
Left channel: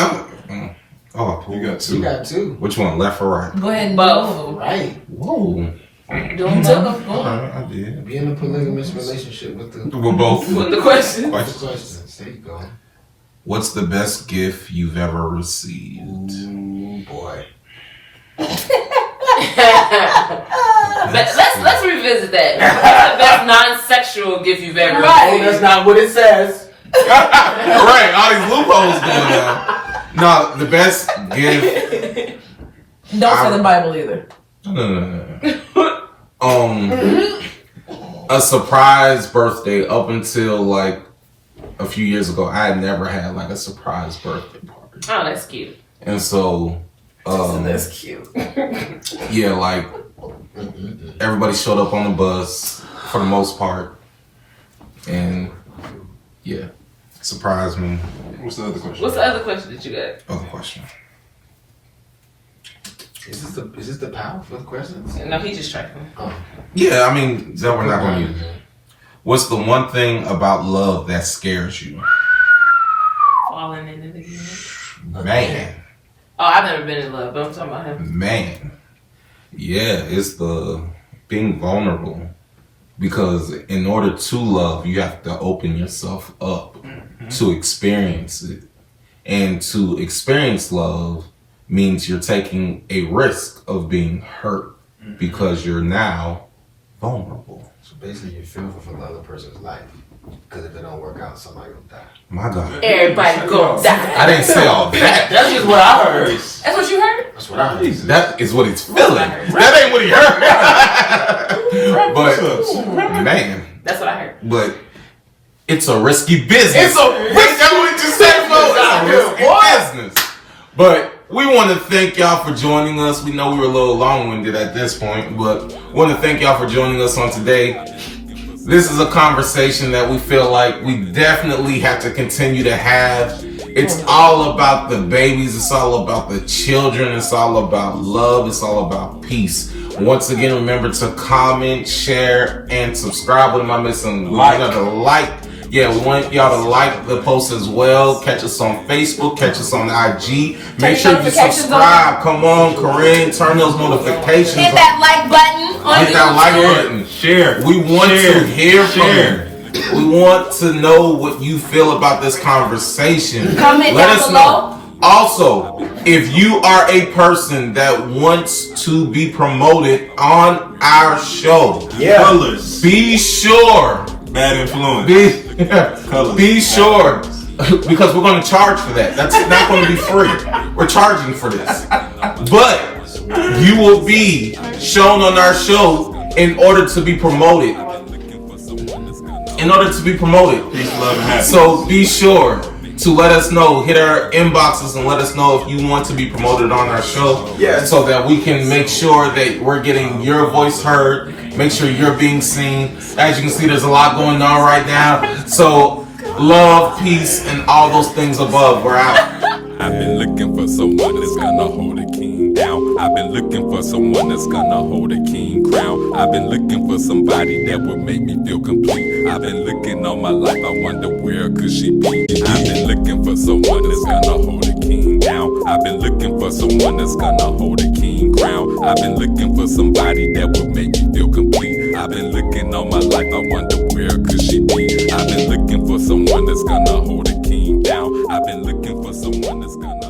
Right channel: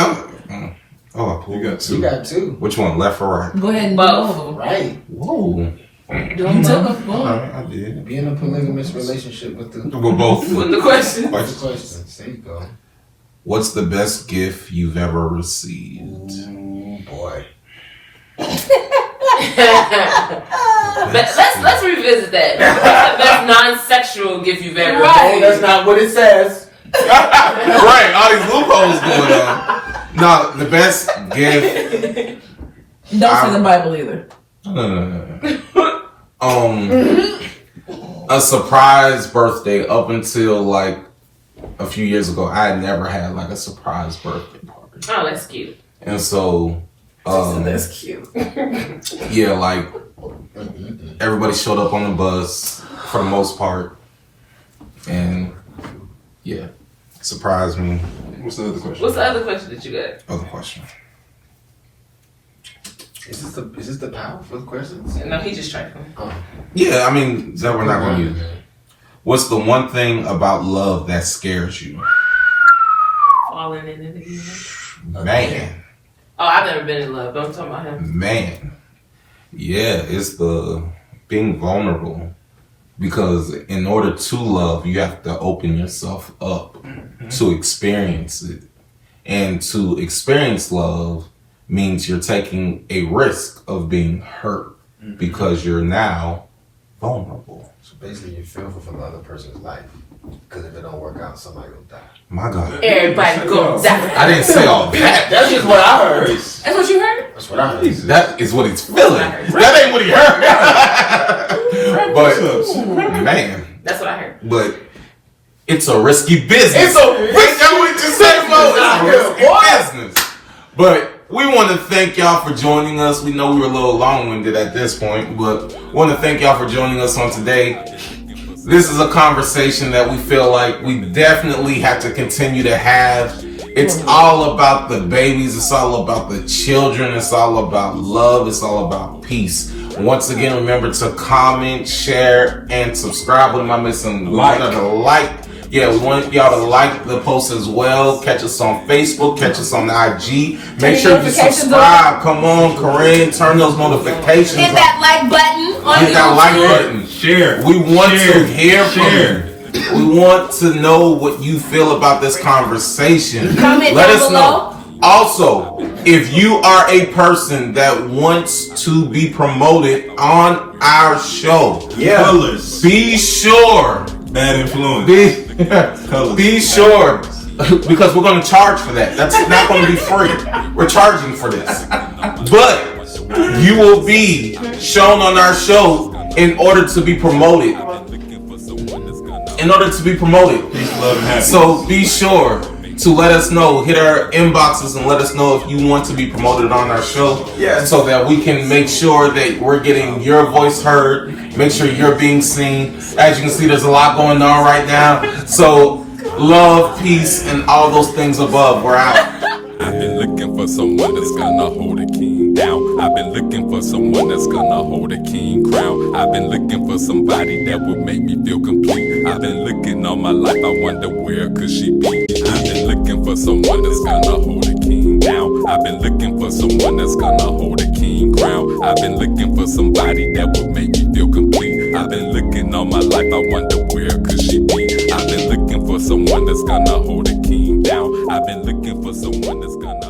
You got 2. you got 2. Which one, left or right? Go ahead and Both. do them. Right. Whoa. Do them too. Go on. Alright, I did. Be in a polygamous relationship with the We're both. With the question. questions. There you go. What's the best gift you've ever received? Ooh, boy. Let's revisit that. What's the best non-sexual gift you've ever Oh, that's not what it says. Right, all these loopholes going on. No, the best gift. Don't say the Bible either. No. A surprise birthday. Up until like a few years ago, I had never had like a surprise birthday party, Oh, that's cute. and so That's cute. yeah, like everybody showed up on the bus for the most part, and yeah, surprised me. What's the other question? What's the other question that you got? Other question. Is this the power for the questions? No, he just tried. Yeah, I mean that we're not going to use. What's the one thing about love that scares you? Falling in it again. Man. Oh, I've never been in love, but I'm talking about him. Man, yeah, it's the being vulnerable, because in order to love, you have to open yourself up to experience it, and to experience love means you're taking a risk of being hurt because you're now vulnerable. So basically, you're fearful for the other person's life. Because if it don't work out, somebody gonna die. My God, Everybody go die. I didn't say all that. That's just what I heard. That's what you heard? That's what I heard. That is what he's feeling. That ain't what he heard. But man, That's what I heard. but it's a risky business. It's a risky business. But we want to thank y'all for joining us. We know we were a little long-winded at this point, but we want to thank y'all for joining us on today. This is a conversation that we feel like we definitely have to continue to have. It's all about the babies. It's all about the children. It's all about love. It's all about peace. Once again, remember to comment, share, and subscribe. What am I missing? Like. Yeah, we want y'all to like the post as well. Catch us on Facebook. Catch us on IG. Make sure you subscribe. Come on, Korinne. Turn those notifications on. Hit that like button on Hit that like button. Share. We want to hear from you. We want to know what you feel about this conversation. Comment Let down us below. know. Also, if you are a person that wants to be promoted on our show, Colors. be sure. Bad influence. Be sure, because we're going to charge for that. That's not going to be free. We're charging for this. But you will be shown on our show in order to be promoted. In order to be promoted. Peace, love, and happiness. So be sure to let us know. Hit our inboxes and let us know if you want to be promoted on our show. Yes. So that we can make sure that we're getting your voice heard. Make sure you're being seen. As you can see, there's a lot going on right now. So love, peace, and all those things above. We're out. I've been looking for someone that's gonna hold a king down. I've been looking for someone that's gonna hold a king crown. I've been looking for somebody that would make me feel complete. I've been looking all my life, I wonder where could she be. I've been looking for someone that's gonna hold a king down. I've been looking for someone that's gonna hold a king crown. I've been looking for somebody that would make me feel complete. I've been looking all my life, I wonder where could she be. I've been looking for someone that's gonna hold a king down. I've been looking for someone that's gonna